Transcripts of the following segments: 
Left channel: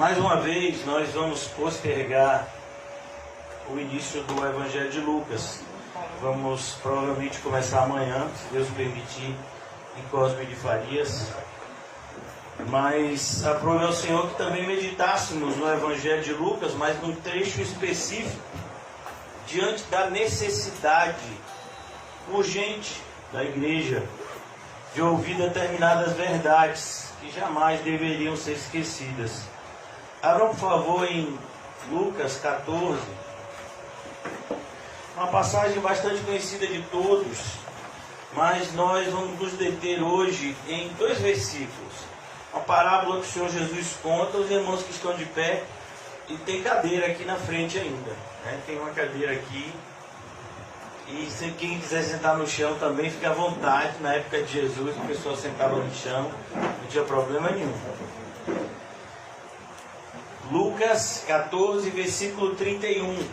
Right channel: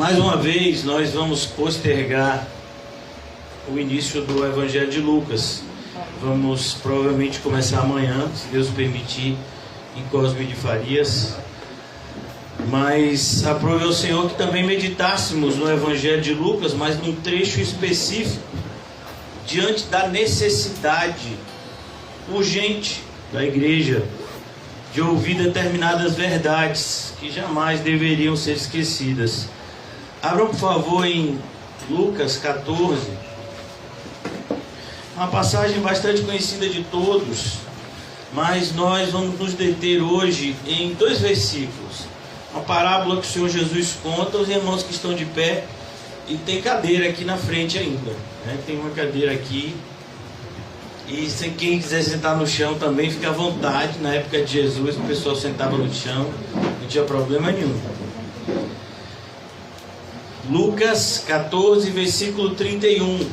Mais uma vez, nós vamos postergar o início do Evangelho de Lucas. Vamos provavelmente começar amanhã, se Deus permitir, em Cosme de Farias. Mas aprove ao Senhor que também meditássemos no Evangelho de Lucas, mas num trecho específico, diante da necessidade urgente da igreja de ouvir determinadas verdades que jamais deveriam ser esquecidas. Abram, por favor, em Lucas 14, uma passagem bastante conhecida de todos, mas nós vamos nos deter hoje em dois versículos. Uma parábola que o Senhor Jesus conta aos irmãos que estão de pé, e tem cadeira aqui na frente ainda, né? Tem uma cadeira aqui, e se quem quiser sentar no chão também, fica à vontade. Na época de Jesus o pessoal sentava no chão, não tinha problema nenhum. Lucas 14, versículo 31.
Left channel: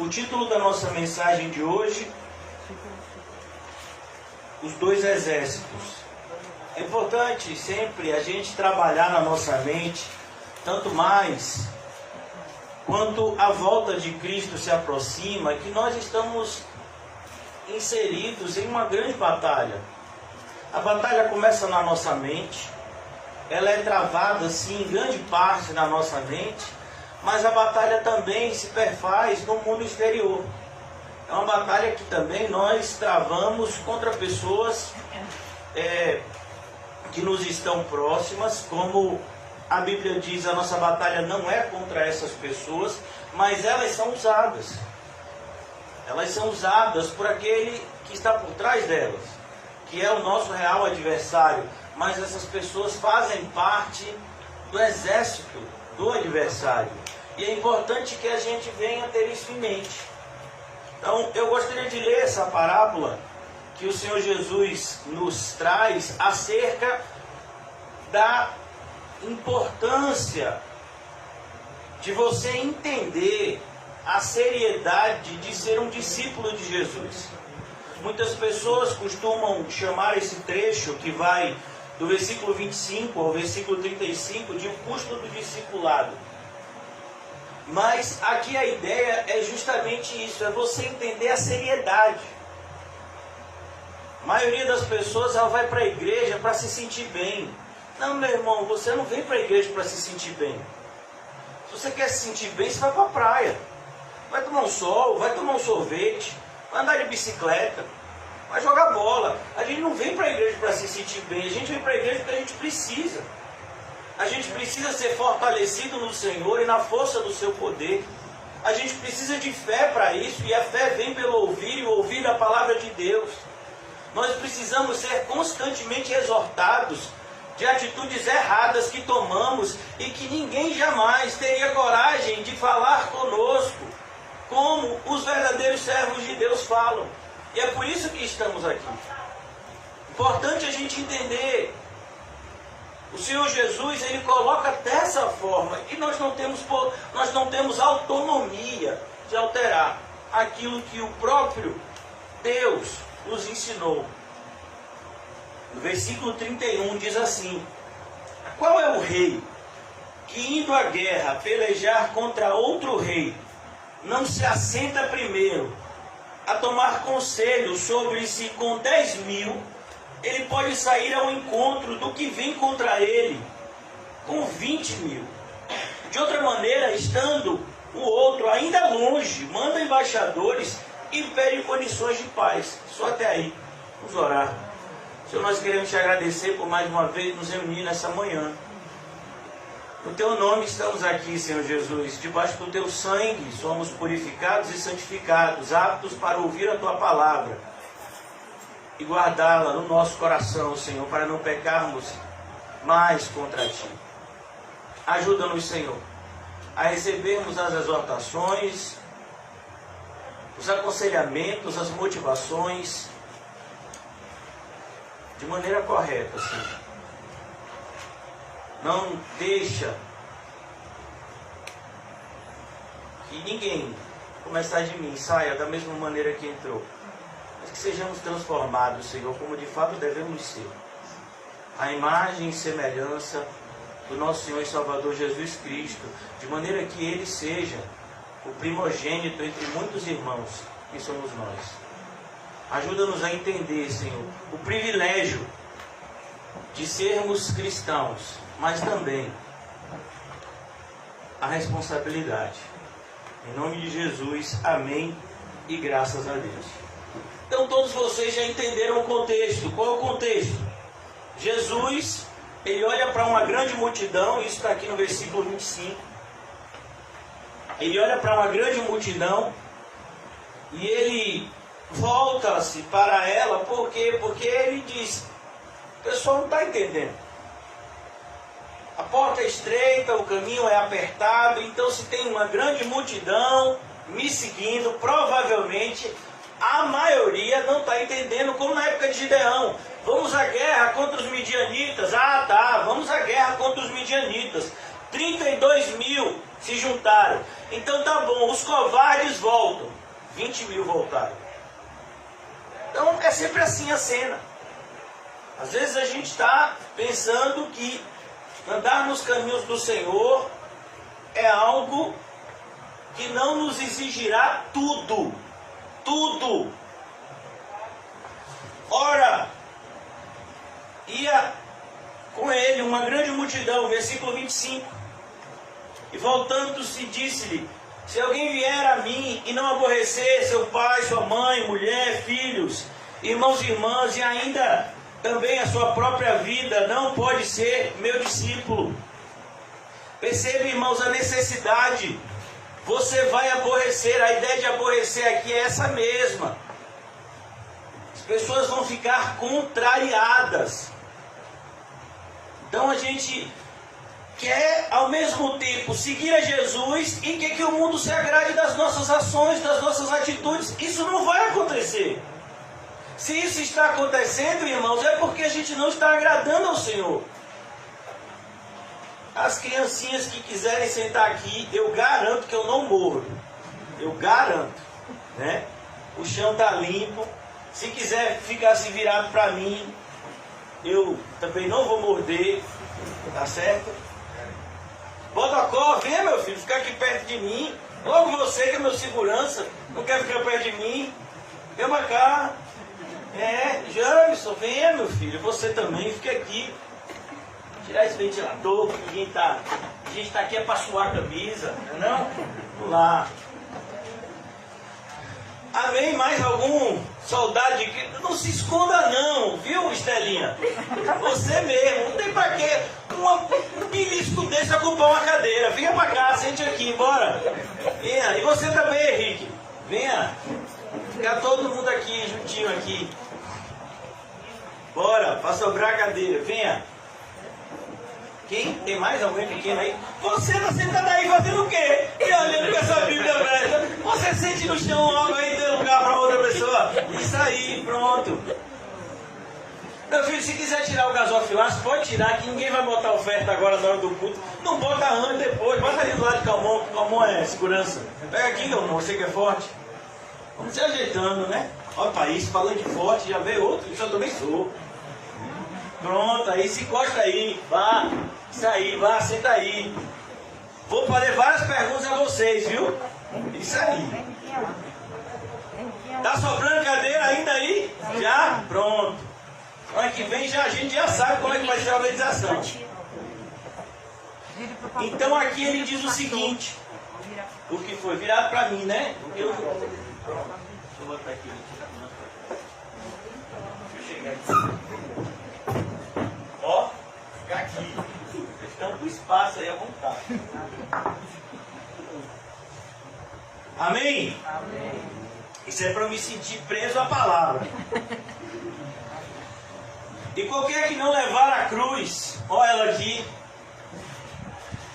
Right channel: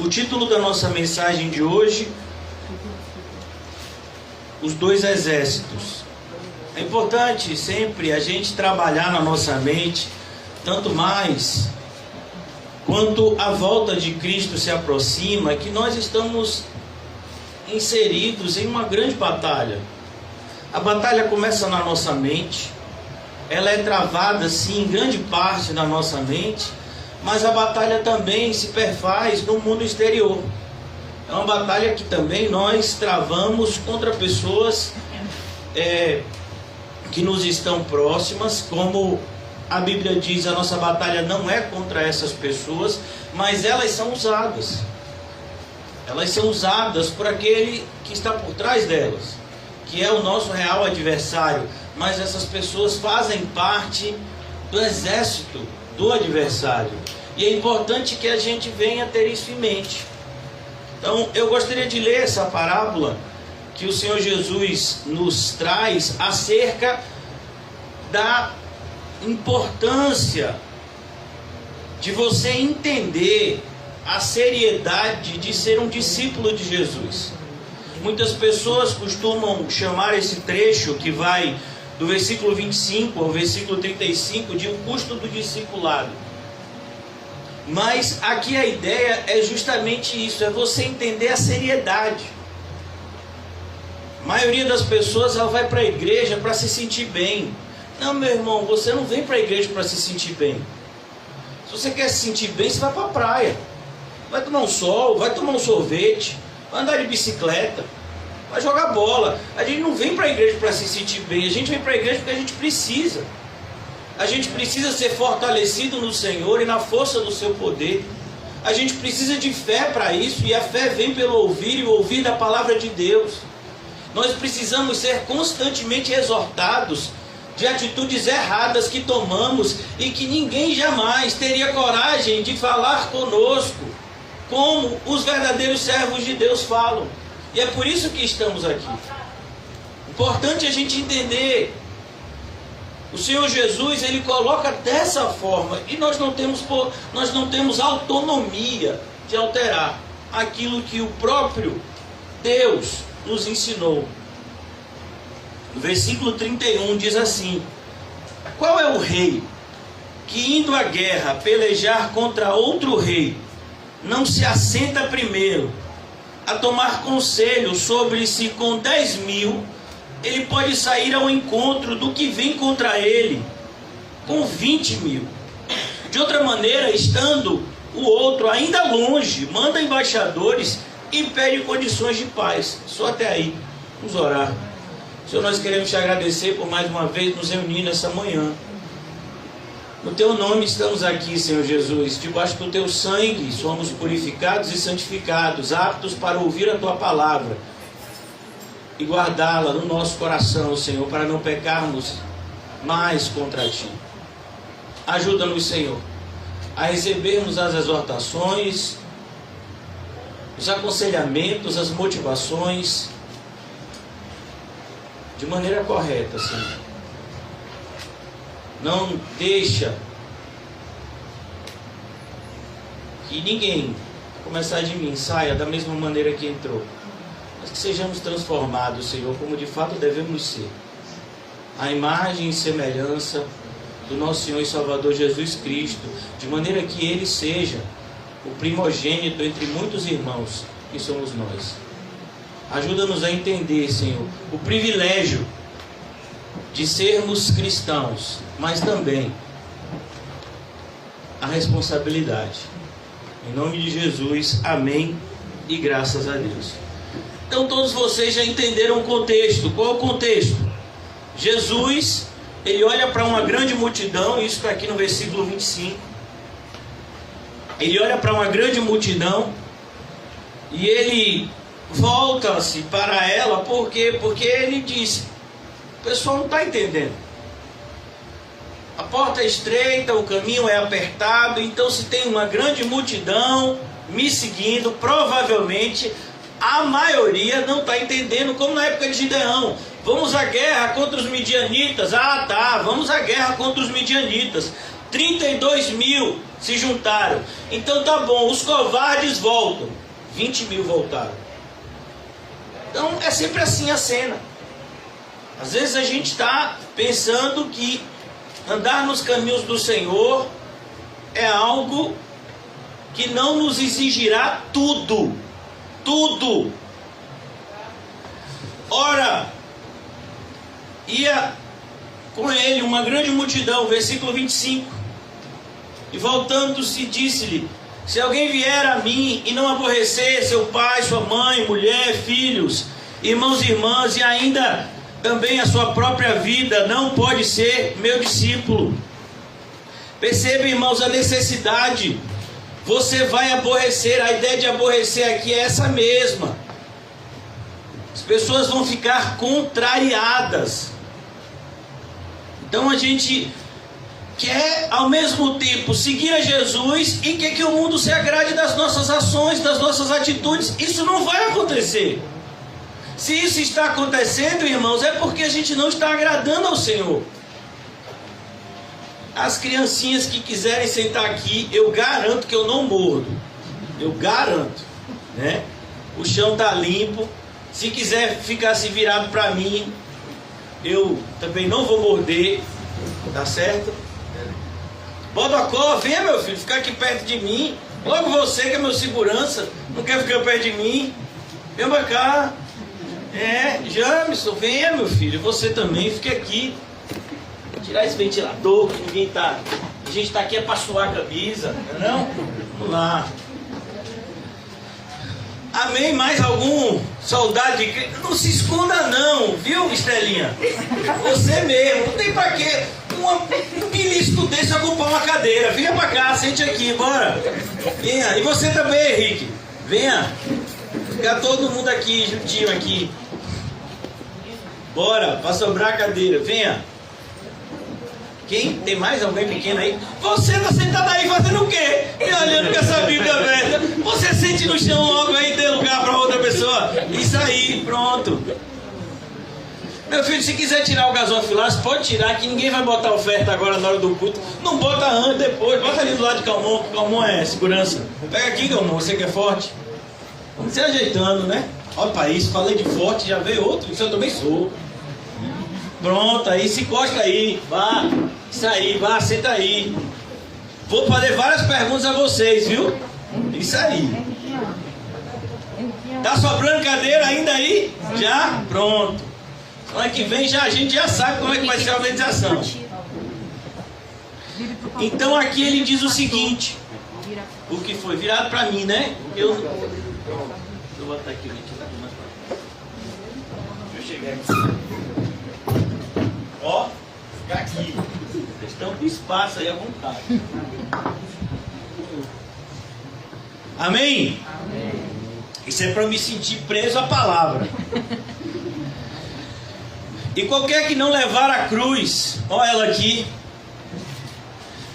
O título da nossa mensagem de hoje: Os dois exércitos. É importante sempre a gente trabalhar na nossa mente, tanto mais quanto a volta de Cristo se aproxima, que nós estamos inseridos em uma grande batalha. A batalha começa na nossa mente, ela é travada sim em grande parte na nossa mente, mas a batalha também se perfaz no mundo exterior. É uma batalha que também nós travamos contra pessoas que nos estão próximas. Como a Bíblia diz, a nossa batalha não é contra essas pessoas, mas elas são usadas. Elas são usadas por aquele que está por trás delas, que é o nosso real adversário. Mas essas pessoas fazem parte do exército do adversário. E é importante que a gente venha ter isso em mente. Então, eu gostaria de ler essa parábola que o Senhor Jesus nos traz acerca da importância de você entender a seriedade de ser um discípulo de Jesus. Muitas pessoas costumam chamar esse trecho que vai do versículo 25 ao versículo 35 de o custo do discipulado. Mas aqui a ideia é justamente isso, é você entender a seriedade. A maioria das pessoas ela vai para a igreja para se sentir bem. Não, meu irmão, você não vem para a igreja para se sentir bem. Se você quer se sentir bem, você vai para a praia. Vai tomar um sol, vai tomar um sorvete, vai andar de bicicleta, vai jogar bola. A gente não vem para a igreja para se sentir bem, a gente vem para a igreja porque a gente precisa. A gente precisa ser fortalecido no Senhor e na força do seu poder. A gente precisa de fé para isso, e a fé vem pelo ouvir, e o ouvir da palavra de Deus. Nós precisamos ser constantemente exortados de atitudes erradas que tomamos e que ninguém jamais teria coragem de falar conosco, como os verdadeiros servos de Deus falam. E é por isso que estamos aqui. Importante a gente entender. O Senhor Jesus, Ele coloca dessa forma, e nós não temos autonomia de alterar aquilo que o próprio Deus nos ensinou. No versículo 31 diz assim: qual é o rei que, indo à guerra pelejar contra outro rei, não se assenta primeiro a tomar conselho sobre se com 10.000 ele pode sair ao encontro do que vem contra ele com 20.000? De outra maneira, estando o outro ainda longe, manda embaixadores e pede condições de paz. Só até aí. Vamos orar. Senhor, nós queremos te agradecer por mais uma vez nos reunir nessa manhã. No teu nome estamos aqui, Senhor Jesus. Debaixo do teu sangue somos purificados e santificados, aptos para ouvir a tua palavra e guardá-la no nosso coração, Senhor, para não pecarmos mais contra ti. Ajuda-nos, Senhor, a recebermos as exortações, os aconselhamentos, as motivações de maneira correta, Senhor. Não deixa que ninguém, a começar de mim, saia da mesma maneira que entrou, mas que sejamos transformados, Senhor, como de fato devemos ser, a imagem e semelhança do nosso Senhor e Salvador Jesus Cristo, de maneira que Ele seja o primogênito entre muitos irmãos que somos nós. Ajuda-nos a entender, Senhor, o privilégio de sermos cristãos, mas também a responsabilidade. Em nome de Jesus, amém e graças a Deus. Então todos vocês já entenderam o contexto. Qual é o contexto? Jesus, ele olha para uma grande multidão, isso está aqui no versículo 25. Ele olha para uma grande multidão e ele volta-se para ela, por quê? Porque ele diz: o pessoal não está entendendo. A porta é estreita, o caminho é apertado, então se tem uma grande multidão me seguindo, provavelmente a maioria não está entendendo, como na época de Gideão. Vamos à guerra contra os midianitas. Ah, tá, vamos à guerra contra os midianitas. 32 mil se juntaram. Então tá bom, os covardes voltam. 20 mil voltaram. Então é sempre assim a cena. Às vezes a gente está pensando que andar nos caminhos do Senhor é algo que não nos exigirá tudo. Tudo. Ora, ia com ele uma grande multidão, versículo 25. E voltando-se, disse-lhe: se alguém vier a mim e não aborrecer seu pai, sua mãe, mulher, filhos, irmãos e irmãs, e ainda também a sua própria vida, não pode ser meu discípulo. Perceba, irmãos, a necessidade. Você vai aborrecer. A ideia de aborrecer aqui é essa mesma. As pessoas vão ficar contrariadas. Então a gente quer ao mesmo tempo seguir a Jesus e quer que o mundo se agrade das nossas ações, das nossas atitudes. Isso não vai acontecer. Se isso está acontecendo, irmãos, é porque a gente não está agradando ao Senhor. As criancinhas que quiserem sentar aqui, eu garanto que eu não mordo. Eu garanto, né? O chão está limpo. Se quiser ficar se virado para mim, eu também não vou morder. Tá certo? Bodocó, venha, meu filho, ficar aqui perto de mim. Logo você, que é meu segurança, não quer ficar perto de mim. Vem pra cá. Jamison, venha, meu filho. Você também, fique aqui. Tirar esse ventilador, que ninguém tá. A gente tá aqui é para suar a camisa, não? Vamos lá. Amém? Mais algum soldado de Cristo? Não se esconda não, viu, Estelinha? Você mesmo, não tem pra quê um ilícito desse ocupar uma cadeira. Venha pra cá, sente aqui, bora. Venha, e você também, Henrique. Venha. Fica todo mundo aqui, juntinho aqui. Bora, pra sobrar a cadeira, venha. Quem? Tem mais alguém pequeno aí? Você tá sentado aí fazendo o quê? E olhando com essa Bíblia aberta. Você sente no chão logo aí, tem lugar para outra pessoa. Isso aí, pronto. Meu filho, se quiser tirar o gasofilaço, pode tirar, que ninguém vai botar oferta agora na hora do culto. Não bota antes, depois. Bota ali do lado de Calmon, que Calmon é segurança. Pega aqui, Calmon, você que é forte. Vamos se ajeitando, né? Olha para isso, falei de forte, já veio outro. Isso eu também sou. Pronto, aí se encosta aí, vá, isso aí, vá, senta aí. Vou fazer várias perguntas a vocês, viu? Isso aí. Tá sobrando cadeira ainda aí? Já? Pronto. Ano que vem a gente já sabe como é que vai ser a organização. Então aqui ele diz o seguinte. O que foi? Virado para mim, né? Pronto. Vou botar aqui. Deixa eu chegar aqui. Ó, ficar aqui. Vocês estão com espaço aí à vontade. Amém? Amém. Isso é para me sentir preso à palavra. E qualquer que não levar a cruz, ó ela aqui,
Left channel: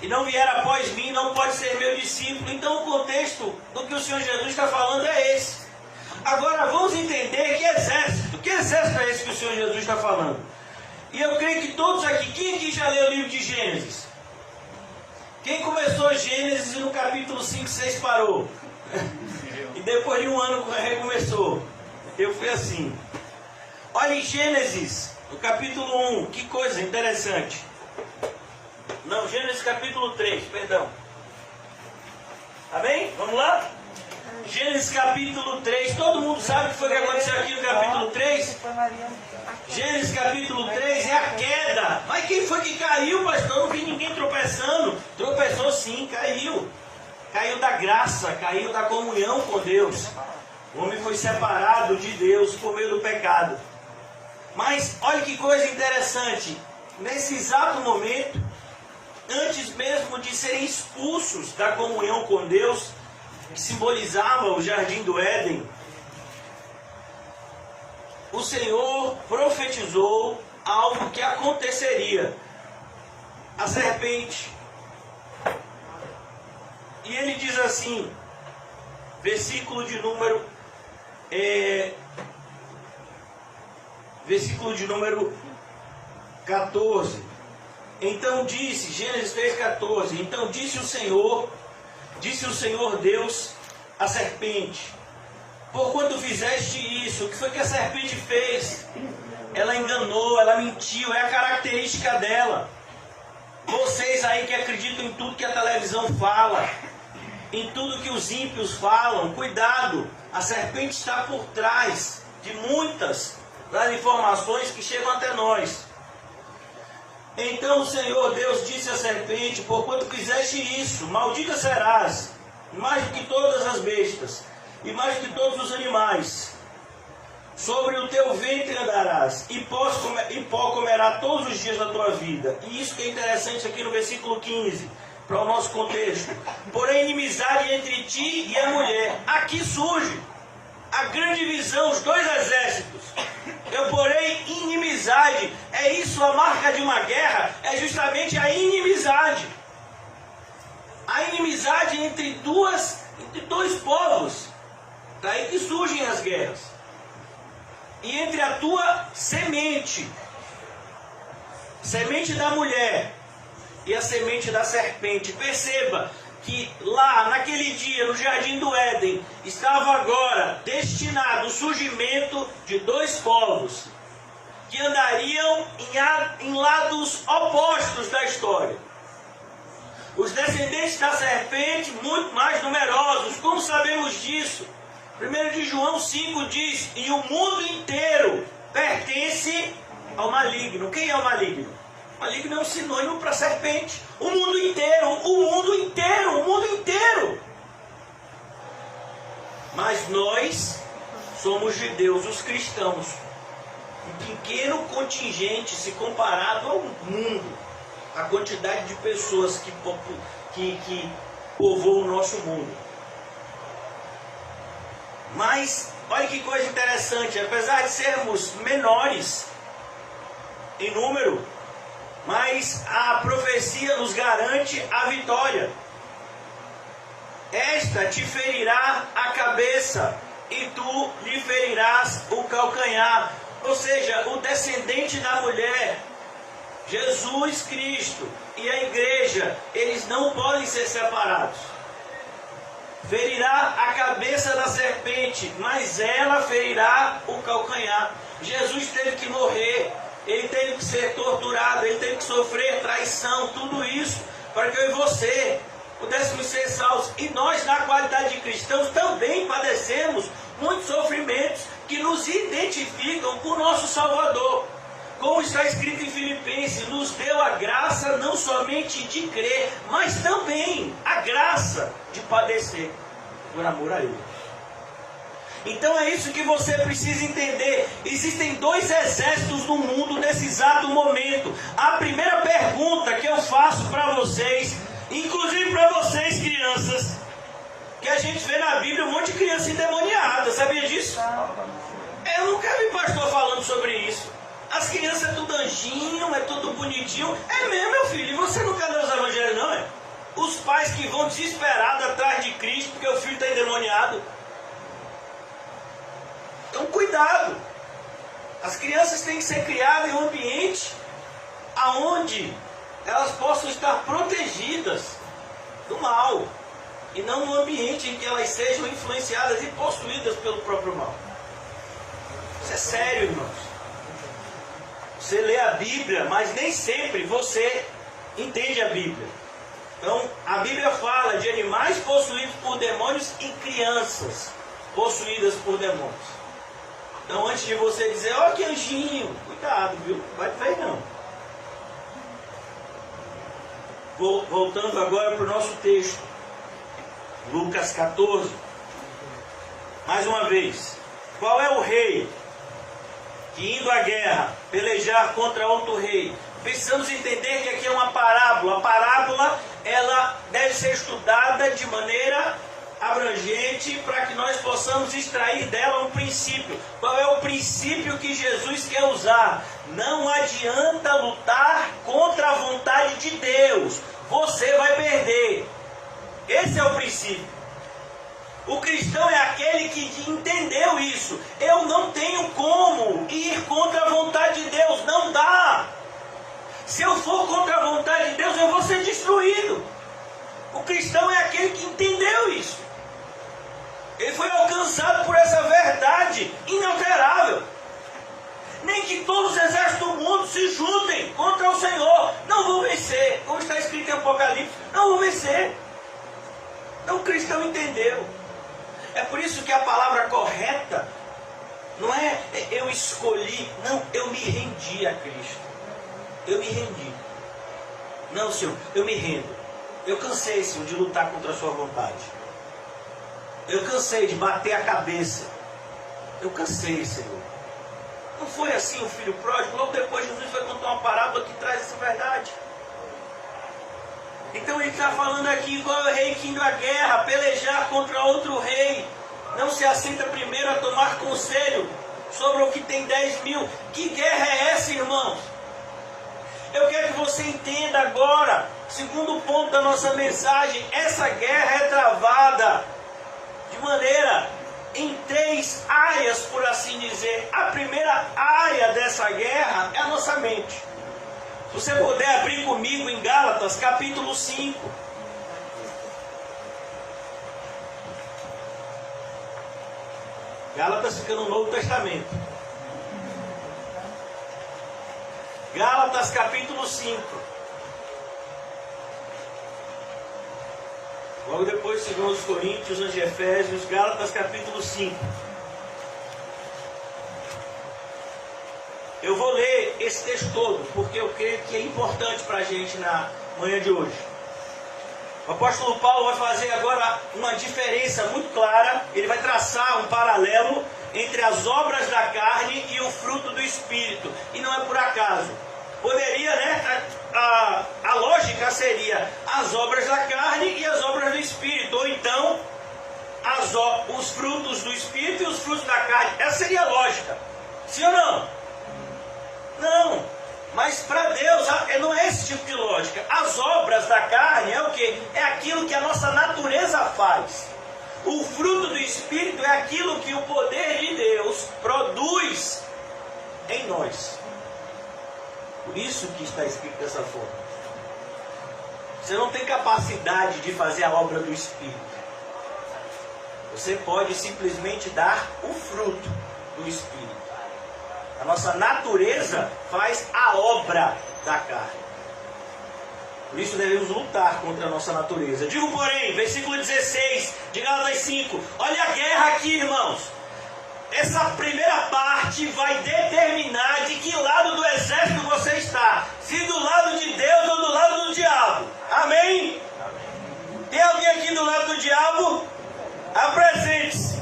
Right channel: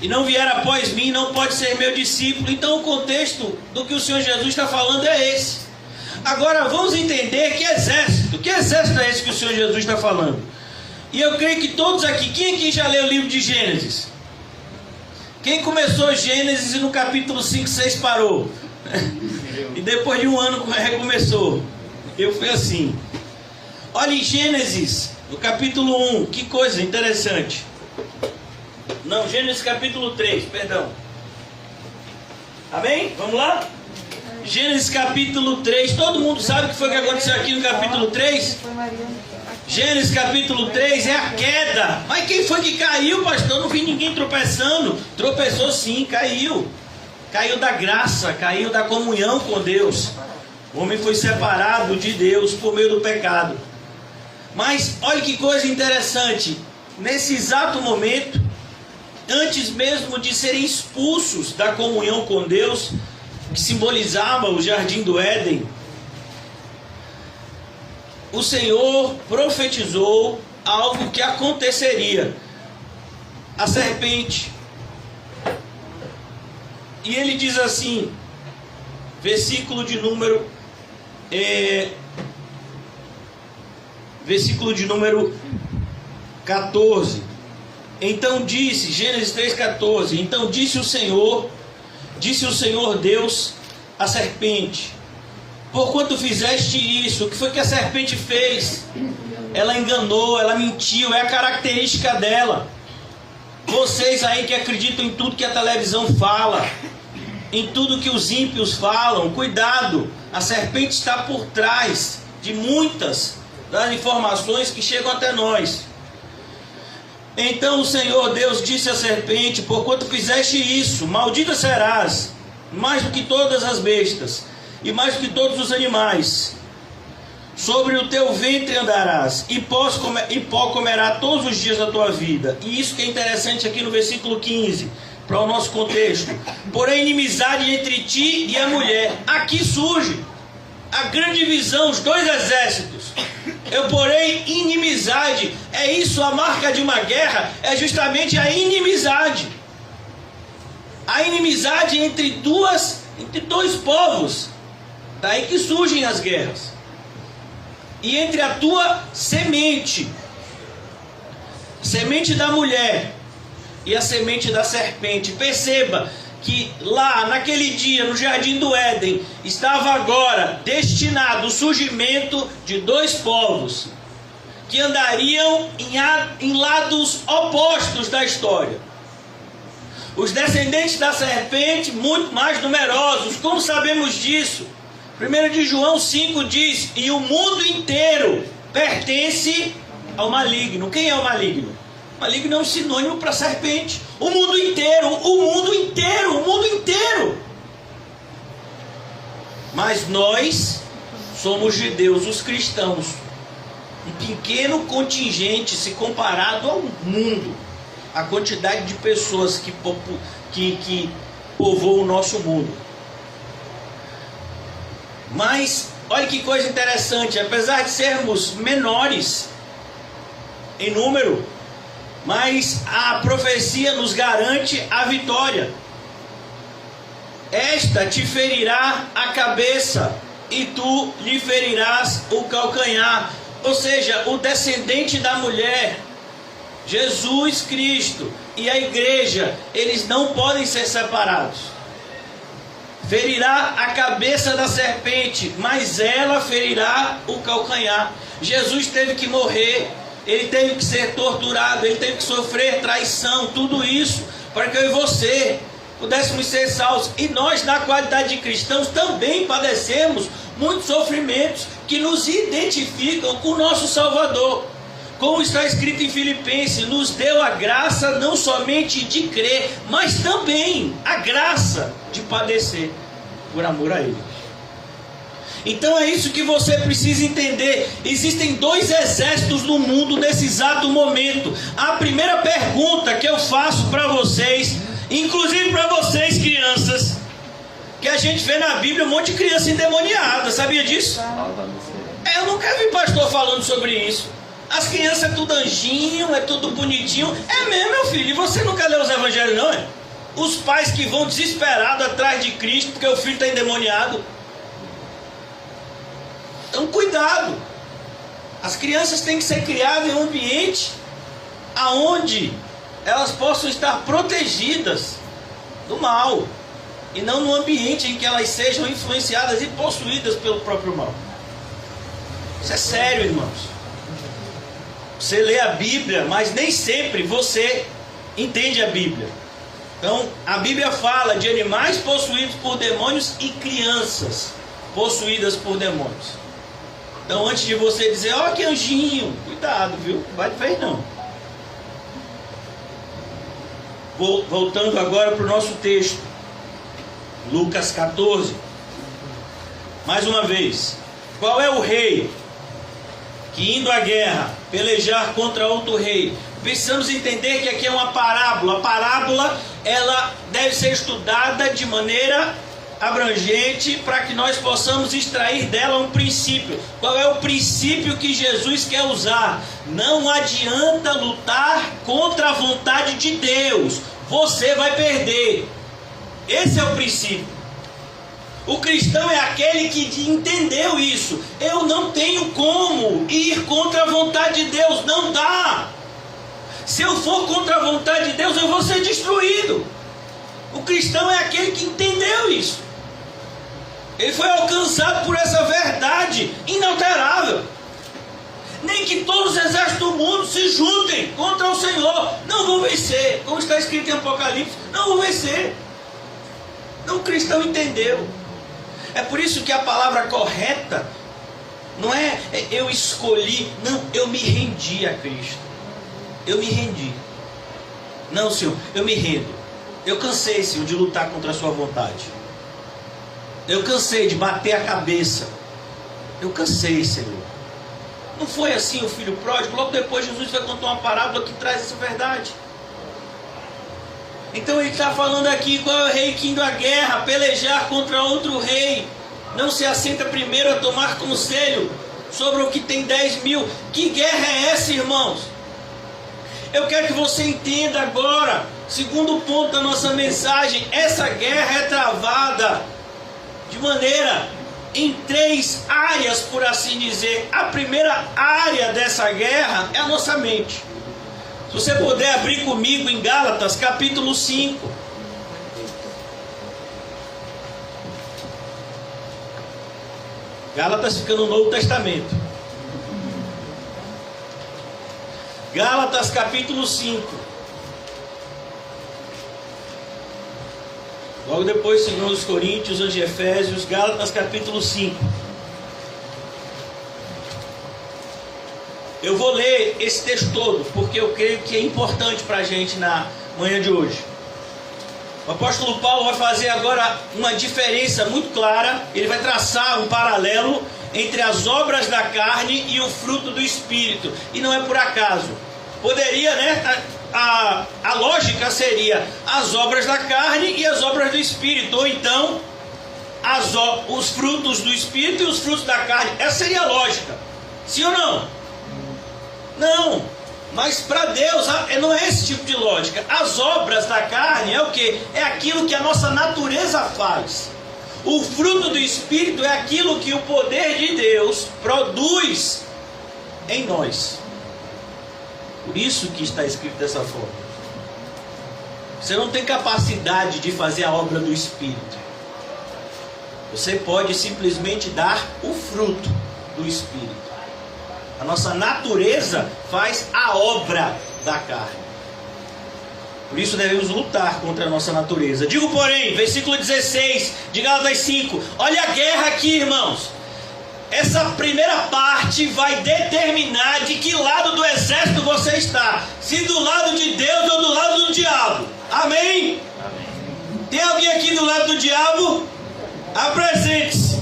e não vier após mim, não pode ser meu discípulo. Então o contexto do que o Senhor Jesus está falando é esse. Agora vamos entender que exército é esse que o Senhor Jesus está falando? E eu creio que todos aqui, quem aqui já leu o livro de Gênesis? Quem começou Gênesis e no capítulo 5, 6 parou? E depois de um ano recomeçou. Eu fui assim. Olha em Gênesis, no capítulo 1, que coisa interessante. Não, Gênesis capítulo 3, perdão. Amém? Vamos lá? Gênesis capítulo 3. Todo mundo sabe o que foi que aconteceu aqui no capítulo 3? Gênesis capítulo 3 é a queda. Mas quem foi que caiu, pastor? Eu não vi ninguém tropeçando. Tropeçou sim, caiu. Caiu da graça, caiu da comunhão com Deus. O homem foi separado de Deus por meio do pecado. Mas olha que coisa interessante. Nesse exato momento, antes mesmo de serem expulsos da comunhão com Deus, que simbolizava o jardim do Éden, o Senhor profetizou algo que aconteceria. A serpente. E ele diz assim, versículo de número 14. Então disse, Gênesis 3,14. Então disse o Senhor Deus à serpente: porquanto fizeste isso? O que foi que a serpente fez? Ela enganou, ela mentiu, é a característica dela. Vocês aí que acreditam em tudo que a televisão fala, em tudo que os ímpios falam, cuidado, a serpente está por trás de muitas das informações que chegam até nós. Então o Senhor Deus disse à serpente: porquanto fizeste isso, maldita serás, mais do que todas as bestas, e mais do que todos os animais. Sobre o teu ventre andarás, e pó comerá todos os dias da tua vida. E isso que é interessante aqui no versículo 15, para o nosso contexto. Porém, inimizade entre ti e a mulher. Aqui surge a grande divisão, os dois exércitos. Eu porém inimizade. É isso, a marca de uma guerra é justamente a inimizade. A inimizade entre dois povos. Daí que surgem as guerras. E entre a tua semente da mulher e a semente da serpente. Perceba que lá naquele dia no jardim do Éden estava agora destinado o surgimento de dois povos que andariam em lados opostos da história. Os descendentes da serpente muito mais numerosos. Como sabemos disso? 1 de João 5 diz: e o mundo inteiro pertence ao maligno. Quem é o maligno? O maligno é um sinônimo para serpente. O mundo inteiro, o mundo inteiro, o mundo inteiro. Mas nós somos judeus, os cristãos. Um pequeno contingente se comparado ao mundo. A quantidade de pessoas que povoam o nosso mundo. Mas, olha que coisa interessante, apesar de sermos menores em número, mas a profecia nos garante a vitória. Esta te ferirá a cabeça e tu lhe ferirás o calcanhar. Ou seja, o descendente da mulher, Jesus Cristo e a igreja, eles não podem ser separados. Ferirá a cabeça da serpente, mas ela ferirá o calcanhar. Jesus teve que morrer, ele teve que ser torturado, ele teve que sofrer traição, tudo isso, para que eu e você pudéssemos ser salvos. E nós, na qualidade de cristãos, também padecemos muitos sofrimentos que nos identificam com o nosso Salvador. Como está escrito em Filipenses, nos deu a graça não somente de crer, mas também a graça de padecer por amor a Ele. Então é isso que você precisa entender. Existem dois exércitos no mundo nesse exato momento. A primeira pergunta que eu faço para vocês, inclusive para vocês crianças, que a gente vê na Bíblia um monte de criança endemoniada, sabia disso? Eu nunca vi pastor falando sobre isso. As crianças é tudo anjinho, é tudo bonitinho. É mesmo, meu filho. E você nunca leu os evangelhos, não é? Os pais que vão desesperados atrás de Cristo porque o filho está endemoniado. Então, cuidado. As crianças têm que ser criadas em um ambiente aonde elas possam estar protegidas do mal. E não num ambiente em que elas sejam influenciadas e possuídas pelo próprio mal. Isso é sério, irmãos. Você lê a Bíblia, mas nem sempre você entende a Bíblia. Então, a Bíblia fala de animais possuídos por demônios e crianças possuídas por demônios. Então, antes de você dizer, ó, que anjinho, cuidado, viu? Não vai te ver, não. Voltando agora para o nosso texto. Lucas 14. Mais uma vez. Qual é o rei que, indo à guerra, pelejar contra outro rei? Precisamos entender que aqui é uma parábola. A parábola, ela deve ser estudada de maneira abrangente para que nós possamos extrair dela um princípio. Qual é o princípio que Jesus quer usar? Não adianta lutar contra a vontade de Deus. Você vai perder. Esse é o princípio. O cristão é aquele que entendeu isso. Eu não tenho como ir contra a vontade de Deus. Não dá. Se eu for contra a vontade de Deus, eu vou ser destruído. O cristão é aquele que entendeu isso. Ele foi alcançado por essa verdade inalterável. Nem que todos os exércitos do mundo se juntem contra o Senhor, não vão vencer. Como está escrito em Apocalipse, não vão vencer. Não, o cristão entendeu. É por isso que a palavra correta não é eu escolhi, não, eu me rendi a Cristo. Eu me rendi. Não, Senhor, eu me rendo. Eu cansei, Senhor, de lutar contra a sua vontade. Eu cansei de bater a cabeça. Eu cansei, Senhor. Não foi assim o filho pródigo? Logo depois Jesus vai contar uma parábola que traz essa verdade. Então ele está falando aqui qual é o rei que indo à guerra, pelejar contra outro rei, não se assenta primeiro a tomar conselho sobre o que tem 10.000. Que guerra é essa, irmãos? Eu quero que você entenda agora, segundo ponto da nossa mensagem, essa guerra é travada de maneira em 3 áreas, por assim dizer. A primeira área dessa guerra é a nossa mente. Se você puder abrir comigo em Gálatas capítulo 5. Gálatas fica no Novo Testamento. Gálatas capítulo 5. Logo depois, segundo os Coríntios, os Efésios, Gálatas capítulo 5. Eu vou ler esse texto todo, porque eu creio que é importante para a gente na manhã de hoje. O apóstolo Paulo vai fazer agora uma diferença muito clara. Ele vai traçar um paralelo entre as obras da carne e o fruto do Espírito. E não é por acaso. Poderia, né? A lógica seria as obras da carne e as obras do Espírito. Ou então, os frutos do Espírito e os frutos da carne. Essa seria a lógica. Sim ou não? Não. Mas para Deus não é esse tipo de lógica. As obras da carne é o quê? É aquilo que a nossa natureza faz. O fruto do Espírito é aquilo que o poder de Deus produz em nós. Por isso que está escrito dessa forma. Você não tem capacidade de fazer a obra do Espírito. Você pode simplesmente dar o fruto do Espírito. A nossa natureza faz a obra da carne. Por isso devemos lutar contra a nossa natureza. Digo, porém, versículo 16 de Gálatas 5. Olha a guerra aqui, irmãos. Essa primeira parte vai determinar de que lado do exército você está. Se do lado de Deus ou do lado do diabo. Amém? Tem alguém aqui do lado do diabo? Apresente-se.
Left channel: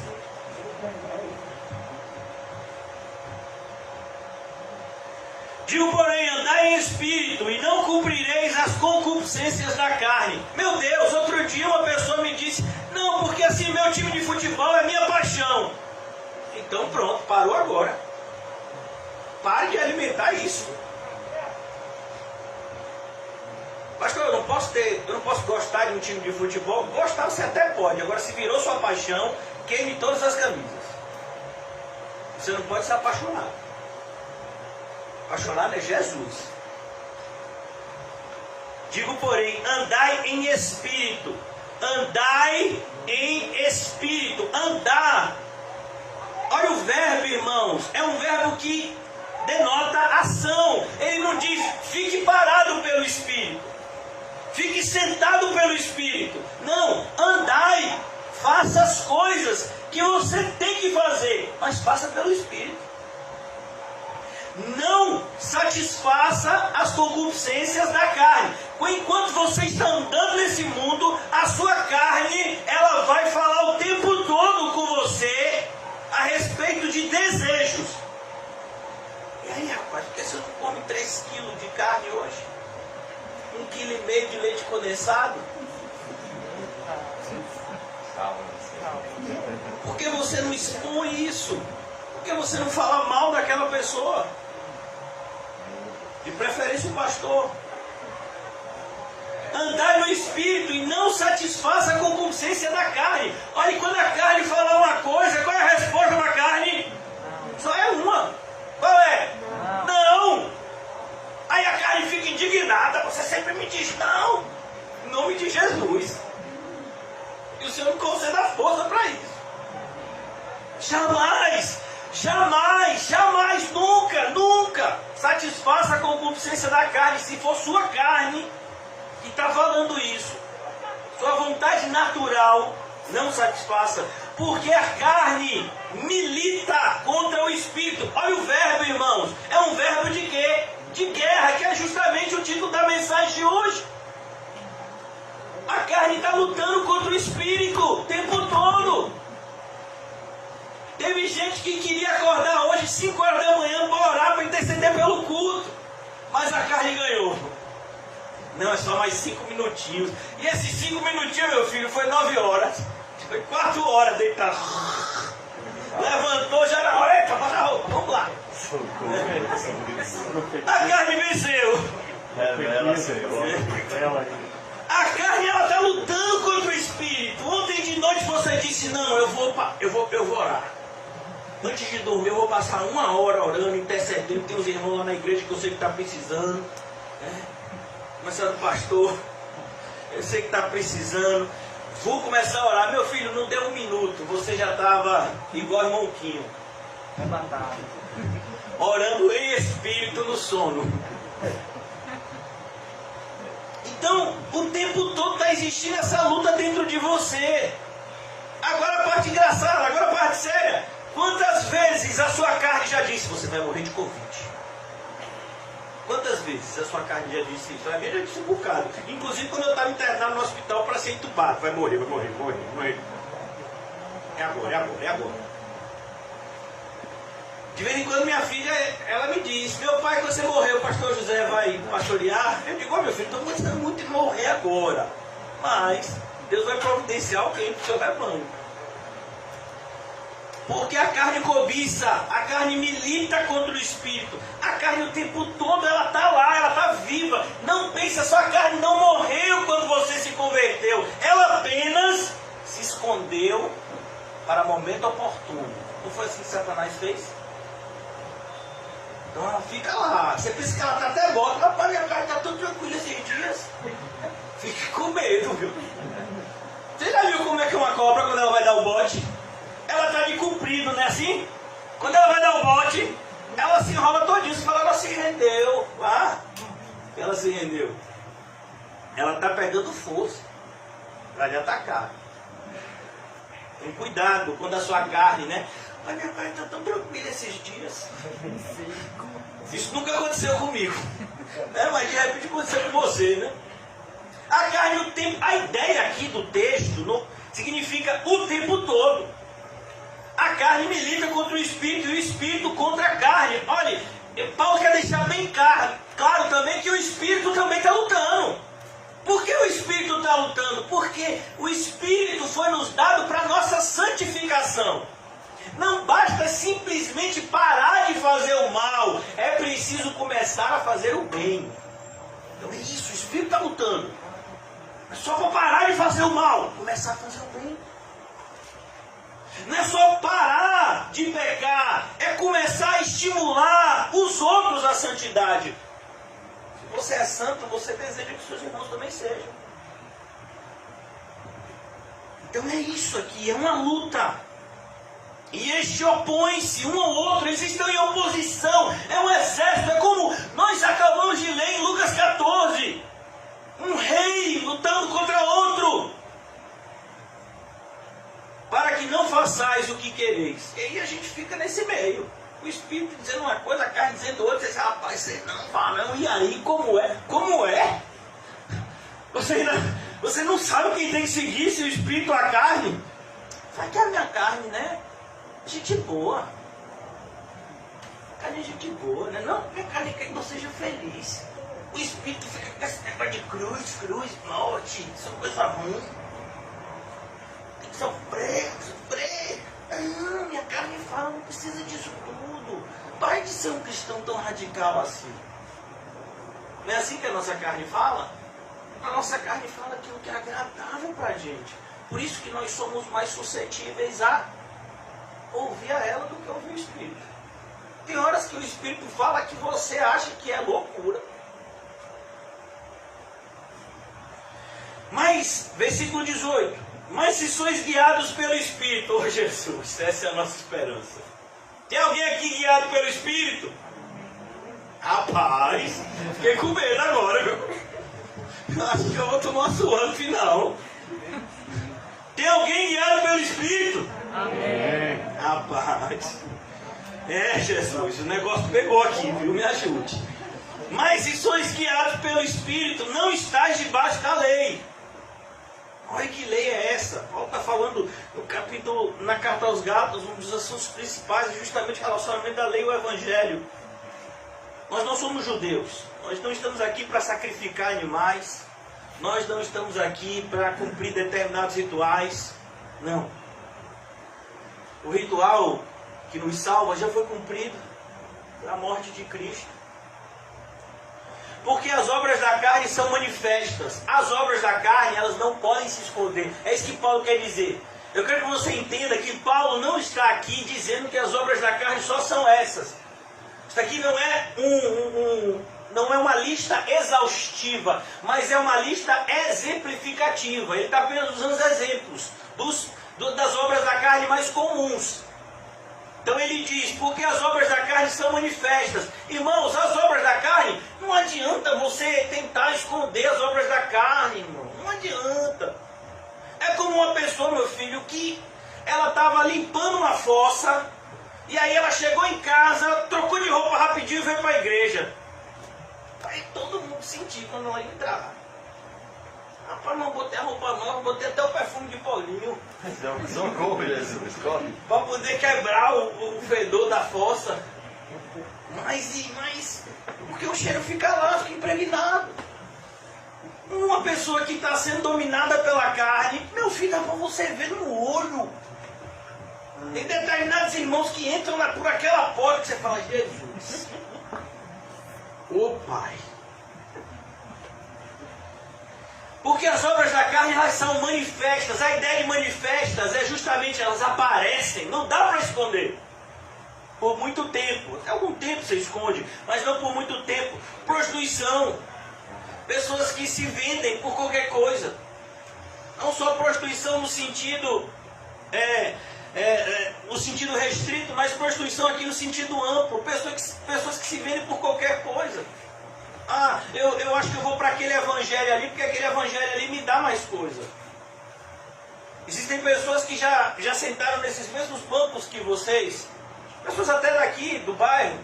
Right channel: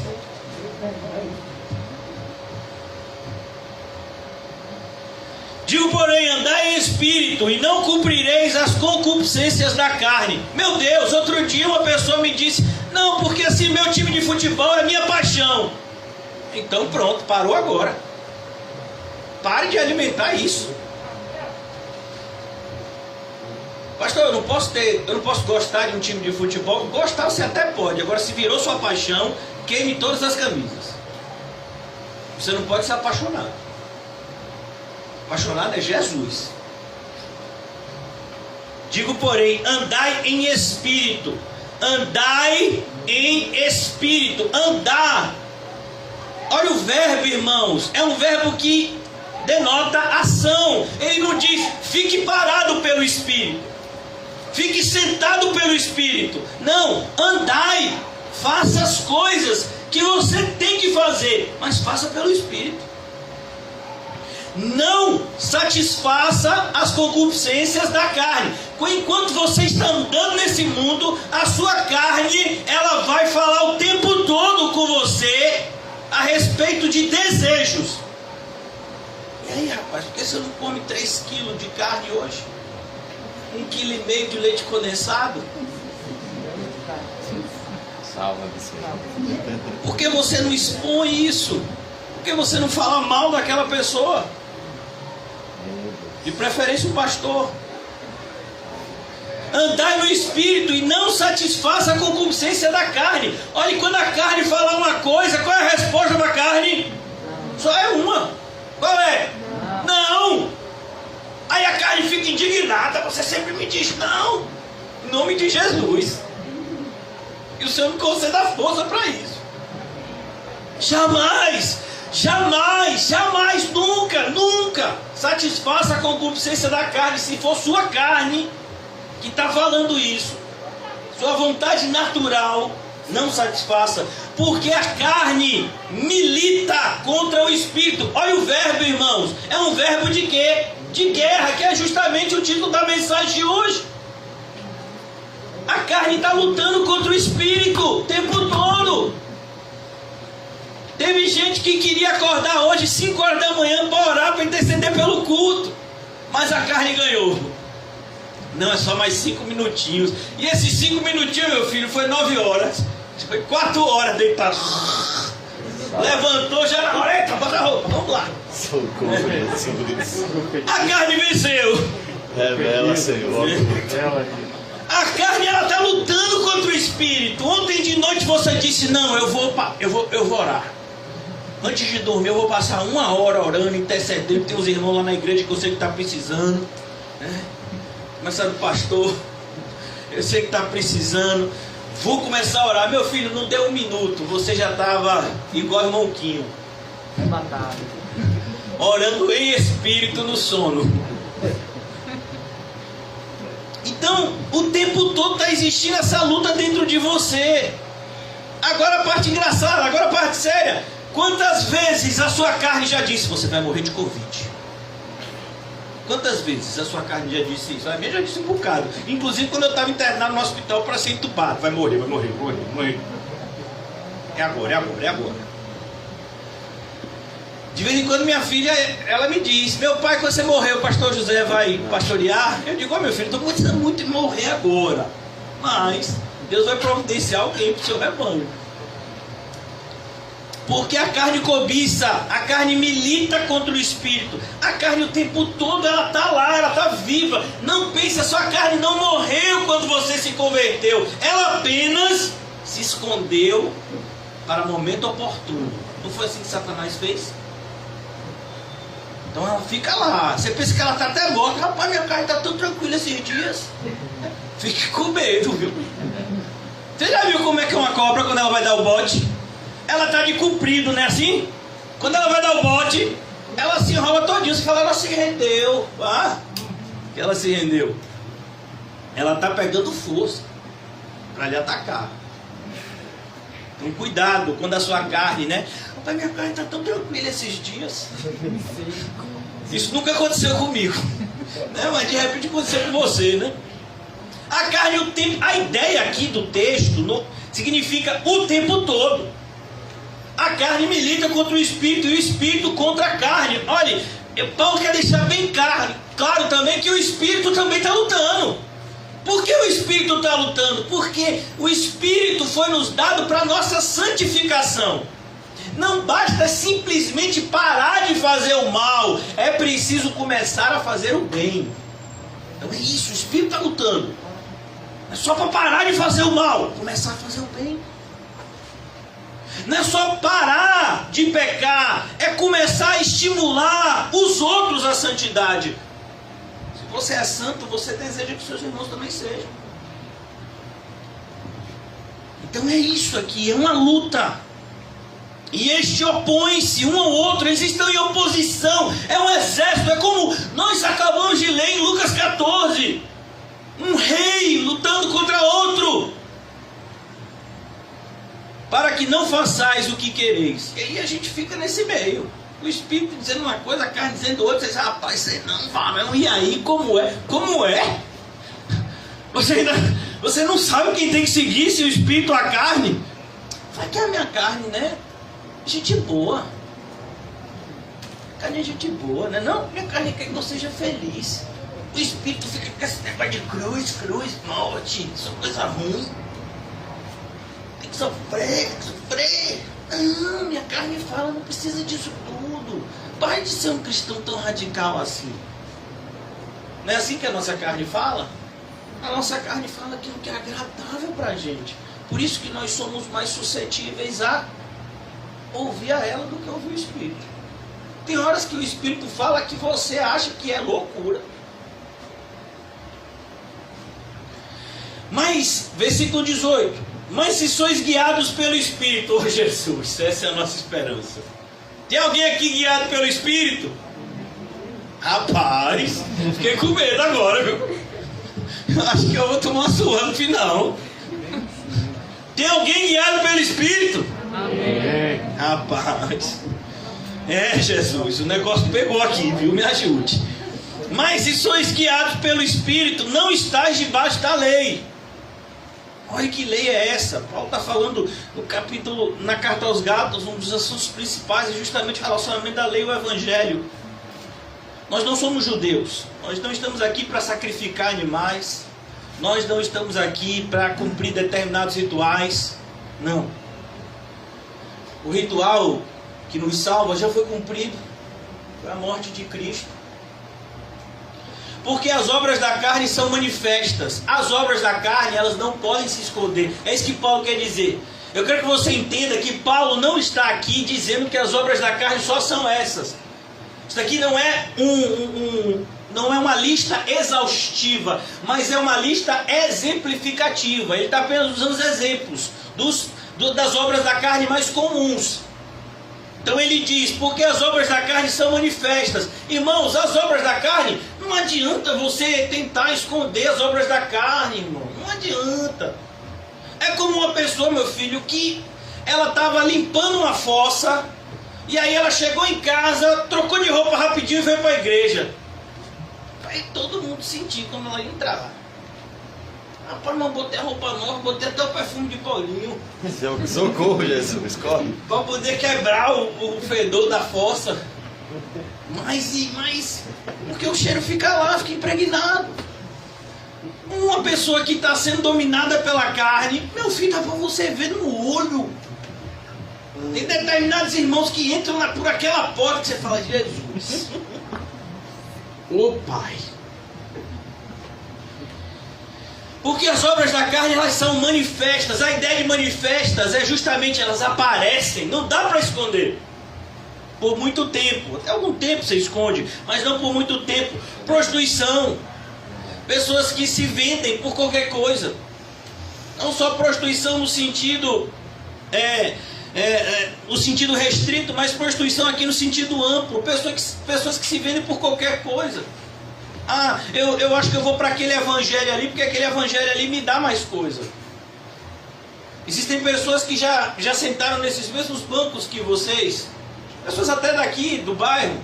Digo, porém, andai em espírito e não cumprireis as concupiscências da carne. Meu Deus, outro dia uma pessoa me disse, não, porque assim meu time de futebol é minha paixão. Então pronto, parou agora. Pare de alimentar isso. Pastor, eu não posso gostar de um time de futebol. Gostar você até pode. Agora, se virou sua paixão, queime todas as camisas. Você não pode se apaixonar. Apaixonado é Jesus. Digo, porém, andai em espírito. Andai em espírito. Andar. Olha o verbo, irmãos. É um verbo que denota ação. Ele não diz, fique parado pelo espírito. fique sentado pelo Espírito. Não, andai, faça as coisas que você tem que fazer, mas faça pelo Espírito. Não satisfaça as concupiscências da carne. Enquanto você está andando nesse mundo, a sua carne, ela vai falar o tempo todo com você a respeito de desejos. E aí, rapaz, por que você não come 3 quilos de carne hoje? 1,5 kg de leite condensado? Por que você não expõe isso? Por que você não fala mal daquela pessoa? De preferência o pastor. Andai no Espírito e não satisfaça a concupiscência da carne. Olha, quando a carne fala uma coisa, qual é a resposta da carne? Só é uma. Qual é? Não. Aí a carne fica indignada. Você sempre me diz não. Em nome de Jesus. E o Senhor me conceda força para isso. Jamais, jamais, jamais, nunca, nunca satisfaça a concupiscência da carne. Se for sua carne que está falando isso, sua vontade natural, não satisfaça, porque a carne milita contra o Espírito. Olha o verbo, irmãos, é um verbo de quê? De guerra, que é justamente o título da mensagem de hoje. A carne está lutando contra o Espírito o tempo todo. Teve gente que queria acordar hoje 5 horas da manhã para orar, para interceder pelo culto, mas a carne ganhou. Não, é só mais 5 minutinhos. E esses 5 minutinhos, meu filho, foi 9 horas. Foi 4 horas deitado. Levantou, já na hora. Eita, bota a roupa, vamos lá. A carne venceu. Revela, Senhor. A carne, ela está lutando contra o Espírito. Ontem de noite você disse, não, eu vou orar. Antes de dormir eu vou passar 1 hora orando, intercedendo. Tem uns irmãos lá na igreja que eu sei que está precisando, né? Começando, pastor, eu sei que está precisando. Vou começar a orar. Meu filho, não deu 1 minuto, você já estava igual irmão Quinho, orando em espírito no sono. Então, o tempo todo está existindo essa luta dentro de você. Agora a parte engraçada, agora a parte séria. Quantas vezes a sua carne já disse, você vai morrer de Covid? Quantas vezes a sua carne já disse isso? A minha já disse um bocado. Inclusive quando eu estava internado no hospital para ser entubado. Vai morrer. É agora. De vez em quando minha filha, ela me diz, meu pai, quando você morrer, o pastor José vai pastorear? Eu digo, meu filho, estou gostando muito de morrer agora. Mas Deus vai providenciar alguém para o seu rebanho. Porque a carne cobiça, a carne milita contra o Espírito. A carne o tempo todo, ela está lá, ela está viva. Não pense, a sua carne não morreu quando você se converteu. Ela apenas se escondeu para momento oportuno. Não foi assim que Satanás fez? Então ela fica lá. Você pensa que ela está até morta. Rapaz, minha carne está tão tranquila esses dias. Fique com medo, viu? Você já viu como é que é uma cobra quando ela vai dar o bote? Ela está de comprido, não é assim? Quando ela vai dar o bote, ela se enrola todinho. Você fala, ela se rendeu. Ah, que ela se rendeu. Ela está pegando força para lhe atacar. Então cuidado quando a sua carne, né? Pai, minha carne está tão tranquila esses dias. Isso nunca aconteceu comigo, né? Mas de repente aconteceu com você, né? A carne, o tempo, a ideia aqui do texto significa o tempo todo. A carne milita contra o Espírito e o Espírito contra a carne. Olha, Paulo quer deixar bem claro também que o Espírito também está lutando. Por que o Espírito está lutando? Porque o Espírito foi nos dado para a nossa santificação. Não basta simplesmente parar de fazer o mal, é preciso começar a fazer o bem. Então é isso, o Espírito está lutando. É só para parar de fazer o mal, começar a fazer o bem. Não é só parar de pecar, é começar a estimular os outros à santidade. Se você é santo, você deseja que seus irmãos também sejam. Então é isso aqui, é uma luta. E este opõe-se um ao outro, eles estão em oposição, é um exército, é como nós acabamos de ler em Lucas 14. Um rei lutando contra outro. Para que não façais o que quereis. E aí a gente fica nesse meio. O Espírito dizendo uma coisa, a carne dizendo outra. Você diz, rapaz, você não vai, não. E aí, como é? Como é? Você não sabe quem tem que seguir, se o Espírito ou a carne? Fala que é a minha carne, né? Gente boa. A carne é gente boa, né? Não, minha carne quer que eu seja feliz. O Espírito fica com esse negócio de cruz, morte. Isso é coisa ruim. Tem que sofrer. Não, minha carne fala, não precisa disso tudo. Para de ser um cristão tão radical assim. Não é assim que a nossa carne fala? A nossa carne fala aquilo que é agradável para a gente. Por isso que nós somos mais suscetíveis a ouvir a ela do que ouvir o Espírito. Tem horas que o Espírito fala que você acha que é loucura. Mas, versículo 18. Mas se sois guiados pelo Espírito, oh Jesus, essa é a nossa esperança. Tem alguém aqui guiado pelo Espírito? Rapaz, fiquei com medo agora, viu? Acho que eu vou tomar uma surra no final. Tem alguém guiado pelo Espírito? Amém. Rapaz. Jesus, o negócio pegou aqui, viu? Me ajude. Mas se sois guiados pelo Espírito, não estáis debaixo da lei. Olha que lei é essa. Paulo está falando no capítulo, na carta aos Gálatas, um dos assuntos principais é justamente o relacionamento da lei e o Evangelho. Nós não somos judeus. Nós não estamos aqui para sacrificar animais. Nós não estamos aqui para cumprir determinados rituais. Não. O ritual que nos salva já foi cumprido. Foi a morte de Cristo. Porque as obras da carne são manifestas. As obras da carne, elas não podem se esconder. É isso que Paulo quer dizer. Eu quero que você entenda que Paulo não está aqui dizendo que as obras da carne só são essas. Isso aqui não é não é uma lista exaustiva, mas é uma lista exemplificativa. Ele está apenas usando exemplos das obras da carne mais comuns. Então ele diz, porque as obras da carne são manifestas. Irmãos, as obras da carne, não adianta você tentar esconder as obras da carne, irmão. Não adianta. É como uma pessoa, meu filho, que ela estava limpando uma fossa, e aí ela chegou em casa, trocou de roupa rapidinho e veio para a igreja. Aí todo mundo sentiu quando ela entrar. Rapaz, mas botei a roupa nova, botei até o perfume de Paulinho. Socorro, Jesus, corre. Para poder quebrar o fedor da fossa. Mas, porque o cheiro fica lá, fica impregnado. Uma pessoa que está sendo dominada pela carne, meu filho, dá para você ver no olho. Tem determinados irmãos que entram por aquela porta que você fala, Jesus. Ô Pai. Porque as obras da carne, elas são manifestas. A ideia de manifestas é justamente, elas aparecem. Não dá para esconder. Por muito tempo. Até algum tempo você esconde, mas não por muito tempo. Prostituição. Pessoas que se vendem por qualquer coisa. Não só prostituição no sentido no sentido restrito, mas prostituição aqui no sentido amplo. Pessoas que se vendem por qualquer coisa. Ah, eu acho que eu vou para aquele evangelho ali, porque aquele evangelho ali me dá mais coisa. Existem pessoas que já sentaram nesses mesmos bancos que vocês, pessoas até daqui, do bairro,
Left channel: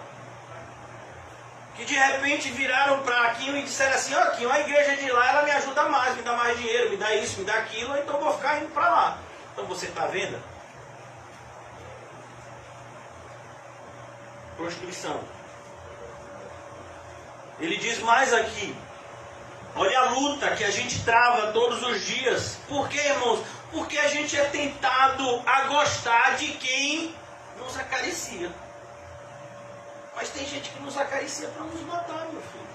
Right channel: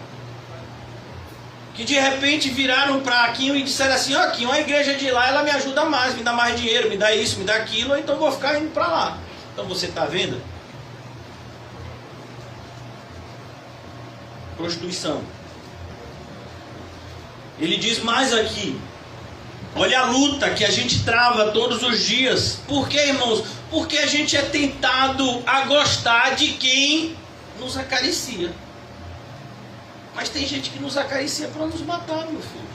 que de repente viraram para Aquinho e disseram assim, ó Aquinho, a igreja de lá, ela me ajuda mais, me dá mais dinheiro, me dá isso, me dá aquilo, então eu vou ficar indo para lá. Então você está vendo? Prostituição. Ele diz mais aqui. Olha a luta que a gente trava todos os dias. Por quê, irmãos? Porque a gente é tentado a gostar de quem nos acaricia. Mas tem gente que nos acaricia para nos matar, meu filho.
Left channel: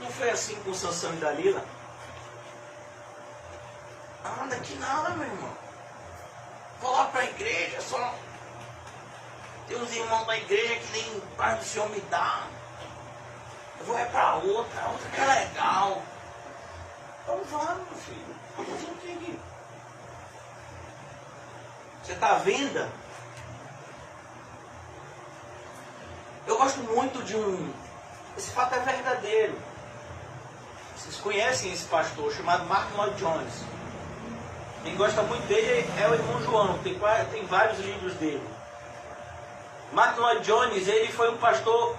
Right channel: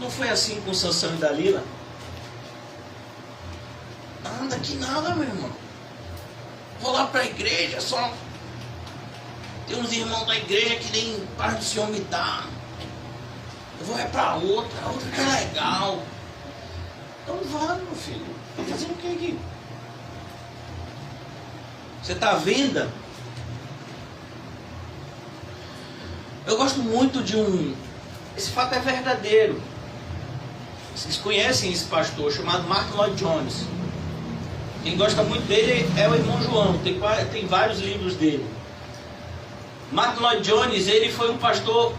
Não foi assim com Sansão e Dalila? Anda que nada, meu irmão. Vou lá para a igreja, só tem uns irmãos da igreja que nem parte do Senhor me dá. Eu vou para outra que é legal. Então vá, meu filho. Tá fazendo o que aqui? Você está à venda? Eu gosto muito de esse fato é verdadeiro. Vocês conhecem esse pastor chamado Martyn Lloyd-Jones. Quem gosta muito dele é o irmão João, tem vários livros dele. Martyn Lloyd-Jones, ele foi um pastor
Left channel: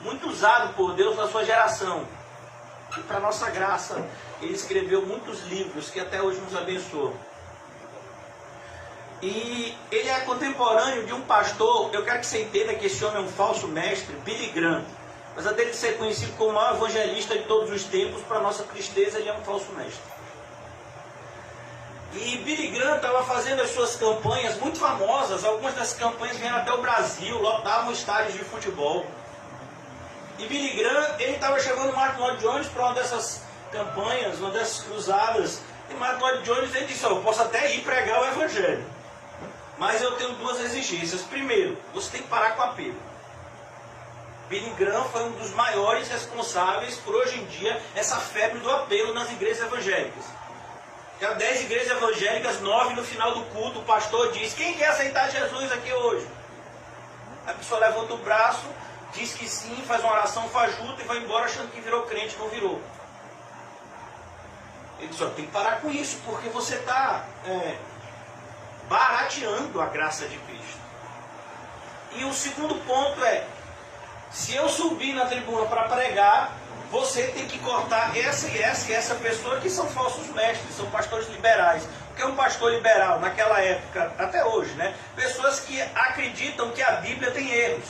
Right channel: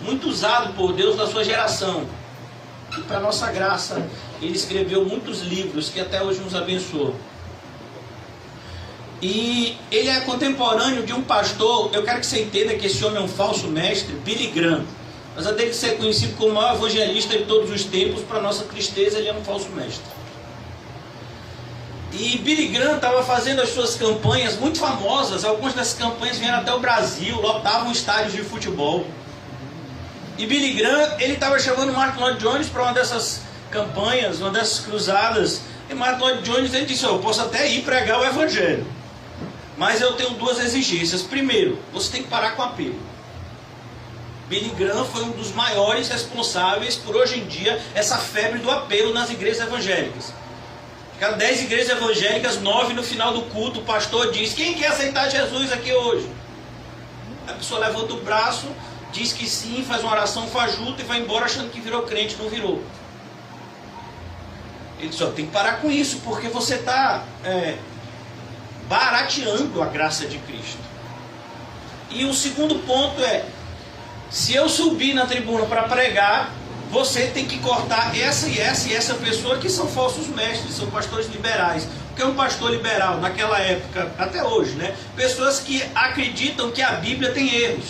muito usado por Deus na sua geração. E para nossa graça, ele escreveu muitos livros que até hoje nos abençoam. E ele é contemporâneo de um pastor, eu quero que você entenda que esse homem é um falso mestre, Billy Graham. Apesar dele ser conhecido como o maior evangelista de todos os tempos, para nossa tristeza, ele é um falso mestre. E Billy Graham estava fazendo as suas campanhas muito famosas. Algumas dessas campanhas vieram até o Brasil, lotavam estádios de futebol. E Billy Graham, ele estava chamando Martyn Lloyd-Jones para uma dessas campanhas, uma dessas cruzadas. E Martyn Lloyd-Jones, ele disse: eu posso até ir pregar o evangelho, mas eu tenho duas exigências. Primeiro, você tem que parar com o apelo. Billy Graham foi um dos maiores responsáveis por, hoje em dia, essa febre do apelo nas igrejas evangélicas. Cada 10 igrejas evangélicas, 9 no final do culto, o pastor diz: quem quer aceitar Jesus aqui hoje? A pessoa levanta o braço, diz que sim, faz uma oração fajuta e vai embora achando que virou crente, não virou. Ele diz: tem que parar com isso, porque você está barateando a graça de Cristo. E o segundo ponto é: se eu subir na tribuna para pregar, você tem que cortar essa e essa e essa pessoa, que são falsos mestres, são pastores liberais. O que é um pastor liberal naquela época, até hoje, né? Pessoas que acreditam que a Bíblia tem erros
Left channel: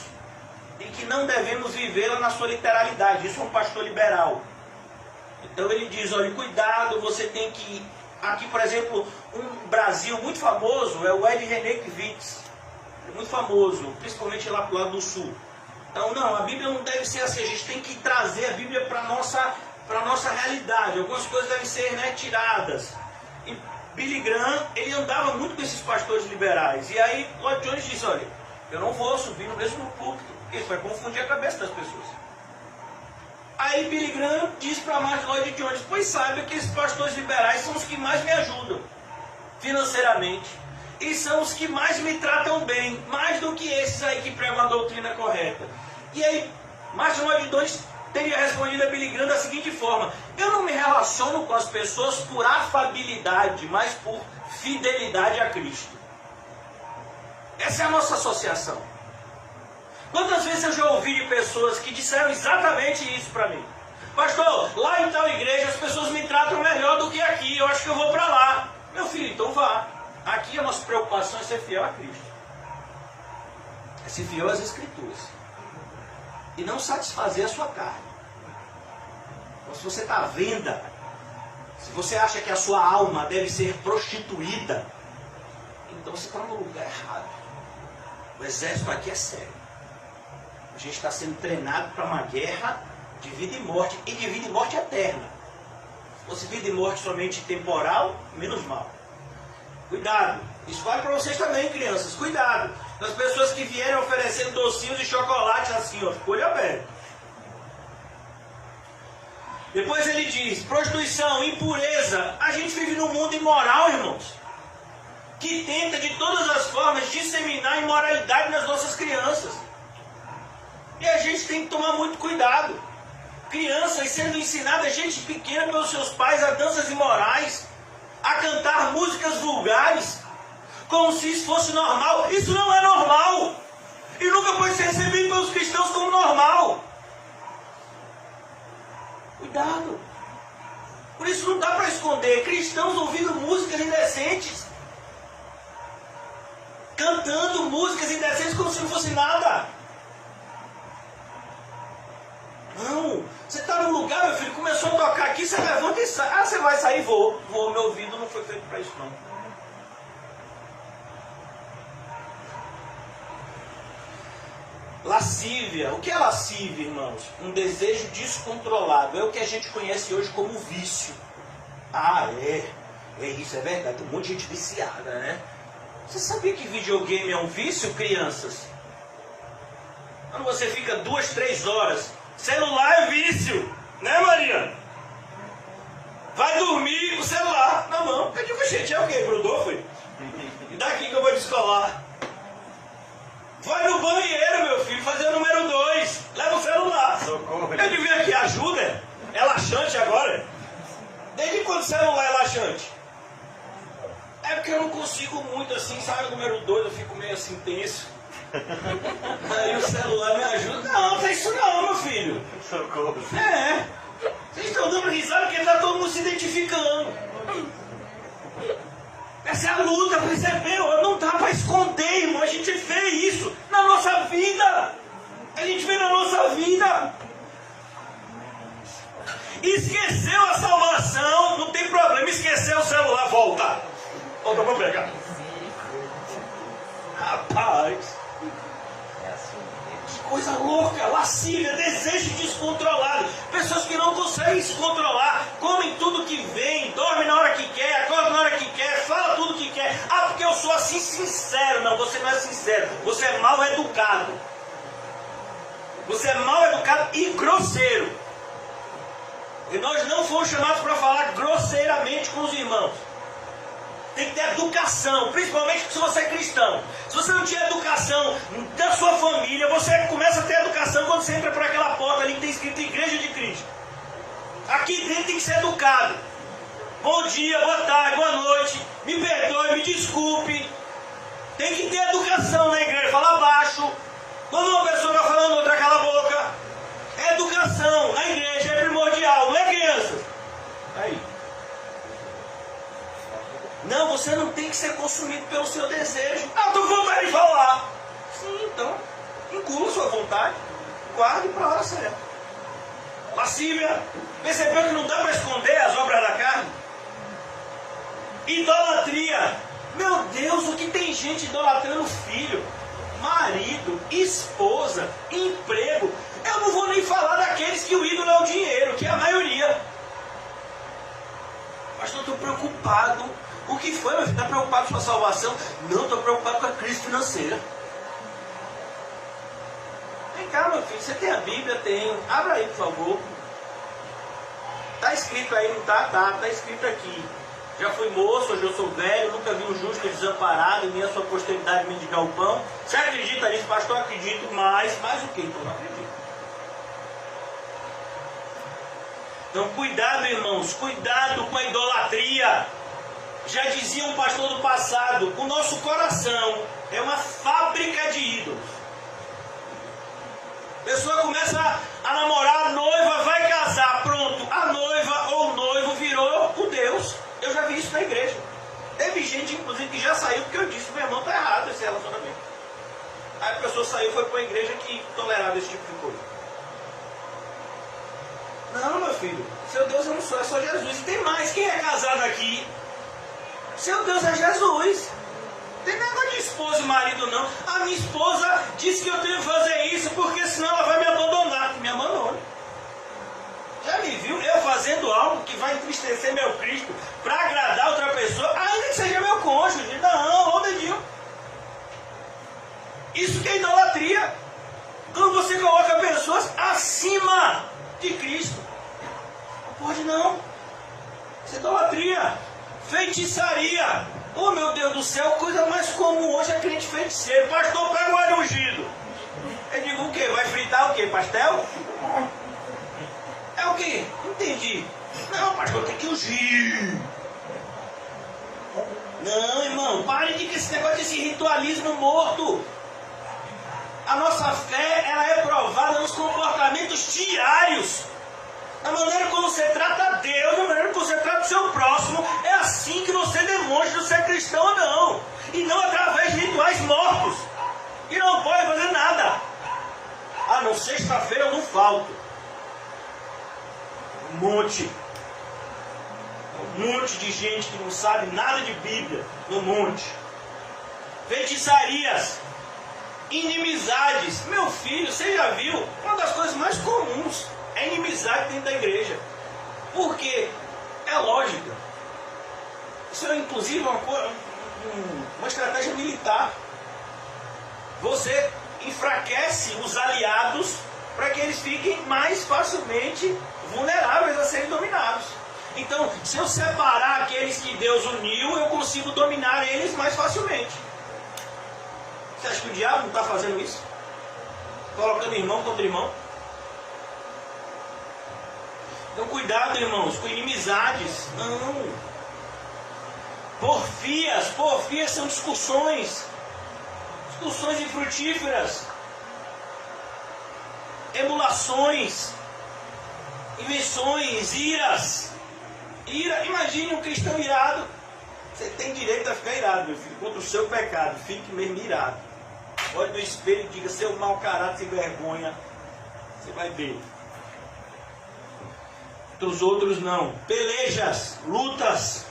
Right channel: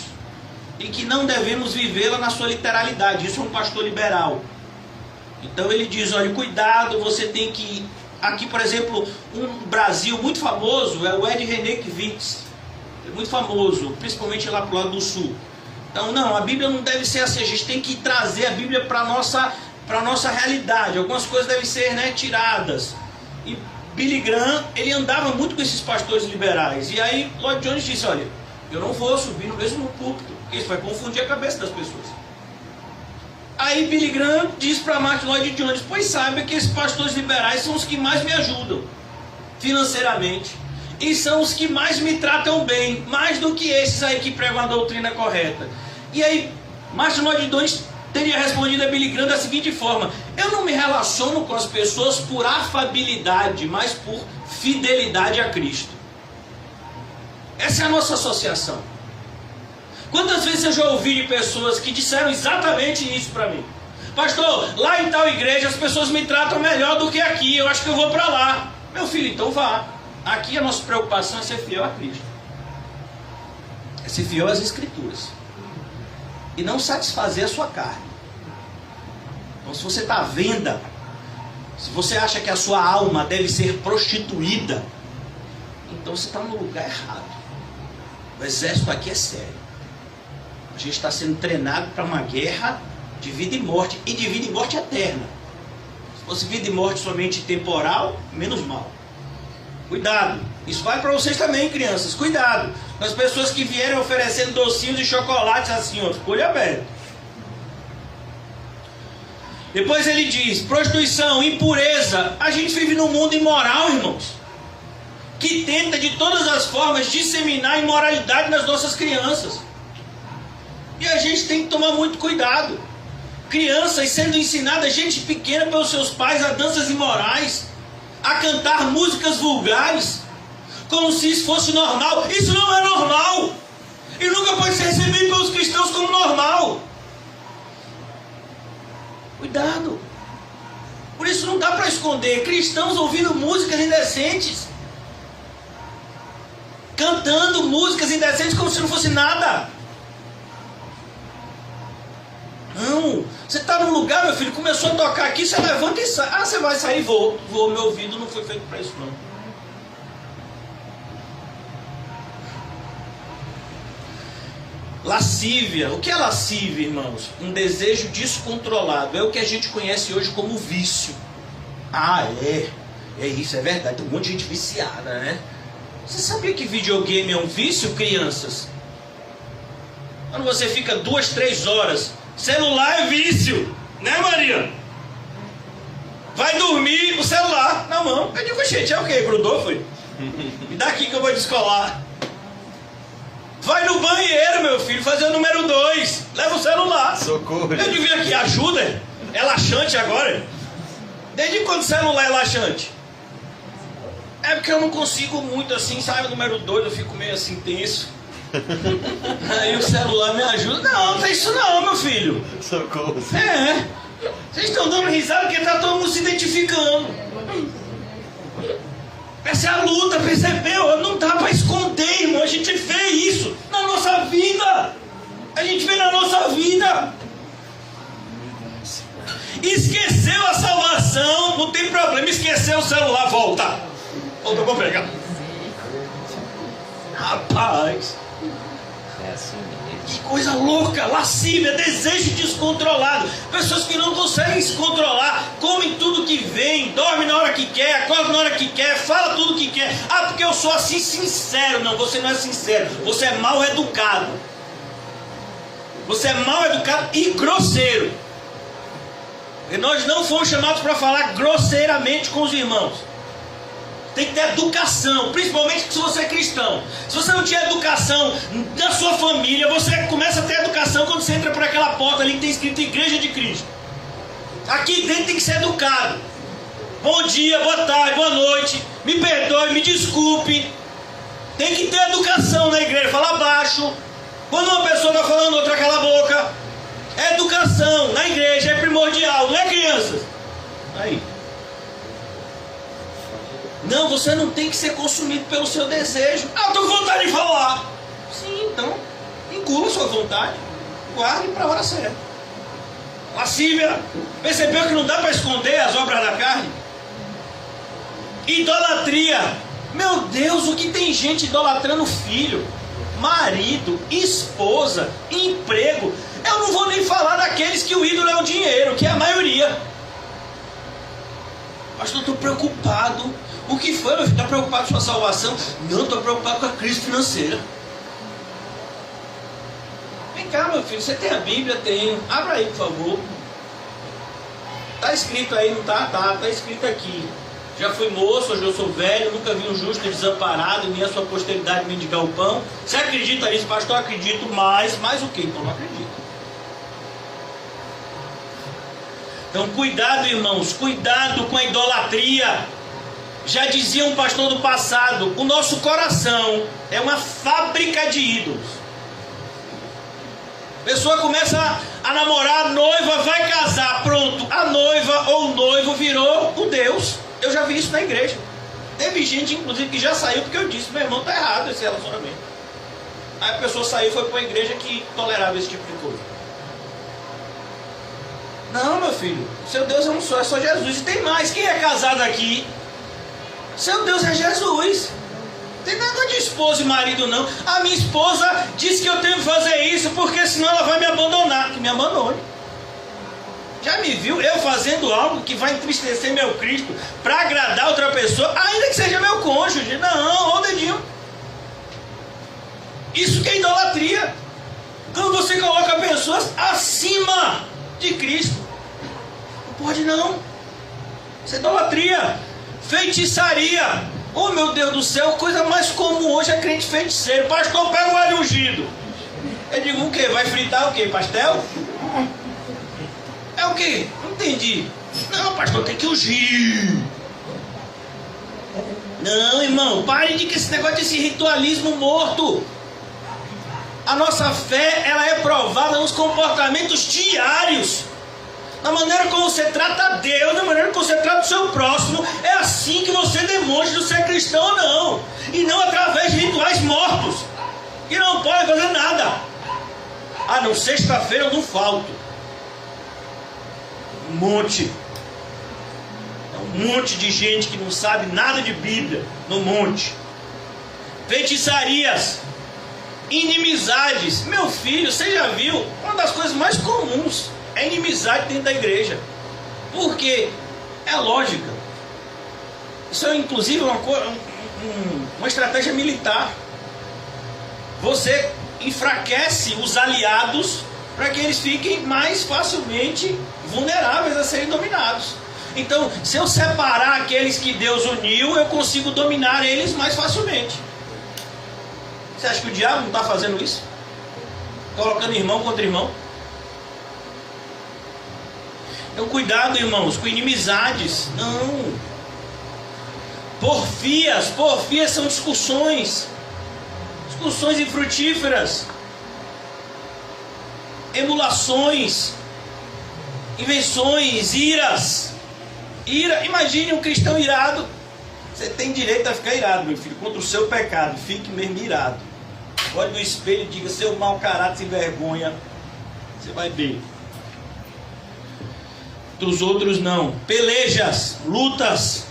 e que não devemos vivê-la na sua literalidade. Isso é um pastor liberal. Então ele diz: olha, cuidado, você tem que... Aqui, por exemplo, um Brasil muito famoso é o Ed Renekiewicz. É muito famoso, principalmente lá para o lado do sul. Então, não, a Bíblia não deve ser assim. A gente tem que trazer a Bíblia para a nossa realidade. Algumas coisas devem ser, né, tiradas. E Billy Graham, ele andava muito com esses pastores liberais. E aí Lloyd-Jones disse: olha, eu não vou subir no mesmo púlpito, porque isso vai confundir a cabeça das pessoas. Aí Billy Graham diz para Martyn Lloyd-Jones: pois saiba que esses pastores liberais são os que mais me ajudam financeiramente, e são os que mais me tratam bem, mais do que esses aí que pregam a doutrina correta. E aí Martyn Lloyd-Jones teria respondido a Billy Graham da seguinte forma: eu não me relaciono com as pessoas por afabilidade, mas por fidelidade a Cristo. Essa é a nossa associação. Quantas vezes eu já ouvi de pessoas que disseram exatamente isso para mim: pastor, lá em tal igreja as pessoas me tratam melhor do que aqui, eu acho que eu vou para lá. Meu filho, então vá. Aqui a nossa preocupação é ser fiel a Cristo, é ser fiel às Escrituras, e não satisfazer a sua carne. Então, se você está à venda, se você acha que a sua alma deve ser prostituída, então você está no lugar errado. O exército aqui é sério. A gente está sendo treinado para uma guerra de vida e morte, e de vida e morte eterna. Se fosse vida e morte somente temporal, menos mal. Cuidado, isso vale para vocês também, crianças. Cuidado com as pessoas que vierem oferecendo docinhos e chocolates assim, ó, ficou aberto. Depois ele diz: prostituição, impureza. A gente vive num mundo imoral, irmãos, que tenta de todas as formas disseminar a imoralidade nas nossas crianças. E a gente tem que tomar muito cuidado. Crianças sendo ensinadas, gente pequena, pelos seus pais, a danças imorais, a cantar músicas vulgares, como se isso fosse normal. Isso não é normal, e nunca pode ser recebido pelos cristãos como normal. Cuidado. Por isso não dá para esconder cristãos ouvindo músicas indecentes, cantando músicas indecentes como se não fosse nada. Não, você está num lugar, meu filho, começou a tocar aqui, você levanta e sai. Ah, você vai sair? Vou, meu ouvido não foi feito para isso não. Lascívia. O que é lascívia, irmãos? Um desejo descontrolado. É o que a gente conhece hoje como vício. Ah, é isso, é verdade. Tem um monte de gente viciada, né? Você sabia que videogame é um vício, crianças? Quando você fica 2, 3 horas... Celular é vício, né, Maria? Vai dormir com o celular na mão. Eu digo: gente, é o quê? Grudou, foi? Me dá aqui que eu vou descolar. Vai no banheiro, meu filho, fazer o número 2. Leva o celular. Socorro. Eu digo: aqui, ajuda. É laxante agora? Desde quando o celular é laxante? É porque eu não consigo muito assim, sabe? O número 2 eu fico meio assim tenso. Aí o celular me ajuda. Não, não tem isso não, meu filho. Socorro. É. Vocês estão dando risada porque tá todo mundo se identificando. Essa é a luta, percebeu? Não dá pra esconder, irmão. A gente vê isso na nossa vida. A gente vê na nossa vida. Esqueceu a salvação, não tem problema. Esqueceu o celular, volta. Volta pra pegar. Rapaz. É assim mesmo. Que coisa louca, lascívia, desejo descontrolado. Pessoas que não conseguem se controlar, comem tudo que vem, dormem na hora que quer, acordam na hora que quer, fala tudo que quer. Ah, porque eu sou assim sincero. Não, você não é sincero, você é mal educado. Você é mal educado e grosseiro. E nós não fomos chamados para falar grosseiramente com os irmãos. Tem que ter educação, principalmente se você é cristão. Se você não tinha educação da sua família, você começa a ter educação quando você entra por aquela porta ali que tem escrito Igreja de Cristo. Aqui dentro tem que ser educado. Bom dia, boa tarde, boa noite. Me perdoe, me desculpe. Tem que ter educação na igreja. Fala baixo. Quando uma pessoa está falando, outra cala a boca. Educação na igreja é primordial, não é, crianças? Aí. Não, você não tem que ser consumido pelo seu desejo. Ah, eu tenho vontade de falar. Sim, então, engula sua vontade. Guarde para a hora certa. Lascívia. Percebeu que não dá para esconder as obras da carne? Idolatria. Meu Deus, o que tem gente idolatrando filho, marido, esposa, emprego. Eu não vou nem falar daqueles que o ídolo é o dinheiro, que é a maioria. Pastor, estou preocupado. O que foi, meu filho? Está preocupado com a sua salvação? Não, estou preocupado com a crise financeira. Vem cá, meu filho, você tem a Bíblia? Tenho. Abra aí, por favor. Está escrito aí, não está? Tá, está escrito aqui. Já fui moço, hoje eu sou velho, nunca vi um justo desamparado, nem a sua posteridade mendigar o pão. Você acredita nisso, pastor? Eu acredito, mais o que? Então não acredito. Então cuidado, irmãos, cuidado com a idolatria. Já dizia um pastor do passado, o nosso coração é uma fábrica de ídolos. A pessoa começa a namorar, a noiva vai casar, pronto, a noiva ou o noivo virou o Deus. Eu já vi isso na igreja. Teve gente, inclusive, que já saiu porque eu disse, meu irmão, tá errado esse relacionamento. Aí a pessoa saiu e foi para a igreja que tolerava esse tipo de coisa. Não, meu filho, seu Deus é um só, é só Jesus. E tem mais, quem é casado aqui? Seu Deus é Jesus. Não tem negócio de esposa e marido não. A minha esposa disse que eu tenho que fazer isso porque senão ela vai me abandonar. Que me abandone. Já me viu eu fazendo algo que vai entristecer meu Cristo para agradar outra pessoa, ainda que seja meu cônjuge? Não, ó o dedinho. Isso que é idolatria. Quando você coloca pessoas acima de Cristo. Não pode não. Isso é idolatria. Feitiçaria. Oh, meu Deus do céu, coisa mais comum hoje é crente feiticeiro. Pastor, pega o alho ungido. Eu digo o quê? Vai fritar o quê? Pastel? É o quê? Não entendi. Não, pastor, tem que ungir. Não, irmão, pare de que esse negócio desse ritualismo morto. A nossa fé, ela é provada nos comportamentos diários. Na maneira como você trata Deus, na maneira como você trata o seu próximo. É assim que você demonstra se é cristão ou não. E não através de rituais mortos. E não pode fazer nada. Ah, não, sexta-feira eu não falto. Um monte de gente que não sabe nada de Bíblia no monte. Feitiçarias, inimizades. Meu filho, você já viu? Uma das coisas mais comuns é inimizade dentro da igreja. Por quê? É lógica. Isso é inclusive uma estratégia militar. Você enfraquece os aliados para que eles fiquem mais facilmente vulneráveis a serem dominados. Então, se eu separar aqueles que Deus uniu, eu consigo dominar eles mais facilmente. Você acha que o diabo não está fazendo isso? Colocando irmão contra irmão? Então cuidado, irmãos, com inimizades. Não. Porfias são discussões infrutíferas, emulações, invenções, iras. Imagine um cristão irado. Você tem direito a ficar irado, meu filho, contra o seu pecado. Fique mesmo irado. Olhe no espelho e diga: seu mau caráter, sem vergonha. Você vai ver. Dos outros não. Pelejas, lutas.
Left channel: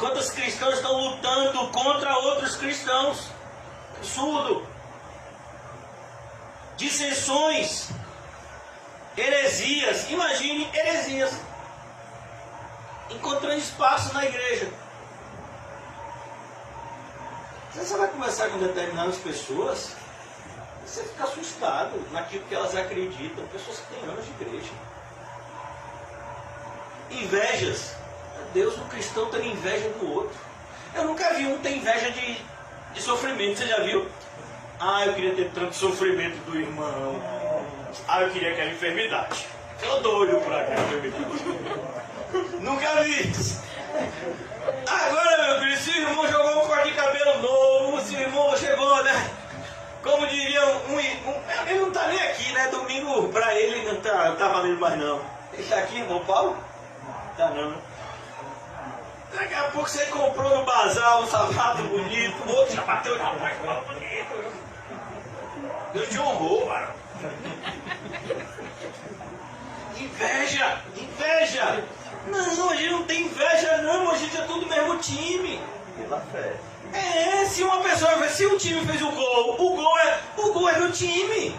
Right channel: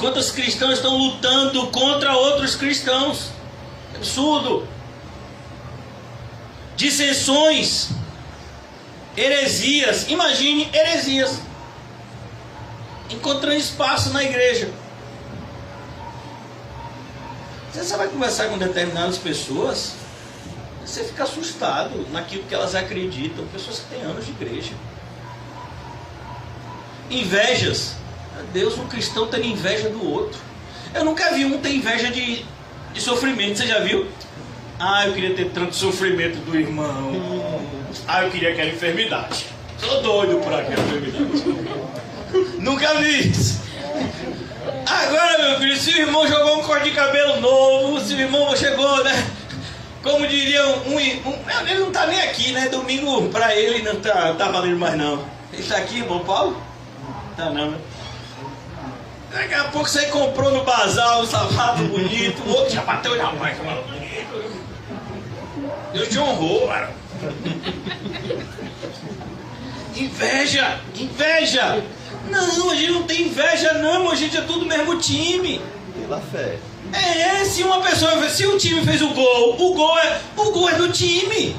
Quantos cristãos estão lutando contra outros cristãos? Absurdo. Dissensões, heresias. Imagine heresias encontrando espaço na igreja. Você vai conversar com determinadas pessoas, você fica assustado naquilo que elas acreditam. Pessoas que têm anos de igreja. Invejas. Deus, um cristão tendo inveja do outro. Eu nunca vi um ter inveja de sofrimento. Você já viu? Eu queria ter tanto sofrimento do irmão. Eu queria aquela enfermidade. Tô doido por aquela enfermidade. Nunca vi isso. Agora, meu filho, se o irmão jogou um corte de cabelo novo, se o irmão chegou, né? Como diria ele não tá nem aqui, né? Domingo pra ele não tá valendo mais não. Ele tá aqui, irmão Paulo? Tá não, né? Daqui a pouco você comprou no bazar um sapato bonito, o outro já bateu na mãe, que bonito. Deus te honrou, mano. Inveja. Não, a gente não tem inveja não, a gente é tudo mesmo time. Pela fé. Se o time fez o gol é do time.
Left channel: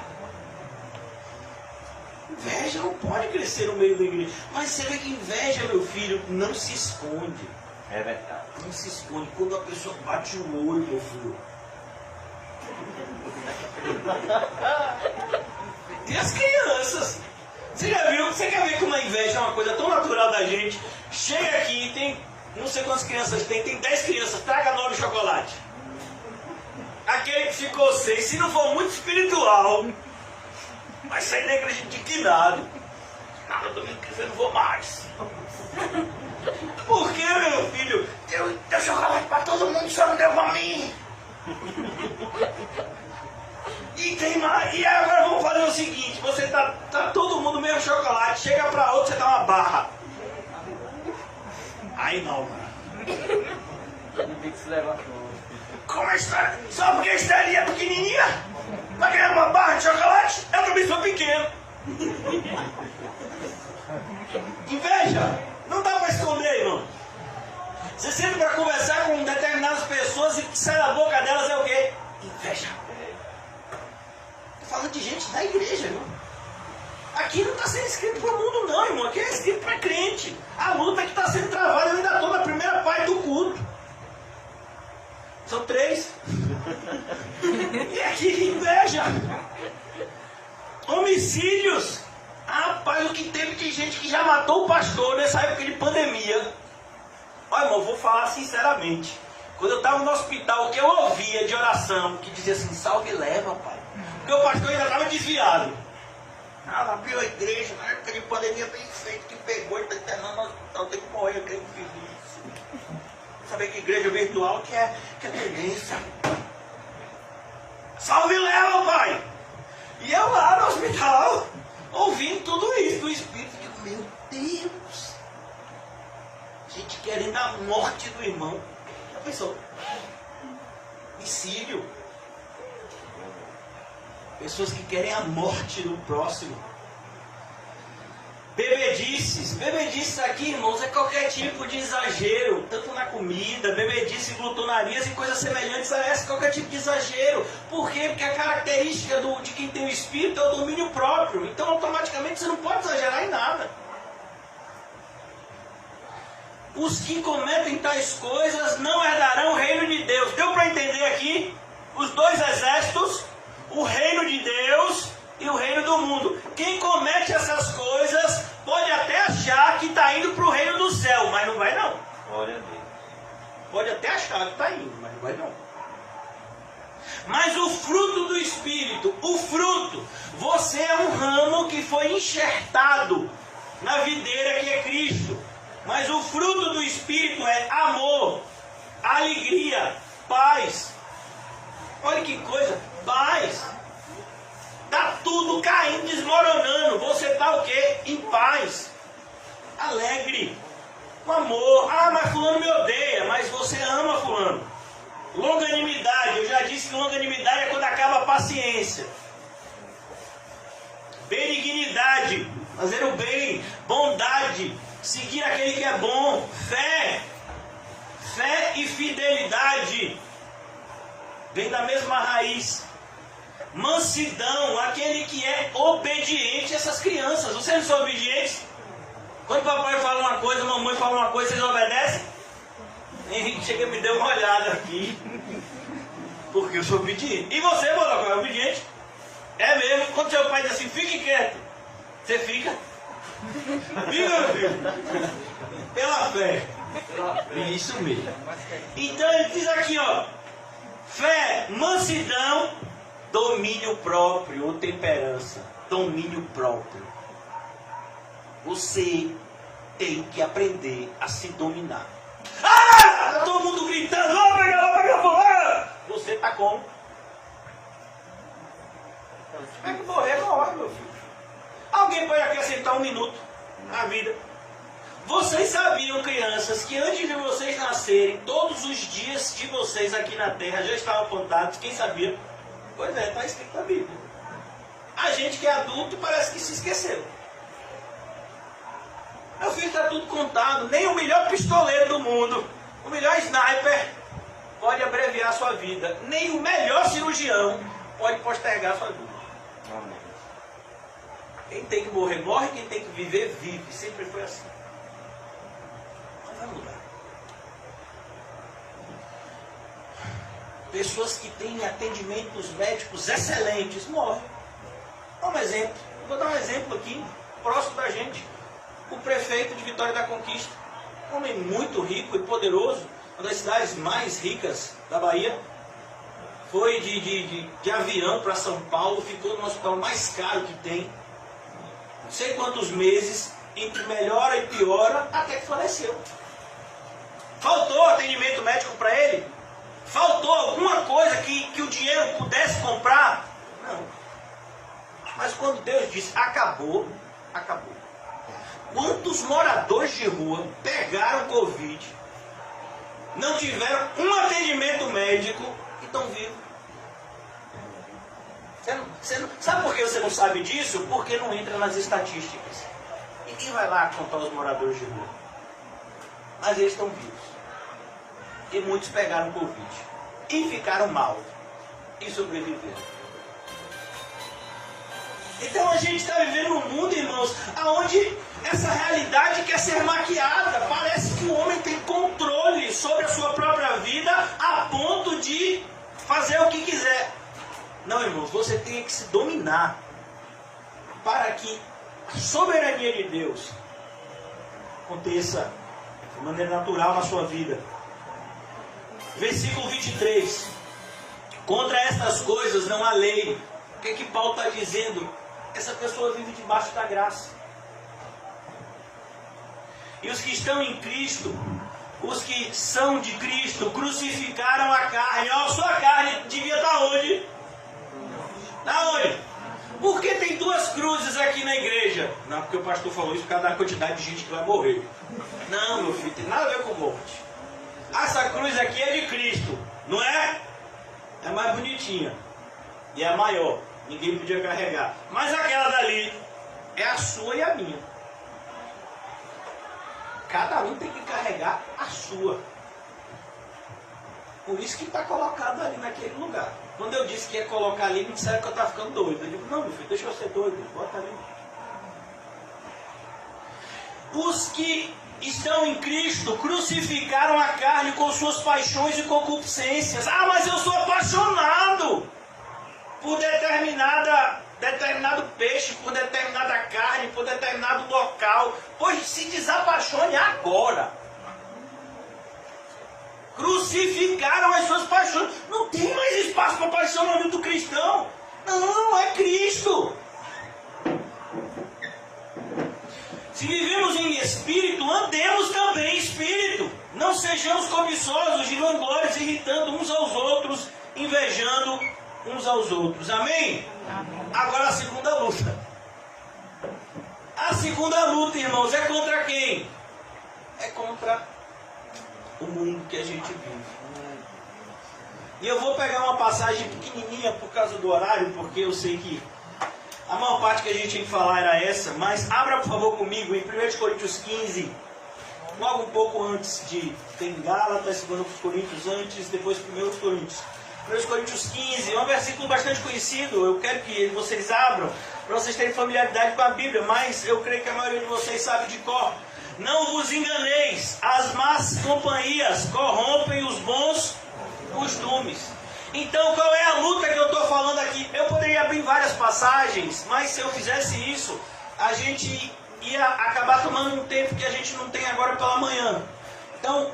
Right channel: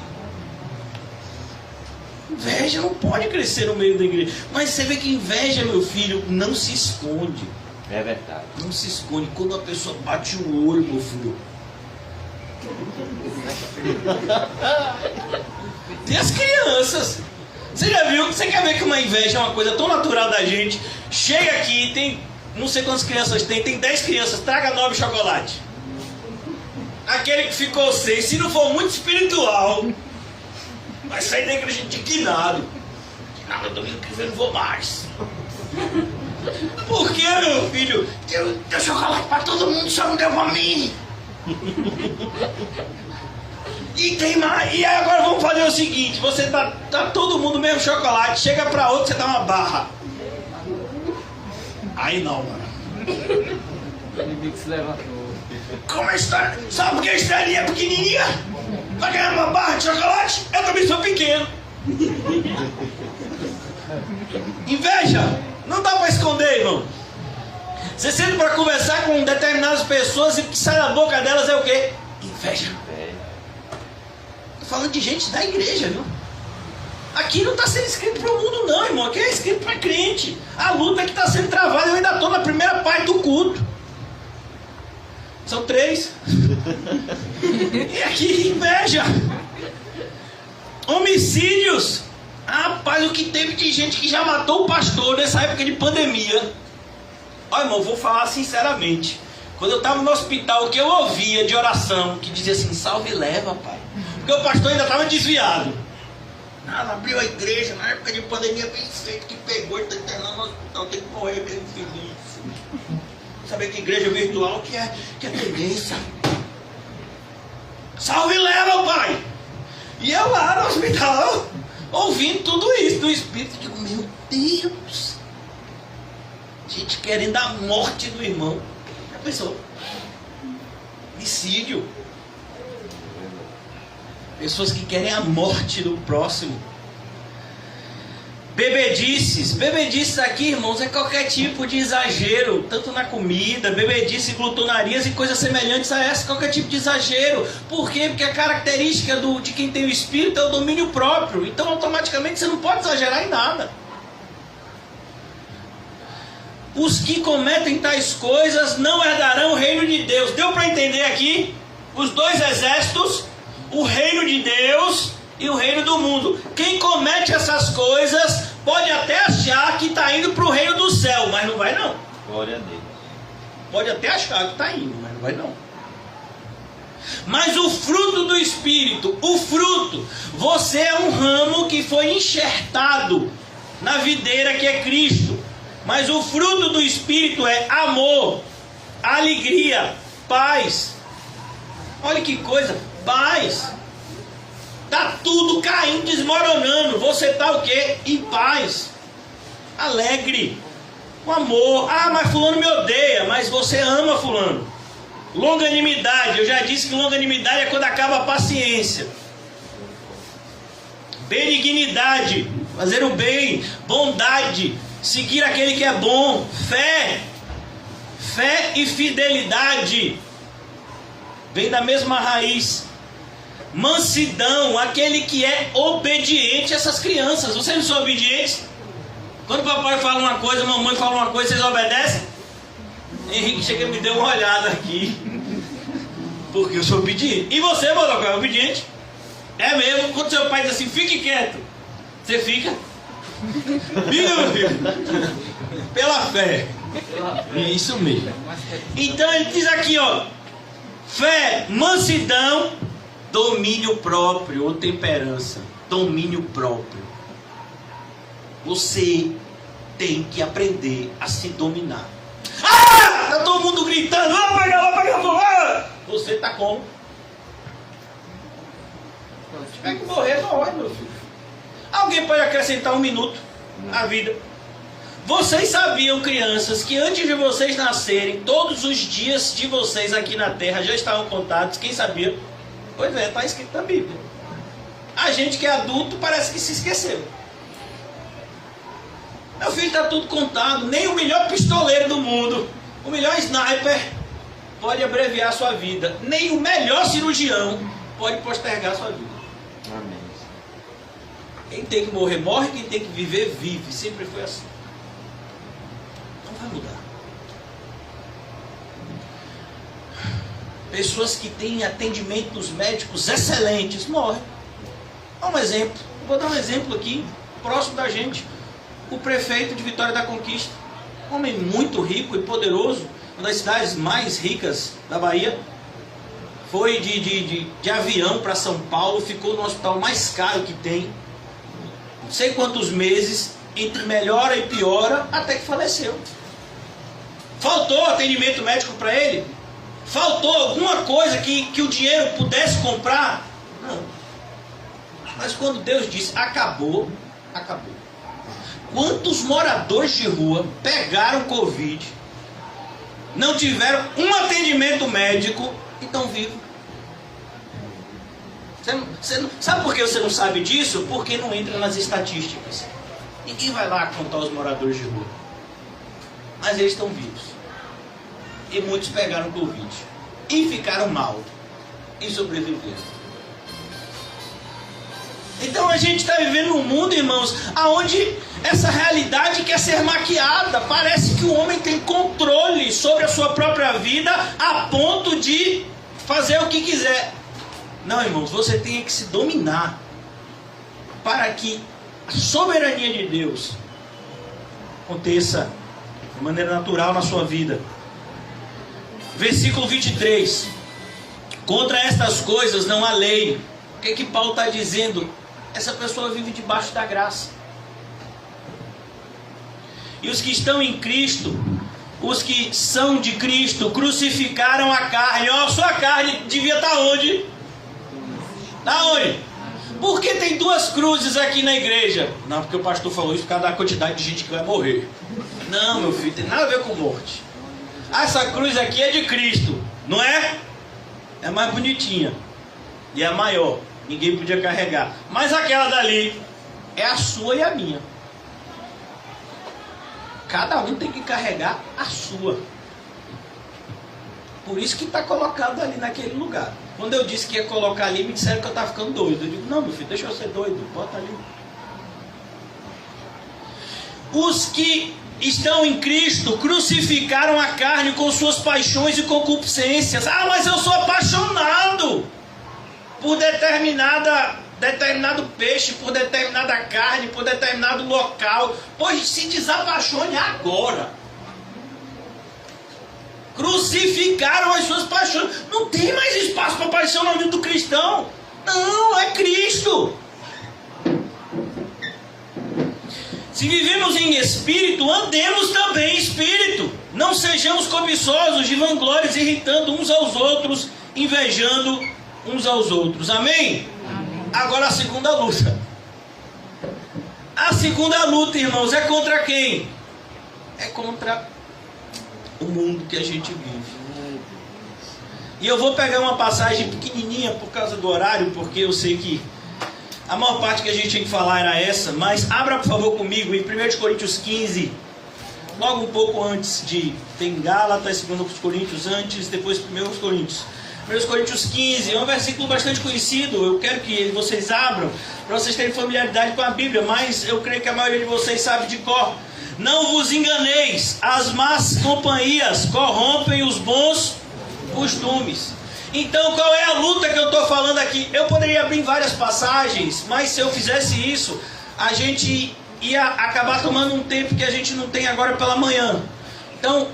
Inveja não pode crescer no meio da igreja. Mas você vê que inveja, meu filho, não se esconde. É verdade. Não se esconde. Quando a pessoa bate o olho, meu filho. Tem as crianças. Você já viu? Você quer ver que uma inveja é uma coisa tão natural da gente? Chega aqui, tem não sei quantas crianças tem 10 crianças, traga 9 chocolate. Aquele que ficou 6, se não for muito espiritual, vai sair da igreja indignado. Nada, domingo que vem não vou mais. Por que, meu filho? Deu chocolate pra todo mundo, só não deu pra mim. E tem mais. E agora vamos fazer o seguinte: você tá todo mundo mesmo chocolate, chega pra outro, você dá uma barra. Aí não, mano. Como a história? Sabe por que a estrelinha é pequenininha? Tá ganhando uma barra de chocolate? Eu também sou pequeno. Inveja. Não dá pra esconder, irmão. Você senta pra conversar com determinadas pessoas e o que sai da boca delas é o quê? Inveja. Tô falando de gente da igreja, viu? Aqui não está sendo escrito para o mundo não, irmão. Aqui é escrito para crente. A luta que está sendo travada, eu ainda estou na primeira parte do culto. São 3. E aqui, inveja. Homicídios. Rapaz, o que teve de gente que já matou o pastor nessa época de pandemia. Olha, irmão, vou falar sinceramente. Quando eu estava no hospital, o que eu ouvia de oração, que dizia assim: salve e leva, pai. Porque o pastor ainda estava desviado. Abriu a igreja na época de pandemia, bem feito, que pegou, ele está internando no hospital, tem que morrer, aquele infeliz. Sabe que igreja virtual que é tendência. Salve e leva, pai! E eu lá no hospital, ouvindo tudo isso do Espírito, digo: meu Deus! Gente querendo a morte do irmão. Já pensou? Homicídio. Pessoas que querem a morte do próximo. Bebedices aqui, irmãos, é qualquer tipo de exagero, tanto na comida, bebedice, glutonarias e coisas semelhantes a essa, qualquer tipo de exagero. Por quê? Porque a característica de quem tem o Espírito é o domínio próprio. Então automaticamente você não pode exagerar em nada. Os que cometem tais coisas não herdarão o reino de Deus. Deu para entender aqui? Os dois exércitos, o reino de Deus e o reino do mundo. Quem comete essas coisas pode até achar que está indo para o reino do céu, mas não vai não. Glória a Deus. Pode até achar que está indo, mas não vai não. Mas o fruto do Espírito, você é um ramo que foi enxertado na videira que é Cristo. Mas o fruto do Espírito é amor, alegria, paz. Olha que coisa, paz. Tá tudo caindo, desmoronando. Você tá o quê? Em paz, alegre, com amor. Ah, mas fulano me odeia. Mas você ama fulano. Longanimidade, eu já disse que longanimidade é quando acaba a paciência. Benignidade, fazer o bem. Bondade, seguir aquele que é bom. Fé e fidelidade vem da mesma raiz. Mansidão, aquele que é obediente a essas crianças. Vocês não são obedientes? Quando o papai fala uma coisa, a mamãe fala uma coisa, vocês obedecem? Henrique chega e me deu uma olhada aqui. Porque eu sou obediente. E você, Bodoco, é obediente? É mesmo? Quando seu pai diz assim, fique quieto, você fica? Fica, meu filho. Pela fé. É isso mesmo. Então ele diz aqui, ó. Fé, mansidão, domínio próprio ou temperança. Domínio próprio. Você tem que aprender a se dominar. Ah! Tá todo mundo gritando, vai pegar fulano. Você tá como? Se tiver que morrer, morre, meu filho. Alguém pode acrescentar 1 minuto na vida. Vocês sabiam, crianças, que antes de vocês nascerem, todos os dias de vocês aqui na Terra já estavam contados? Quem sabia? Pois é, está escrito na Bíblia. A gente que é adulto parece que se esqueceu. Meu filho, está tudo contado. Nem o melhor pistoleiro do mundo, o melhor sniper, pode abreviar a sua vida. Nem o melhor cirurgião pode postergar a sua vida. Amém. Quem tem que morrer, morre. Quem tem que viver, vive. Sempre foi assim. Não vai mudar. Pessoas que têm atendimentos médicos excelentes morrem. Dá um exemplo. Vou dar um exemplo aqui, próximo da gente. O prefeito de Vitória da Conquista, um homem muito rico e poderoso, uma das cidades mais ricas da Bahia, foi de avião para São Paulo, ficou no hospital mais caro que tem, não sei quantos meses, entre melhora e piora, até que faleceu. Faltou atendimento médico para ele? Faltou alguma coisa que o dinheiro pudesse comprar? Não. Mas quando Deus disse, acabou, acabou. Quantos moradores de rua pegaram Covid, não tiveram um atendimento médico e estão vivos? Sabe por que você não sabe disso? Porque não entra nas estatísticas. Ninguém vai lá contar os moradores de rua. Mas eles estão vivos. E muitos pegaram Covid. E ficaram mal. E sobreviveram. Então a gente está vivendo num mundo, irmãos, onde essa realidade quer ser maquiada. Parece que o homem tem controle sobre a sua própria vida a ponto de fazer o que quiser. Não, irmãos, você tem que se dominar para que a soberania de Deus aconteça de maneira natural na sua vida. Versículo 23. Contra estas coisas não há lei. O que Paulo está dizendo? Essa pessoa vive debaixo da graça. E os que estão em Cristo, os que são de Cristo, crucificaram a carne. Ó, sua carne devia estar onde? Aonde? Por que tem 2 cruzes aqui na igreja? Não, porque o pastor falou isso por causa da quantidade de gente que vai morrer. Não, meu filho, tem nada a ver com morte. Essa cruz aqui é de Cristo, não é? É mais bonitinha. E é maior. Ninguém podia carregar. Mas aquela dali é a sua e a minha. Cada um tem que carregar a sua. Por isso que está colocado ali naquele lugar. Quando eu disse que ia colocar ali, me disseram que eu estava ficando doido. Eu digo, não, meu filho, deixa eu ser doido. Bota ali. Os que estão em Cristo crucificaram a carne com suas paixões e concupiscências. Ah, mas eu sou apaixonado por determinado peixe, por determinada carne, por determinado local. Pois se desapaixone agora. Crucificaram as suas paixões. Não tem mais espaço para paixão na vida do cristão. Não, é Cristo. Se vivemos em espírito, andemos também em espírito. Não sejamos cobiçosos de vanglórias, irritando uns aos outros, invejando uns aos outros. Amém? Amém. Agora a segunda luta. A segunda luta, irmãos, é contra quem? É contra o mundo que a gente vive. E eu vou pegar uma passagem pequenininha por causa do horário, porque eu sei que a maior parte que a gente tinha que falar era essa, mas abra por favor comigo em 1 Coríntios 15, logo um pouco antes de... Tem Gálatas, 2 Coríntios antes, depois 1 Coríntios. 1 Coríntios 15, é um versículo bastante conhecido, eu quero que vocês abram, para vocês terem familiaridade com a Bíblia, mas eu creio que a maioria de vocês sabe de cor. Não vos enganeis, as más companhias corrompem os bons costumes. Então, qual é a luta que eu estou falando aqui? Eu poderia abrir várias passagens, mas se eu fizesse isso, a gente ia acabar tomando um tempo que a gente não tem agora pela manhã. Então,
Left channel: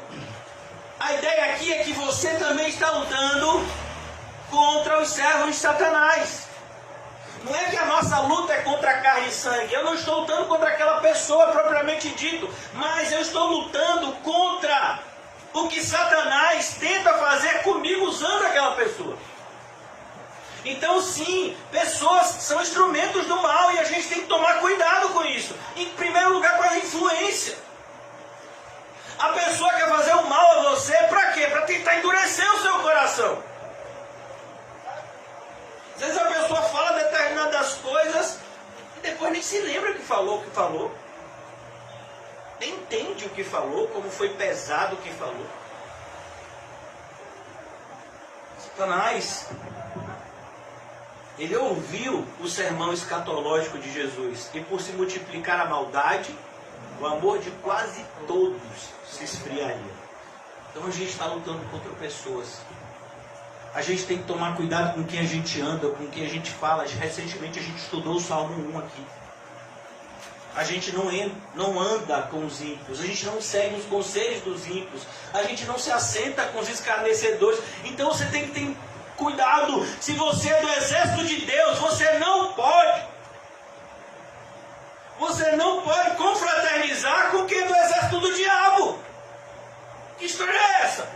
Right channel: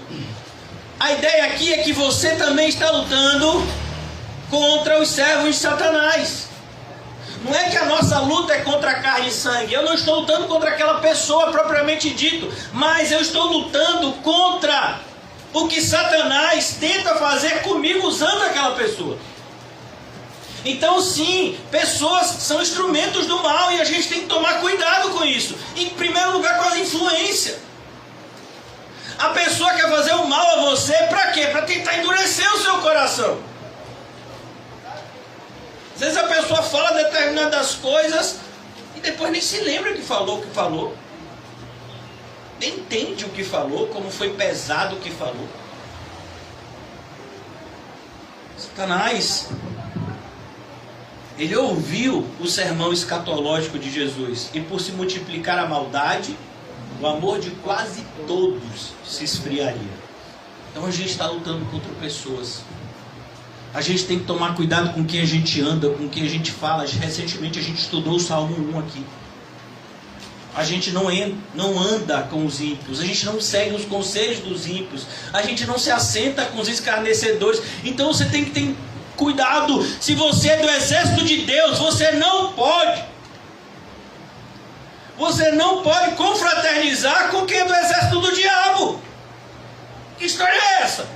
a ideia aqui é que você também está lutando contra os servos de Satanás. Não é que a nossa luta é contra a carne e sangue. Eu não estou lutando contra aquela pessoa propriamente dito, mas eu estou lutando contra o que Satanás tenta fazer comigo usando aquela pessoa. Então sim, pessoas são instrumentos do mal e a gente tem que tomar cuidado com isso. Em primeiro lugar, com a influência. A pessoa quer fazer o mal a você para quê? Para tentar endurecer o seu coração. Às vezes a pessoa fala determinadas coisas e depois nem se lembra que falou. Nem entende o que falou, como foi pesado o que falou. Satanás, ele ouviu o sermão escatológico de Jesus, e por se multiplicar a maldade, o amor de quase todos se esfriaria. Então a gente está lutando contra pessoas. A gente tem que tomar cuidado com quem a gente anda, com quem a gente fala. Recentemente a gente estudou o Salmo 1 aqui. A gente não anda com os ímpios, a gente não segue os conselhos dos ímpios, a gente não se assenta com os escarnecedores. Então você tem que ter cuidado. Se você é do exército de Deus, você não pode confraternizar com quem é do exército do diabo. Que história é essa?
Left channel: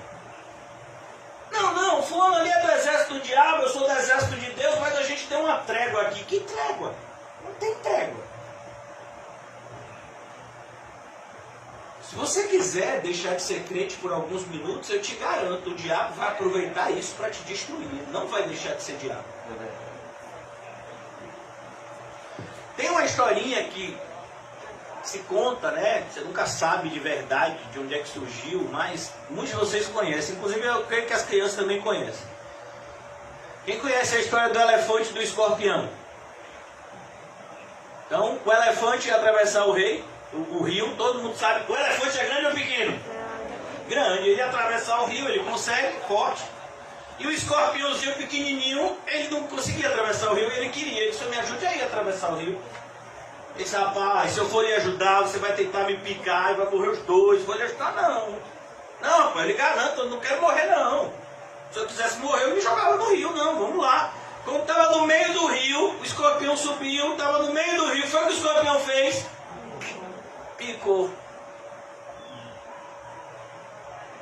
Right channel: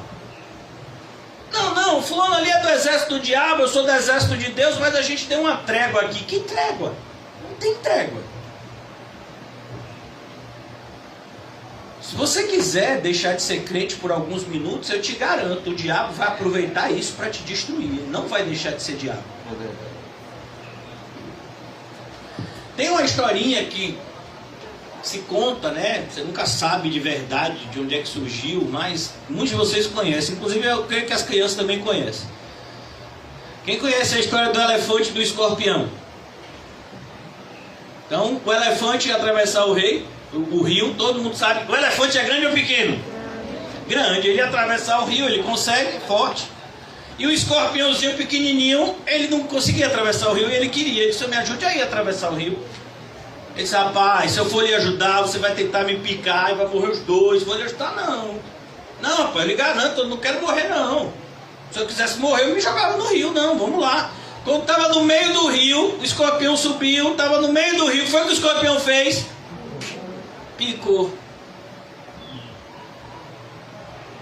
Não, fulano ali é do exército do diabo, eu sou do exército de Deus, mas a gente tem uma trégua aqui. Que trégua? Não tem trégua. Se você quiser deixar de ser crente por alguns minutos, eu te garanto, o diabo vai aproveitar isso para te destruir. Ele não vai deixar de ser diabo. Tem uma historinha que se conta, né? Você nunca sabe de verdade de onde é que surgiu, mas muitos de vocês conhecem. Inclusive eu creio que as crianças também conhecem. Quem conhece a história do elefante e do escorpião? Então, o elefante ia atravessar o rio, todo mundo sabe. O elefante é grande ou pequeno? Grande. Ele ia atravessar o rio, ele consegue, forte. E o escorpiãozinho pequenininho, ele não conseguia atravessar o rio e ele queria. Ele disse: me ajude aí a atravessar o rio. Ele disse: rapaz, se eu for lhe ajudar, você vai tentar me picar e vai morrer os dois. Se eu for lhe ajudar, não. Não, rapaz, eu lhe garanto, eu não quero morrer, não. Se eu quisesse morrer, eu me jogava no rio. Não, vamos lá. Quando estava no meio do rio, o escorpião subiu, estava no meio do rio. Foi o que o escorpião fez? Picou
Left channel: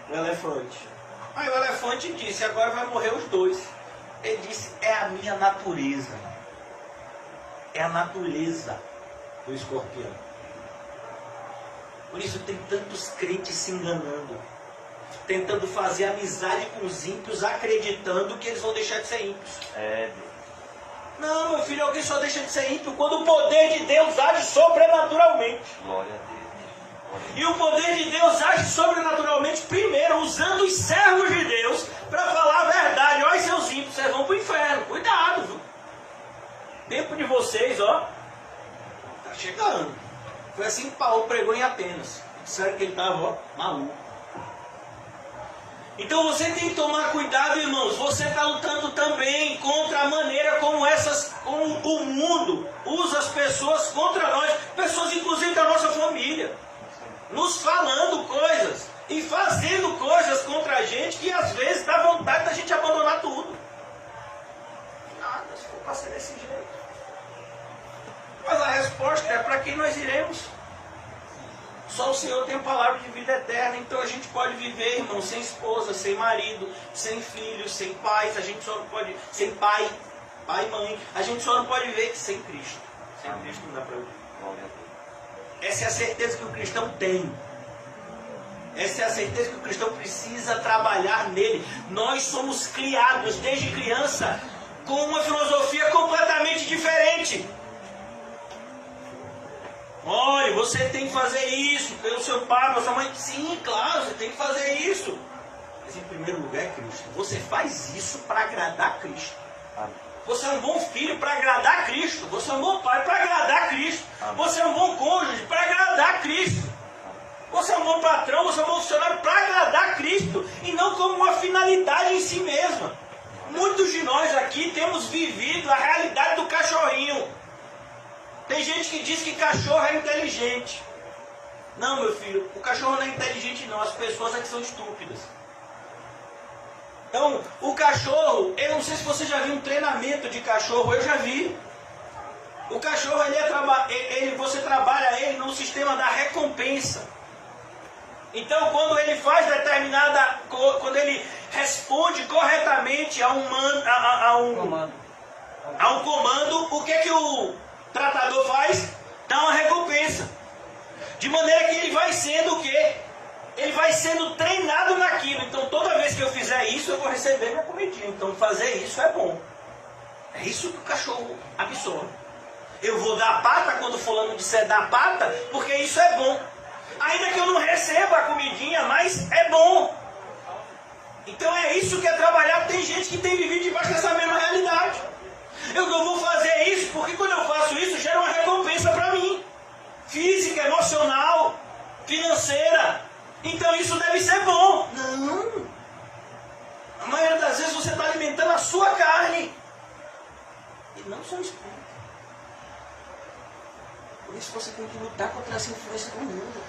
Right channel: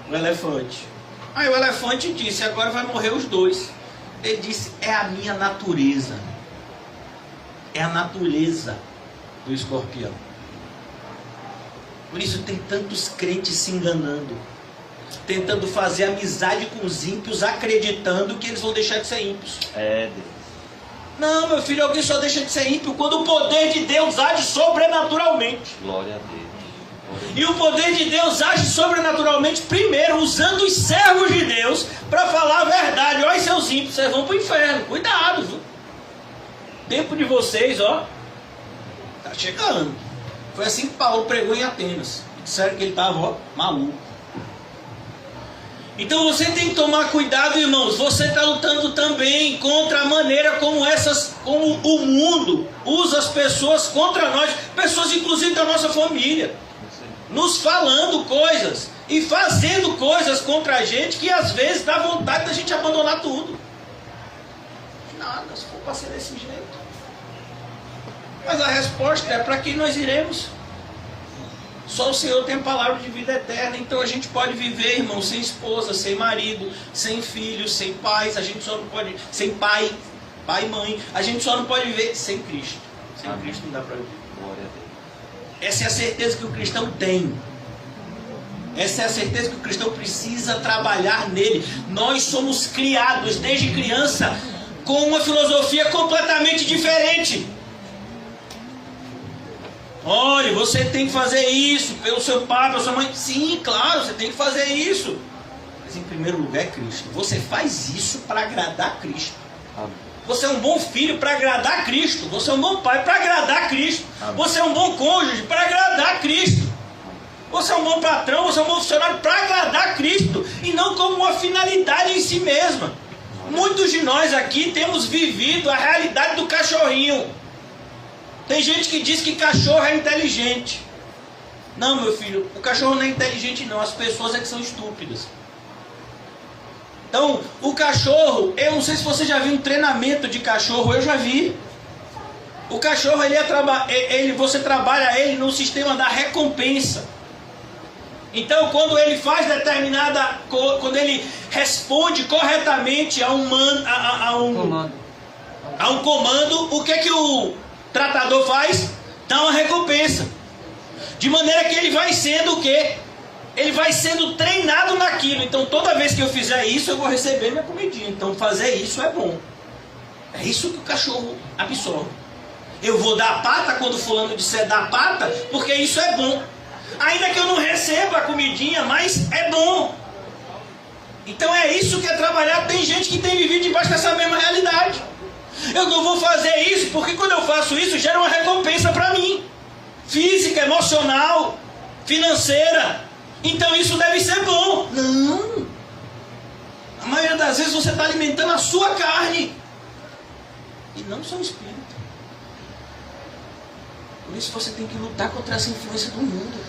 o elefante. Aí o elefante disse: agora vai morrer os dois. Ele disse: é a minha natureza. É a natureza do escorpião. Por isso tem tantos crentes se enganando, tentando fazer amizade com os ímpios, acreditando que eles vão deixar de ser ímpios. Não, meu filho, alguém só deixa de ser ímpio quando o poder de Deus age sobrenaturalmente. Glória a Deus. E o poder de Deus age sobrenaturalmente primeiro usando os servos de Deus para falar a verdade. Olha, seus ímpios, vocês vão para o inferno. Cuidado, viu? O tempo de vocês, ó, tá chegando. Foi assim que Paulo pregou em Atenas. Disseram que ele estava, ó, maluco. Então você tem que tomar cuidado, irmãos. Você está lutando também contra a maneira como o mundo usa as pessoas contra nós, pessoas inclusive da nossa família, nos falando coisas e fazendo coisas contra a gente que às vezes dá vontade da gente abandonar tudo. Nada, se for para ser desse jeito. Mas a resposta é: para quem nós iremos? Só o Senhor tem a palavra de vida eterna. Então a gente pode viver, irmão, sem esposa, sem marido, sem filhos, sem pais. A gente só não pode... Sem pai e mãe. A gente só não pode viver sem Cristo. Sem Cristo não dá para viver. Glória a Deus. Essa é a certeza que o cristão tem. Essa é a certeza que o cristão precisa trabalhar nele. Nós somos criados desde criança com uma filosofia completamente diferente. Olha, você tem que fazer isso pelo seu pai, pela sua mãe. Sim, claro, você tem que fazer isso. Mas em primeiro lugar é Cristo. Você faz isso para agradar Cristo. Você é um bom filho para agradar Cristo. Você é um bom pai para agradar Cristo. Você é um bom cônjuge para agradar Cristo. Você é um bom patrão, você é um bom funcionário para agradar Cristo. E não como uma finalidade em si mesma. Muitos de nós aqui temos vivido a realidade do cachorrinho. Tem gente que diz que cachorro é inteligente. Não, meu filho, o cachorro não é inteligente não, as pessoas é que são estúpidas. Então, o cachorro, eu não sei se você já viu um treinamento de cachorro, eu já vi. O cachorro, você trabalha ele no sistema da recompensa. Então, quando ele faz quando ele responde corretamente a um comando, o que o tratador faz? Dá uma recompensa. De maneira que ele vai sendo o quê? Ele vai sendo treinado naquilo. Então toda vez que eu fizer isso, eu vou receber minha comidinha. Então fazer isso é bom. É isso que o cachorro absorve. Eu vou dar pata quando fulano disser dar pata, porque isso é bom. Ainda que eu não receba a comidinha, mas é bom. Então é isso que é trabalhar. Tem gente que tem vivido debaixo dessa mesma realidade. Eu não vou fazer isso porque quando eu faço isso gera uma recompensa para mim. Física, emocional, financeira. Então isso deve ser bom. Não. A maioria das vezes você está alimentando a sua carne. E não o seu espírito. Por isso você tem que lutar contra essa influência do mundo.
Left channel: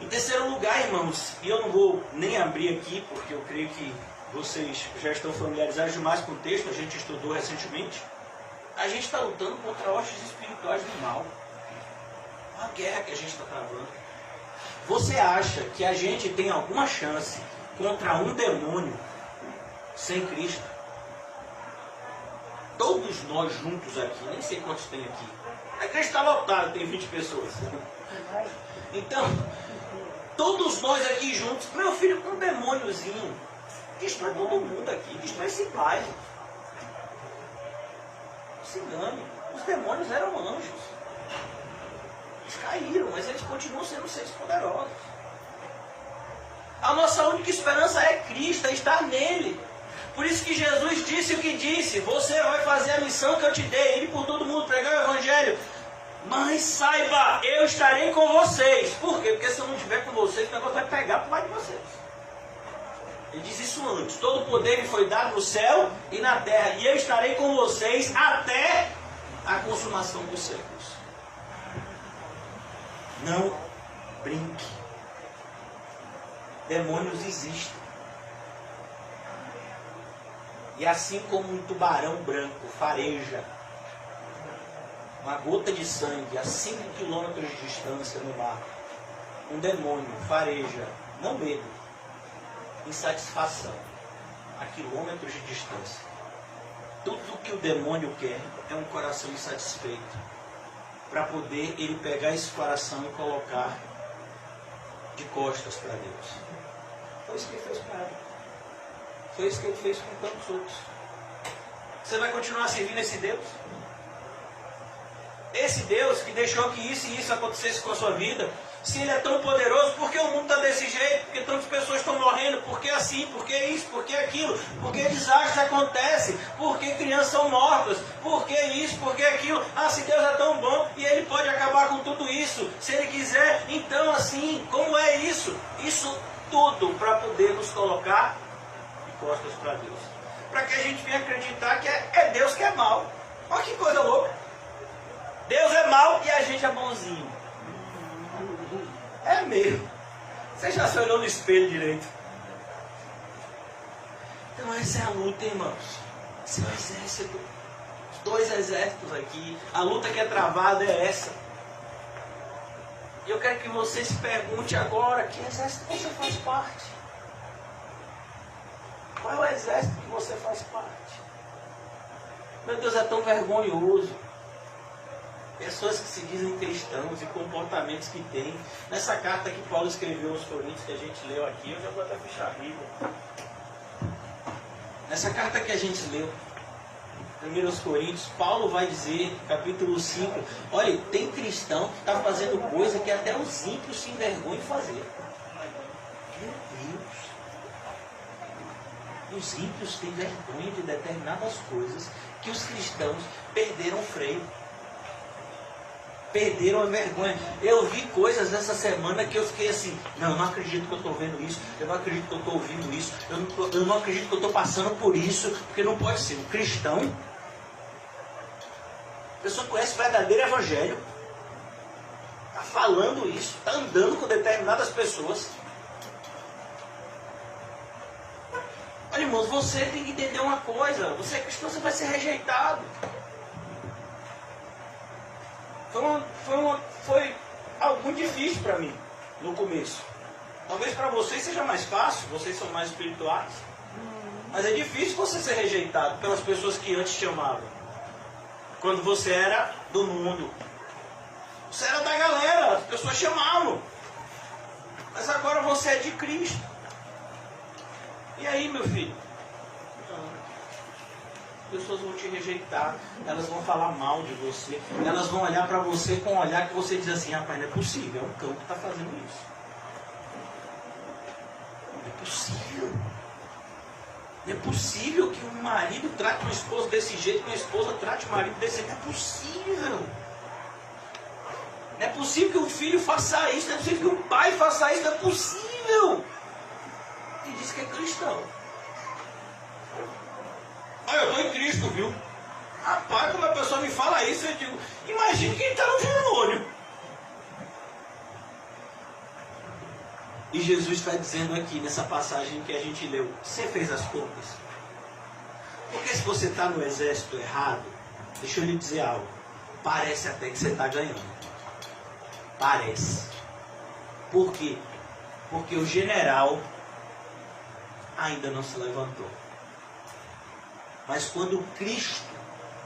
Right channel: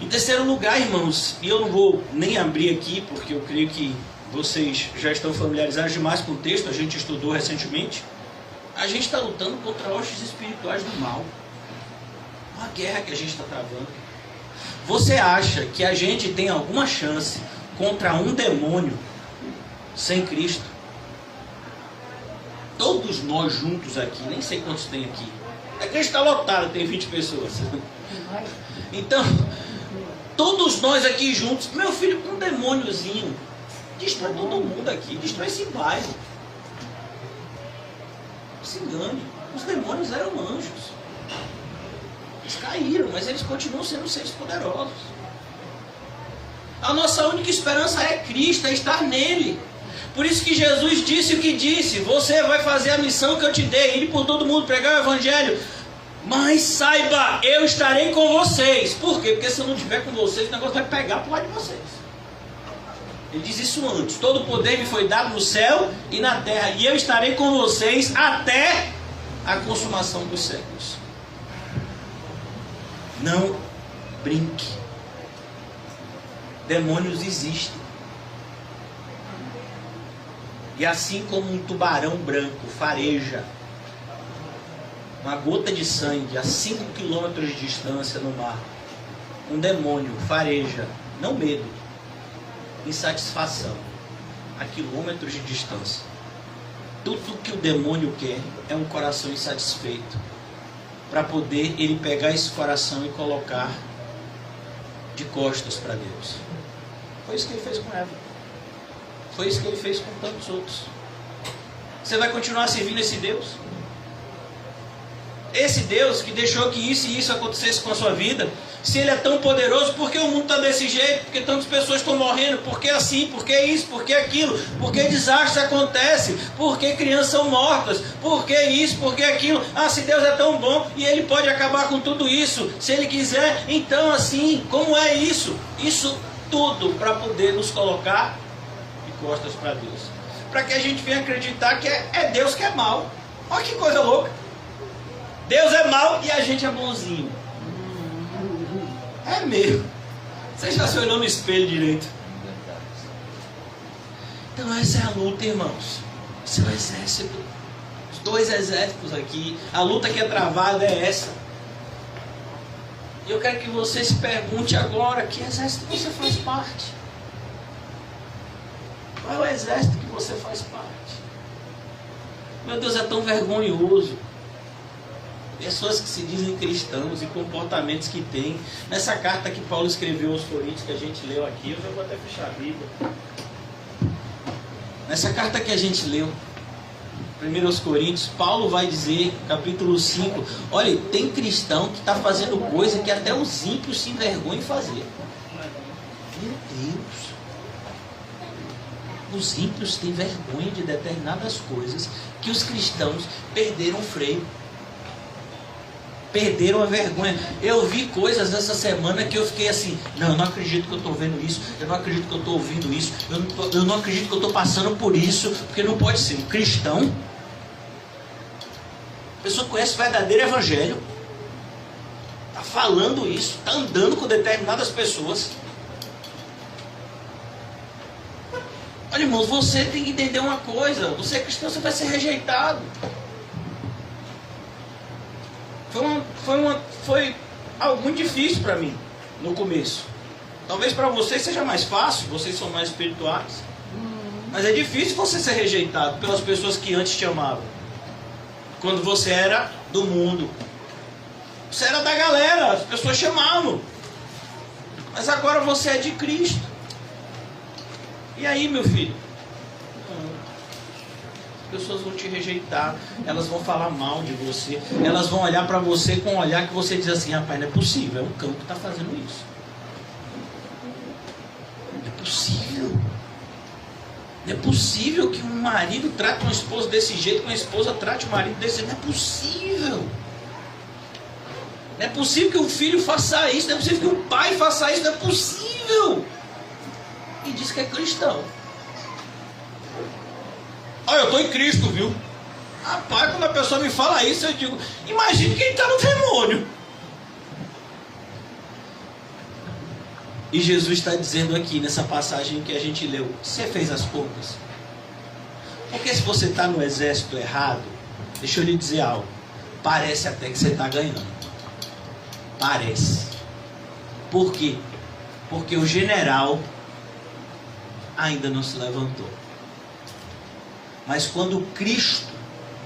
Em terceiro lugar, irmãos, e eu não vou nem abrir aqui, porque eu creio que vocês já estão familiarizados demais com o texto, a gente estudou recentemente. A gente está lutando contra hostes espirituais do mal. Uma guerra que a gente está travando. Você acha que a gente tem alguma chance contra um demônio sem Cristo? Todos nós juntos aqui, nem sei quantos tem aqui. A igreja está lotada, tem 20 pessoas. Então, todos nós aqui juntos, meu filho, um demôniozinho destrói todo mundo aqui, destrói esse bairro. Não se engane, os demônios eram anjos. Eles caíram, mas eles continuam sendo seres poderosos. A nossa única esperança é Cristo, é estar nele. Por isso que Jesus disse o que disse: você vai fazer a missão que eu te dei, ir por todo mundo, pregar o evangelho. Mas saiba, eu estarei com vocês. Por quê? Porque se eu não estiver com vocês, o negócio vai pegar por lado de vocês. Ele diz isso antes: todo poder me foi dado no céu e na terra, e eu estarei com vocês até a consumação dos séculos. Não brinque. Demônios existem. E assim como um tubarão branco fareja uma gota de sangue a 5 quilômetros de distância no mar, um demônio fareja, não medo, insatisfação, a quilômetros de distância. Tudo que o demônio quer é um coração insatisfeito, para poder ele pegar esse coração e colocar de costas para Deus. Foi isso que ele fez com Eva. Foi isso que ele fez com tantos outros. Você vai continuar servindo esse Deus? Esse Deus que deixou que isso e isso acontecesse com a sua vida? Se ele é tão poderoso, por que o mundo está desse jeito? Por que tantas pessoas estão morrendo? Por que assim? Por que isso? Por que aquilo? Por que desastres acontecem? Por que crianças são mortas? Por que isso? Por que aquilo? Ah, se Deus é tão bom e ele pode acabar com tudo isso, se ele quiser, então assim, como é isso? Isso tudo para poder nos colocar de costas para Deus. Para que a gente venha acreditar que é Deus que é mau. Olha que coisa louca. Deus é mau e a gente é bonzinho. É mesmo. Você já se olhou no espelho direito? Então essa é a luta, irmãos. Esse é o exército. Os dois exércitos aqui. A luta que é travada é essa. E eu quero que você se pergunte agora, que exército você faz parte? Qual é o exército que você faz parte? Meu Deus, é tão vergonhoso. Pessoas que se dizem cristãos e comportamentos que têm. Nessa carta que Paulo escreveu aos Coríntios, que a gente leu aqui, eu já vou até fechar a Bíblia. Nessa carta que a gente leu, 1 Coríntios, Paulo vai dizer, capítulo 5, olha, tem cristão que está fazendo coisa que até os ímpios se envergonham em fazer. Meu Deus! Os ímpios têm vergonha de determinadas coisas que os cristãos perderam o freio. Perderam a vergonha. Eu vi coisas essa semana que eu fiquei assim, não, eu não acredito que eu estou vendo isso, eu não acredito que eu estou ouvindo isso, eu não acredito que eu estou passando por isso, porque não pode ser um cristão. A pessoa conhece o verdadeiro evangelho, está falando isso, está andando com determinadas pessoas. Olha, irmãos, você tem que entender uma coisa, você é cristão, você vai ser rejeitado. Foi algo muito difícil para mim no começo. Talvez para vocês seja mais fácil, vocês são mais espirituais. Mas é difícil você ser rejeitado pelas pessoas que antes te amavam. Quando você era do mundo. Você era da galera, as pessoas chamavam. Mas agora você é de Cristo. E aí, meu filho? As pessoas vão te rejeitar, elas vão falar mal de você, elas vão olhar para você com um olhar que você diz assim, rapaz, não é possível, é um cão que está fazendo isso. Não é possível. Não é possível que um marido trate uma esposa desse jeito, que uma esposa trate o marido desse jeito. Não é possível. Não é possível que um filho faça isso, não é possível que um pai faça isso, não é possível. E diz que é cristão. Olha, eu estou em Cristo, viu? Rapaz, quando a pessoa me fala isso, eu digo, imagine quem está no demônio. E Jesus está dizendo aqui, nessa passagem que a gente leu, você fez as contas? Porque se você está no exército errado, deixa eu lhe dizer algo, parece até que você está ganhando. Parece. Por quê? Porque o general ainda não se levantou. Mas quando Cristo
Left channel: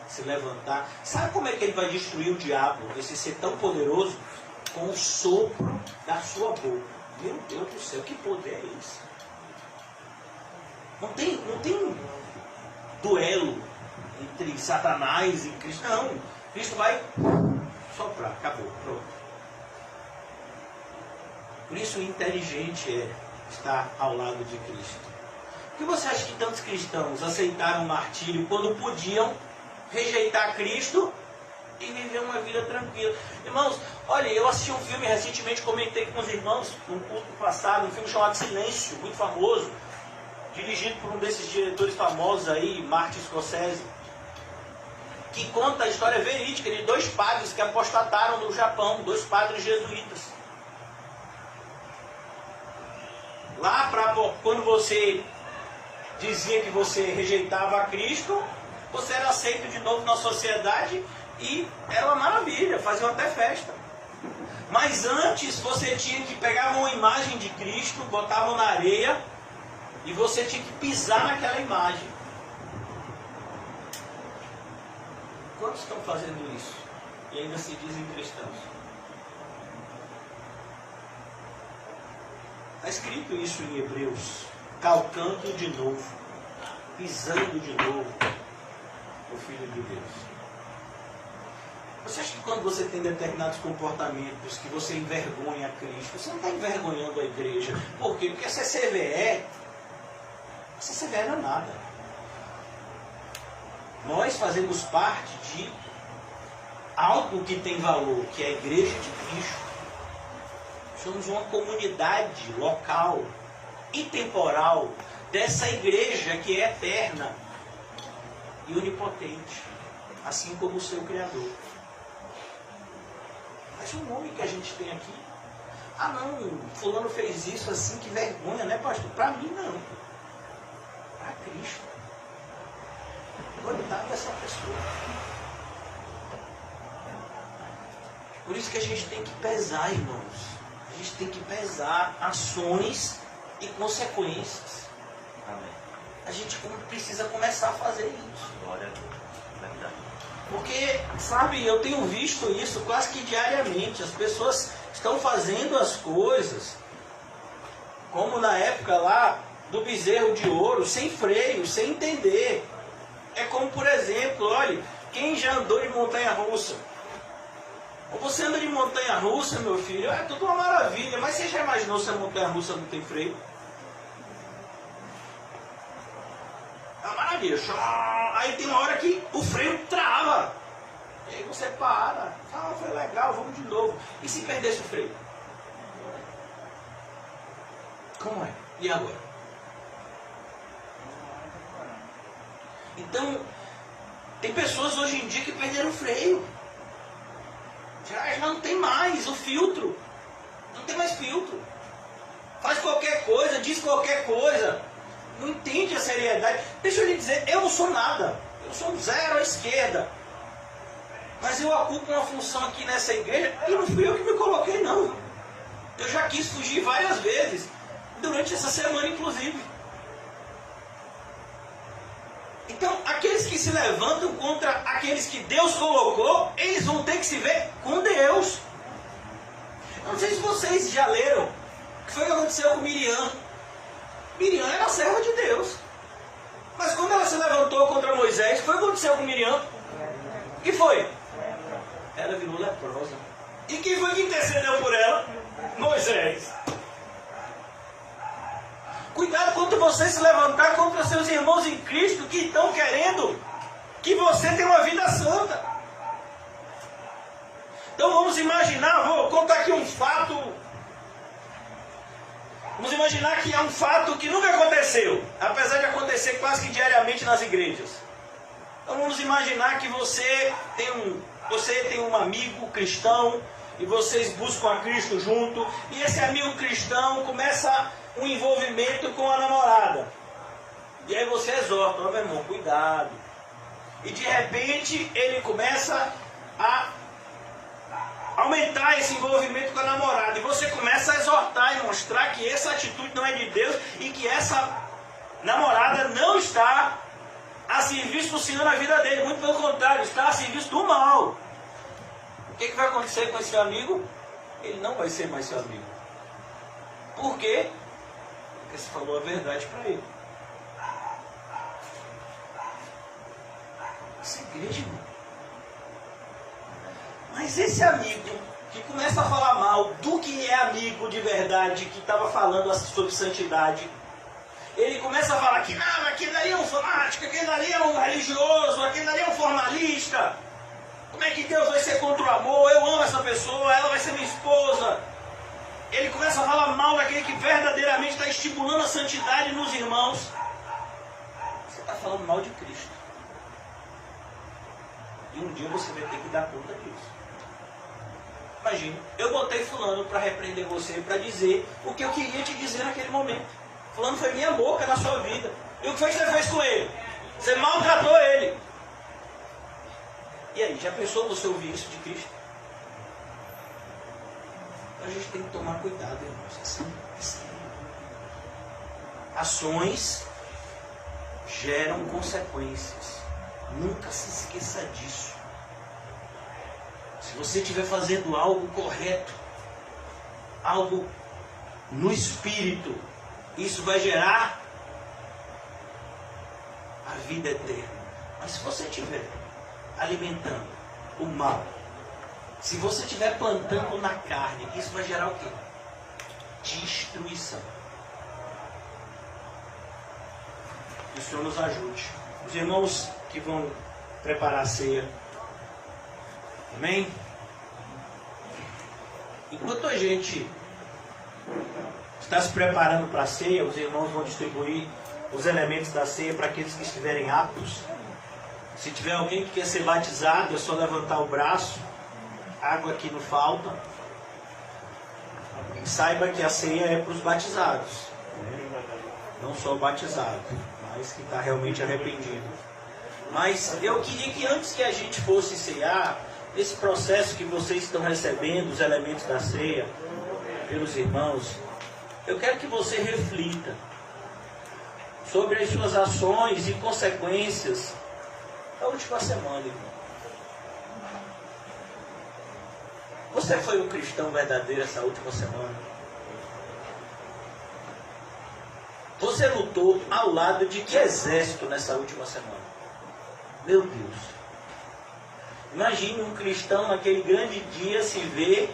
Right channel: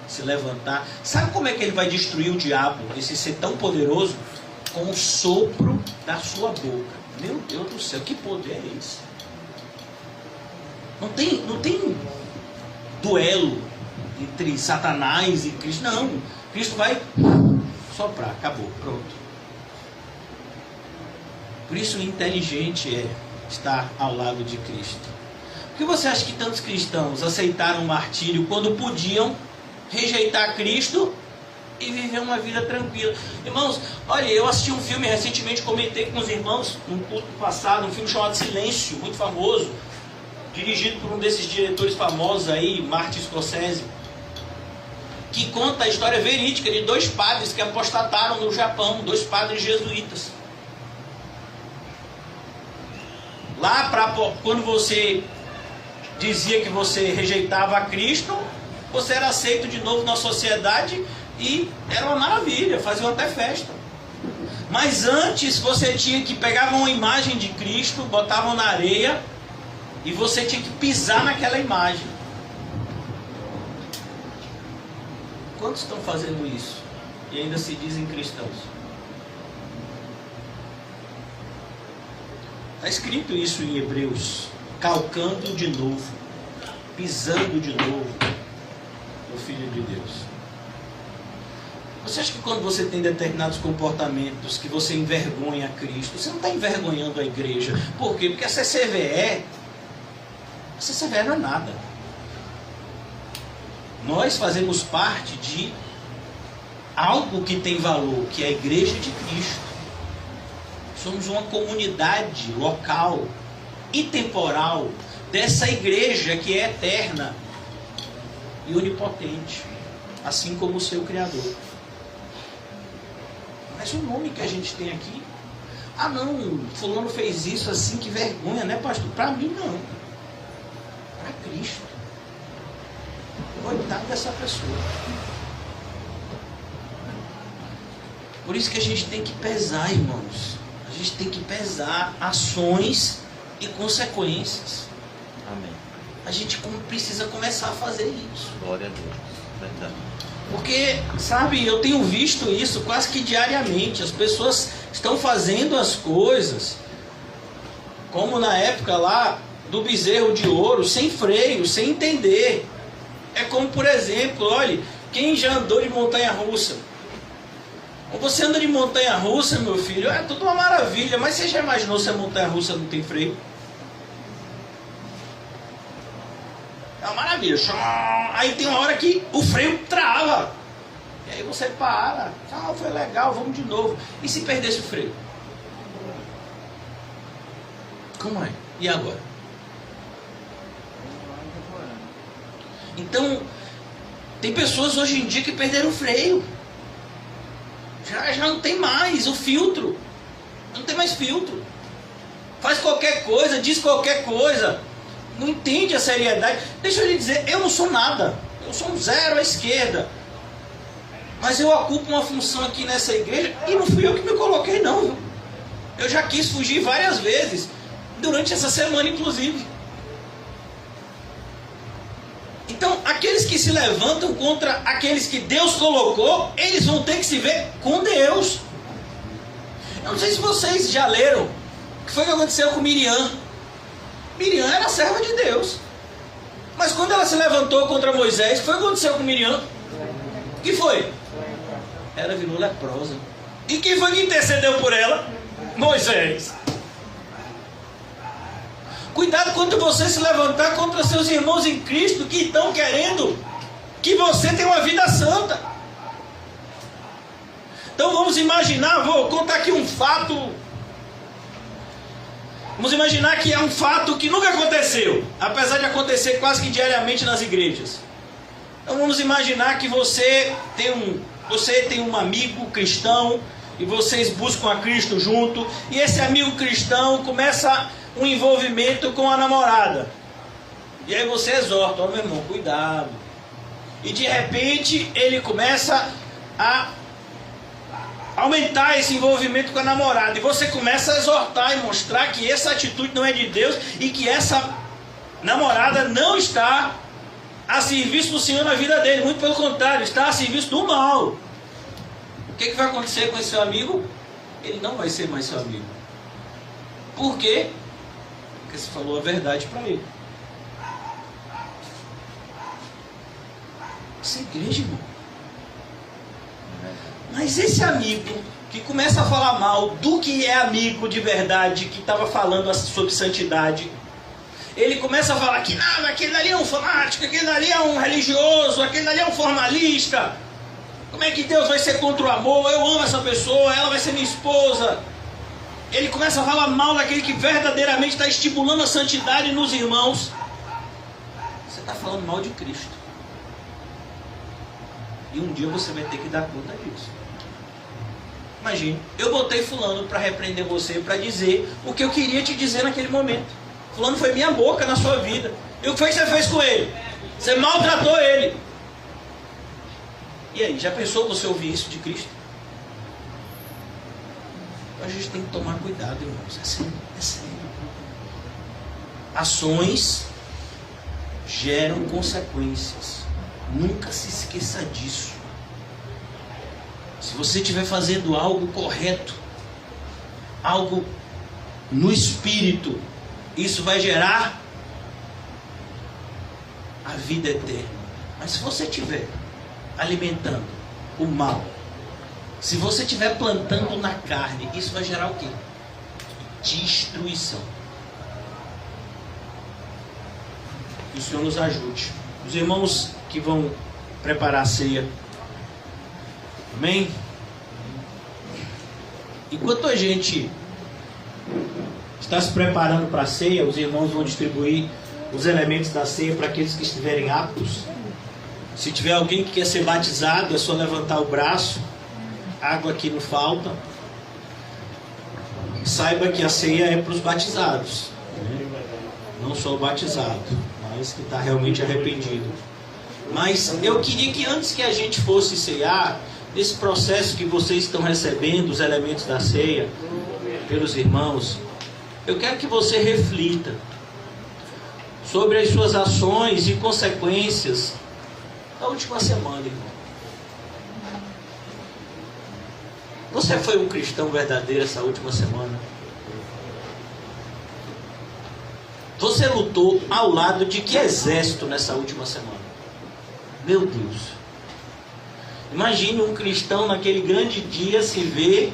se levantar, sabe como é que ele vai destruir o diabo, esse ser tão poderoso? Com o sopro da sua boca. Meu Deus do céu, que poder é esse? Não tem duelo entre Satanás e Cristo. Não, Cristo vai soprar, acabou, pronto. Por isso o inteligente é estar ao lado de Cristo. Por que você acha que tantos cristãos aceitaram o martírio quando podiam rejeitar Cristo e viver uma vida tranquila? Irmãos, olha, eu assisti um filme recentemente, comentei com os irmãos num culto passado, um filme chamado Silêncio, muito famoso, dirigido por um desses diretores famosos aí, Martin Scorsese, que conta a história verídica de dois padres que apostataram no Japão, dois padres jesuítas. Lá, quando você dizia que você rejeitava a Cristo, você era aceito de novo na sociedade e era uma maravilha, faziam até festa. Mas antes você tinha que pegar uma imagem de Cristo, botavam na areia e você tinha que pisar naquela imagem. Quantos estão fazendo isso e ainda se dizem cristãos? Está escrito isso em Hebreus. Calcando de novo, pisando de novo o Filho de Deus. Você acha que quando você tem determinados comportamentos que você envergonha a Cristo, você não está envergonhando a igreja? Por quê? Porque a CCVE não é nada. Nós fazemos parte de algo que tem valor, que é a igreja de Cristo. Somos uma comunidade local e temporal dessa igreja que é eterna e onipotente, assim como o seu Criador. Mas o nome que a gente tem aqui, ah não, fulano fez isso assim, que vergonha, né, pastor? Para mim não, para Cristo. Coitado dessa pessoa. Por isso que a gente tem que pesar, irmãos. A gente tem que pesar ações e consequências. Amém. A gente precisa começar a fazer isso. Glória a Deus. Verdade. Porque, sabe, eu tenho visto isso quase que diariamente. As pessoas estão fazendo as coisas, como na época lá do bezerro de ouro, sem freio, sem entender. É como, por exemplo, olha, quem já andou de montanha-russa? Ou você anda de montanha-russa, meu filho, é tudo uma maravilha, mas você já imaginou se a montanha-russa não tem freio? É uma maravilha. Aí tem uma hora que o freio trava. E aí você para. Ah, foi legal, vamos de novo. E se perdesse o freio? Como é? E agora? Então, tem pessoas hoje em dia que perderam o freio. Já não tem mais o filtro. Não tem mais filtro. Faz qualquer coisa, diz qualquer coisa. Não entende a seriedade. Deixa eu lhe dizer, eu não sou nada. Eu sou um zero à esquerda. Mas eu ocupo uma função aqui nessa igreja e não fui eu que me coloquei, não. Eu já quis fugir várias vezes. Durante essa semana, inclusive. Então, aqueles que se levantam contra aqueles que Deus colocou, eles vão ter que se ver com Deus. Eu não sei se vocês já leram o que foi que aconteceu com Miriam. Miriam era serva de Deus. Mas quando ela se levantou contra Moisés, o que foi que aconteceu com Miriam? O que foi? Ela virou leprosa. E quem foi que intercedeu por ela? Moisés. Cuidado quando você se levantar contra seus irmãos em Cristo que estão querendo que você tenha uma vida santa. Então vamos imaginar, vou contar aqui um fato. Vamos imaginar que é um fato que nunca aconteceu, apesar de acontecer quase que diariamente nas igrejas. Então vamos imaginar que você tem um amigo cristão e vocês buscam a Cristo junto, e esse amigo cristão começa um envolvimento com a namorada. E aí você exorta, ó meu irmão, cuidado. E de repente ele começa a aumentar esse envolvimento com a namorada. E você começa a exortar e mostrar que essa atitude não é de Deus e que essa namorada não está a serviço do Senhor na vida dele. Muito pelo contrário, está a serviço do mal. O que vai acontecer com esse seu amigo? Ele não vai ser mais seu amigo. Por quê? Porque você falou a verdade para ele. Essa igreja, irmão. Mas esse amigo que começa a falar mal do que é amigo de verdade, que estava falando sobre santidade, ele começa a falar que não, aquele ali é um fanático, aquele ali é um religioso, aquele ali é um formalista. Como é que Deus vai ser contra o amor? Eu amo essa pessoa, ela vai ser minha esposa. Ele começa a falar mal daquele que verdadeiramente está estimulando a santidade nos irmãos. Você está falando mal de Cristo. E um dia você vai ter que dar conta disso. Imagina, eu botei fulano para repreender você, para dizer o que eu queria te dizer naquele momento. Fulano foi minha boca na sua vida. E o que foi que você fez com ele? Você maltratou ele. E aí, já pensou você ouvir isso de Cristo? Então a gente tem que tomar cuidado, irmãos. É sério, é sério. Ações geram consequências. Nunca se esqueça disso. Se você estiver fazendo algo correto, algo no espírito, isso vai gerar a vida eterna. Mas se você estiver alimentando o mal, se você estiver plantando na carne, isso vai gerar o quê? Destruição. Que o Senhor nos ajude. Os irmãos que vão preparar a ceia, amém? Enquanto a gente está se preparando para a ceia, os irmãos vão distribuir os elementos da ceia para aqueles que estiverem aptos. Se tiver alguém que quer ser batizado, é só levantar o braço. Água aqui não falta. Saiba que a ceia é para os batizados, não só o batizado, mas que está realmente arrependido. Mas eu queria que antes que a gente fosse ceiar, nesse processo que vocês estão recebendo os elementos da ceia pelos irmãos, eu quero que você reflita sobre as suas ações e consequências da última semana, irmão. Você foi um cristão verdadeiro essa última semana? Você lutou ao lado de que exército nessa última semana? Meu Deus. Imagine um cristão naquele grande dia se ver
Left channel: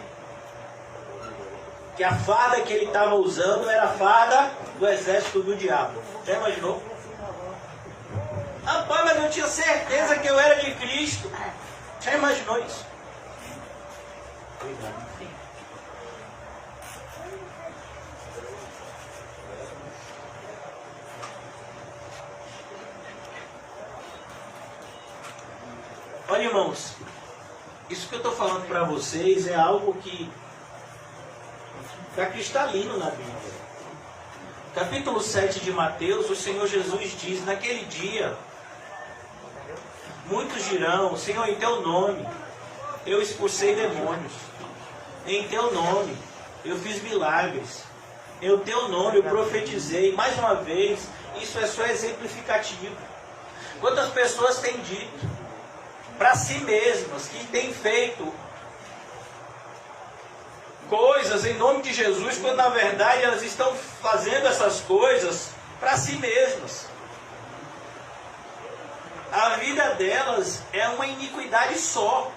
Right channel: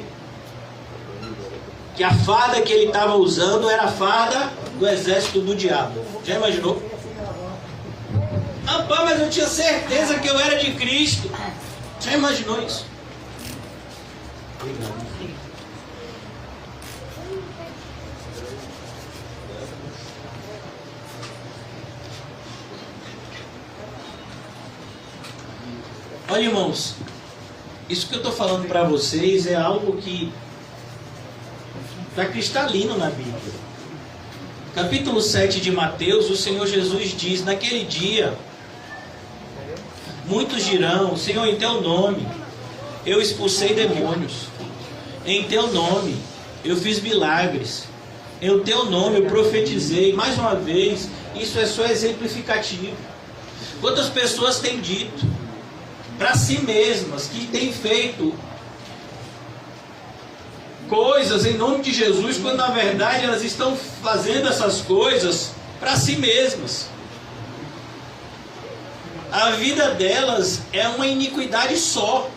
que a farda que ele estava usando era a farda do exército do diabo. Já imaginou? Rapaz, mas eu tinha certeza que eu era de Cristo. Já imaginou isso? Obrigado. Olha, irmãos, isso que eu estou falando para vocês é algo que está cristalino na Bíblia. Capítulo 7 de Mateus, o Senhor Jesus diz: naquele dia, muitos dirão: Senhor, em teu nome eu expulsei demônios, em teu nome eu fiz milagres, em teu nome eu profetizei. Mais uma vez, isso é só exemplificativo. Quantas pessoas têm dito para si mesmas que têm feito coisas em nome de Jesus, quando na verdade elas estão fazendo essas coisas para si mesmas. A vida delas é uma iniquidade só.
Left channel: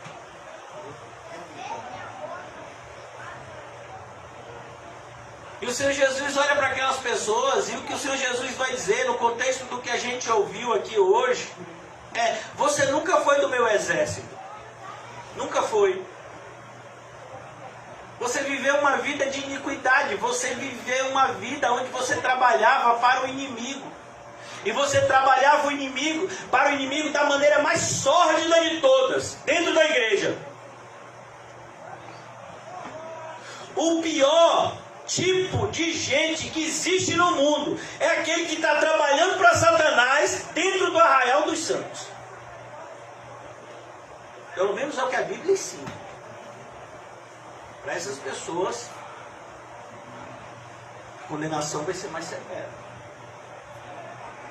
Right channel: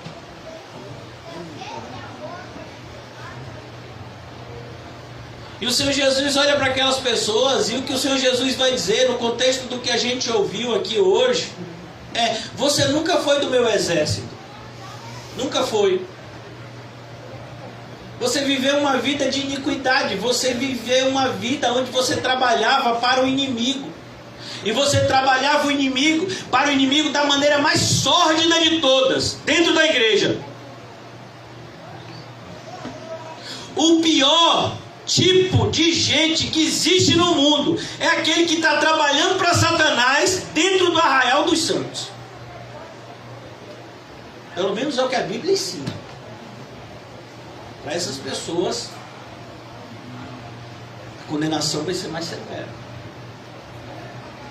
E o Senhor Jesus olha para aquelas pessoas, e o que o Senhor Jesus vai dizer no contexto do que a gente ouviu aqui hoje é: você nunca foi do meu exército. Nunca foi. Você viveu uma vida de iniquidade. Você viveu uma vida onde você trabalhava para o inimigo. E você trabalhava para o inimigo da maneira mais sórdida de todas, dentro da igreja. O pior tipo de gente que existe no mundo é aquele que está trabalhando para Satanás dentro do arraial dos santos. Pelo menos é o que a Bíblia ensina. Para essas pessoas, a condenação vai ser mais severa.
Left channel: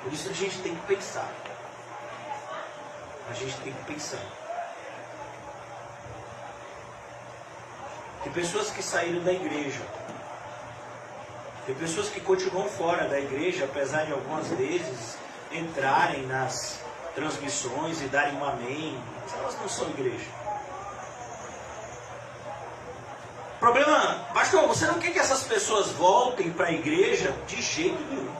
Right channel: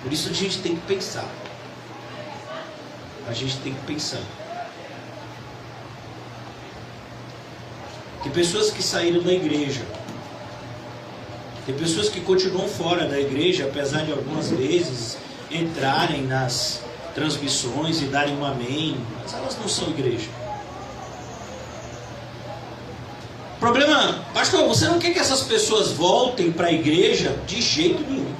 Por isso a gente tem que pensar. A gente tem que pensar. Tem pessoas que saíram da igreja. Tem pessoas que continuam fora da igreja, apesar de algumas vezes entrarem nas transmissões e darem um amém, mas elas não são igreja. O problema, pastor, você não quer que essas pessoas voltem para a igreja? De jeito nenhum.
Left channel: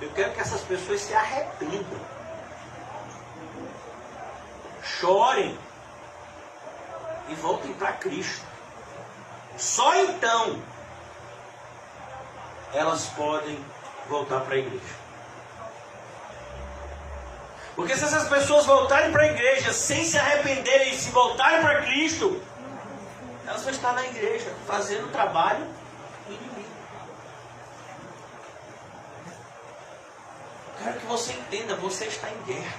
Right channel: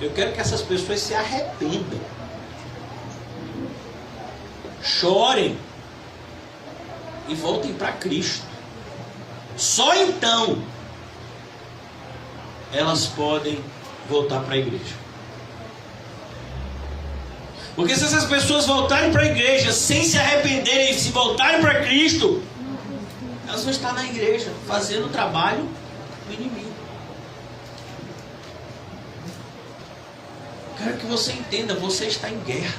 Eu quero que essas pessoas se arrependam, chorem e voltem para Cristo. Só então elas podem voltar para a igreja. Porque se essas pessoas voltarem para a igreja sem se arrependerem e se voltarem para Cristo, elas vão estar na igreja fazendo o trabalho do inimigo. Quero que você entenda, você está em guerra.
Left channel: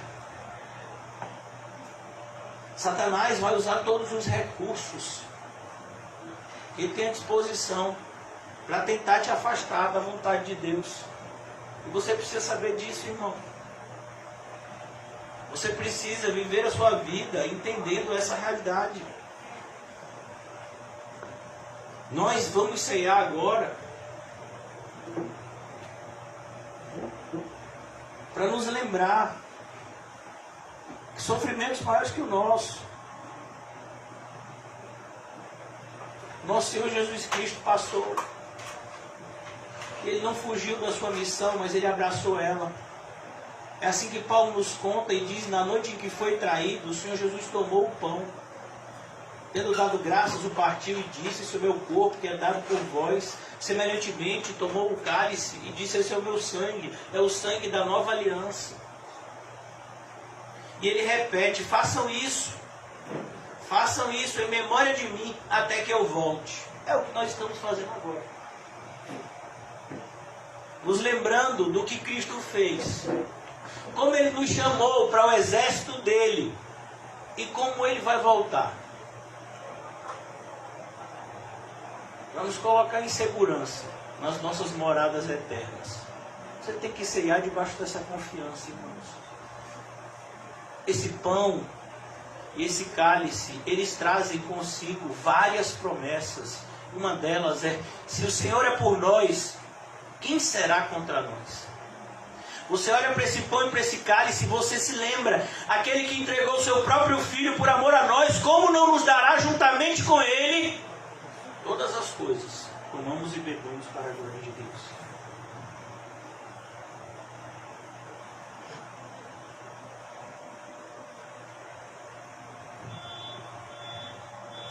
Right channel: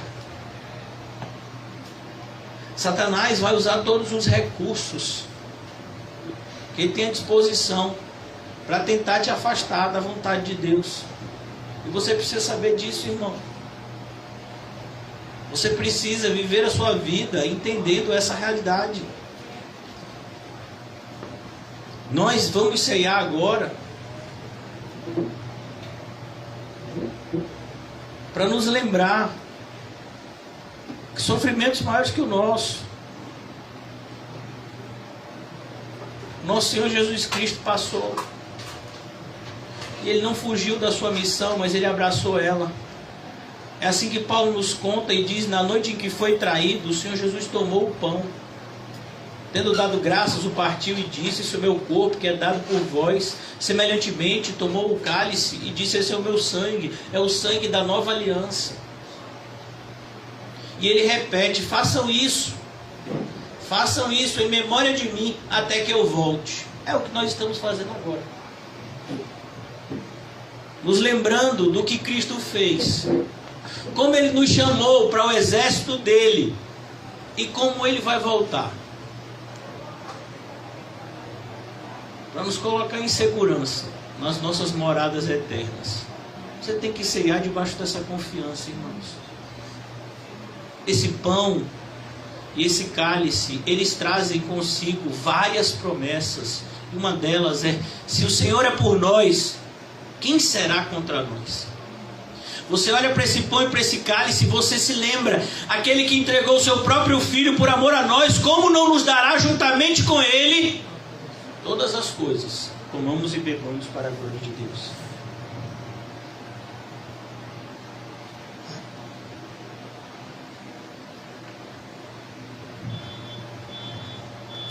Satanás vai usar todos os recursos que ele tem à disposição para tentar te afastar da vontade de Deus. E você precisa saber disso, irmão. Você precisa viver a sua vida entendendo essa realidade. Nós vamos ceiar agora para nos lembrar que sofrimentos maiores que o nosso, nosso Senhor Jesus Cristo passou. E Ele não fugiu da sua missão, mas Ele abraçou ela. É assim que Paulo nos conta e diz: na noite em que foi traído, o Senhor Jesus tomou o pão, tendo dado graças, o partiu e disse: esse é o meu corpo que é dado por vós. Semelhantemente tomou o cálice e disse: esse é o meu sangue, é o sangue da nova aliança. E ele repete: façam isso em memória de mim, até que eu volte. É o que nós estamos fazendo agora, nos lembrando do que Cristo fez, como Ele nos chamou para o exército dele, e como Ele vai voltar. Para nos colocar em segurança nas nossas moradas eternas. Você tem que ceiar debaixo dessa confiança, irmãos. Esse pão e esse cálice, eles trazem consigo várias promessas. Uma delas é: se o Senhor é por nós, quem será contra nós? Você olha para esse pão e para esse cálice e você se lembra: aquele que entregou o seu próprio Filho por amor a nós, como não nos dará juntamente com Ele todas as coisas? Comamos e bebamos para a glória de Deus.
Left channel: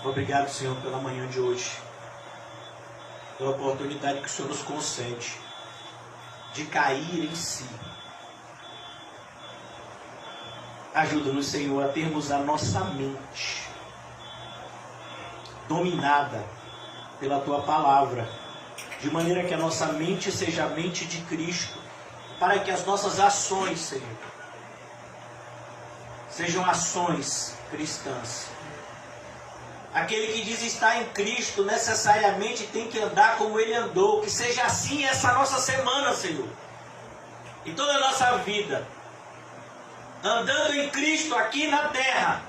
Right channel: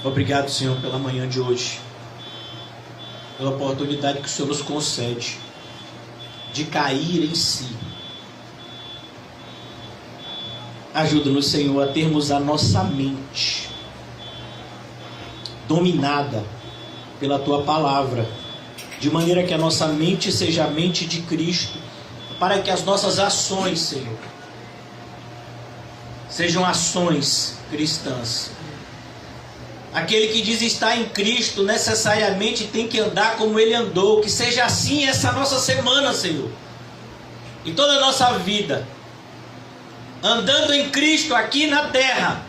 Obrigado, Senhor, pela manhã de hoje, pela oportunidade que o Senhor nos concede de cair em si. Ajuda-nos, Senhor, a termos a nossa mente dominada pela Tua palavra, de maneira que a nossa mente seja a mente de Cristo, para que as nossas ações, Senhor, sejam ações cristãs. Aquele que diz estar em Cristo necessariamente tem que andar como Ele andou. Que seja assim essa nossa semana, Senhor, e toda a nossa vida, andando em Cristo aqui na terra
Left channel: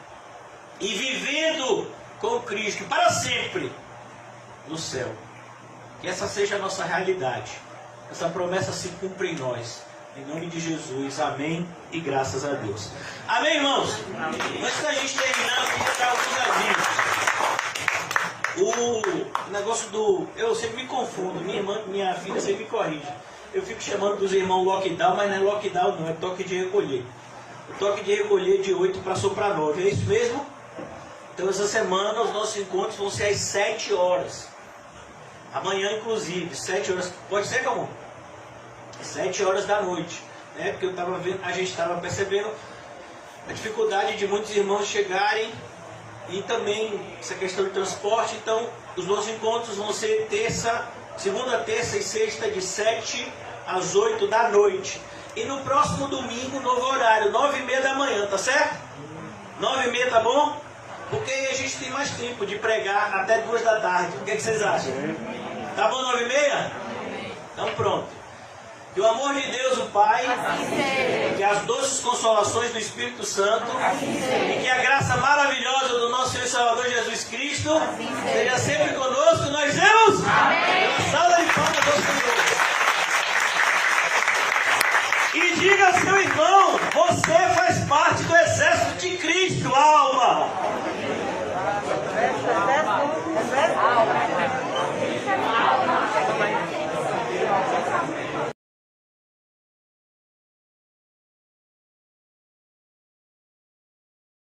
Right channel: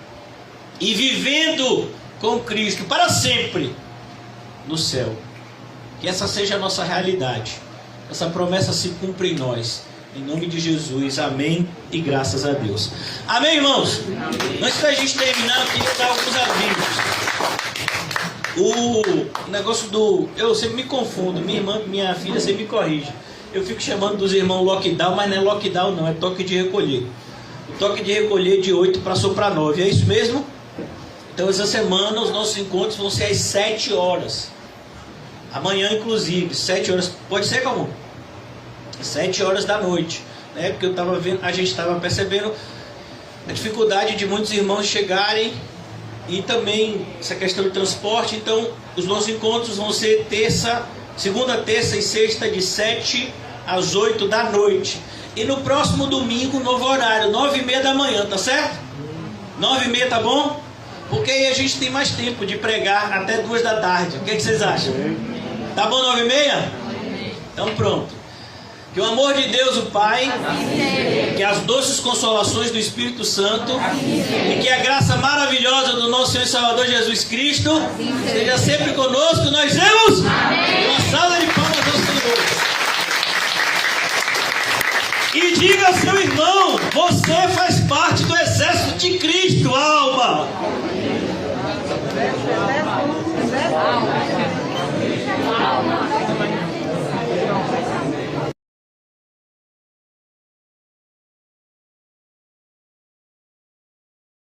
e vivendo com Cristo para sempre no céu. Que essa seja a nossa realidade, essa promessa se cumpra em nós, em nome de Jesus, amém e graças a Deus. Amém, irmãos? Amém. Antes da gente terminar, eu queria dar alguns avisos. O negócio do... Eu sempre me confundo, minha irmã, minha filha sempre me corrige. Eu fico chamando dos irmãos lockdown, mas não é lockdown não, é toque de recolher. O toque de recolher de 8 passou para 9, é isso mesmo? Então essa semana os nossos encontros vão ser às 7 horas. Amanhã inclusive, 7 horas, pode ser como? 7 horas da noite, né? Porque eu estava vendo, a gente estava percebendo a dificuldade de muitos irmãos chegarem e também essa questão do transporte. Então os nossos encontros vão ser segunda, terça e sexta, de 7 às 8 da noite. E no próximo domingo, novo horário, 9h30 da manhã, tá certo? 9h30, tá bom? Porque aí a gente tem mais tempo de pregar até 2 da tarde. O que vocês acham? Tá bom 9h30? Então pronto. Que o amor de Deus, o Pai, que as doces consolações do Espírito Santo e que a graça maravilhosa do nosso Senhor e Salvador Jesus Cristo esteja sempre conosco. Nós vemos uma salva de palmas ao Senhor. E diga ao seu irmão: você faz parte do exército de Cristo, alma.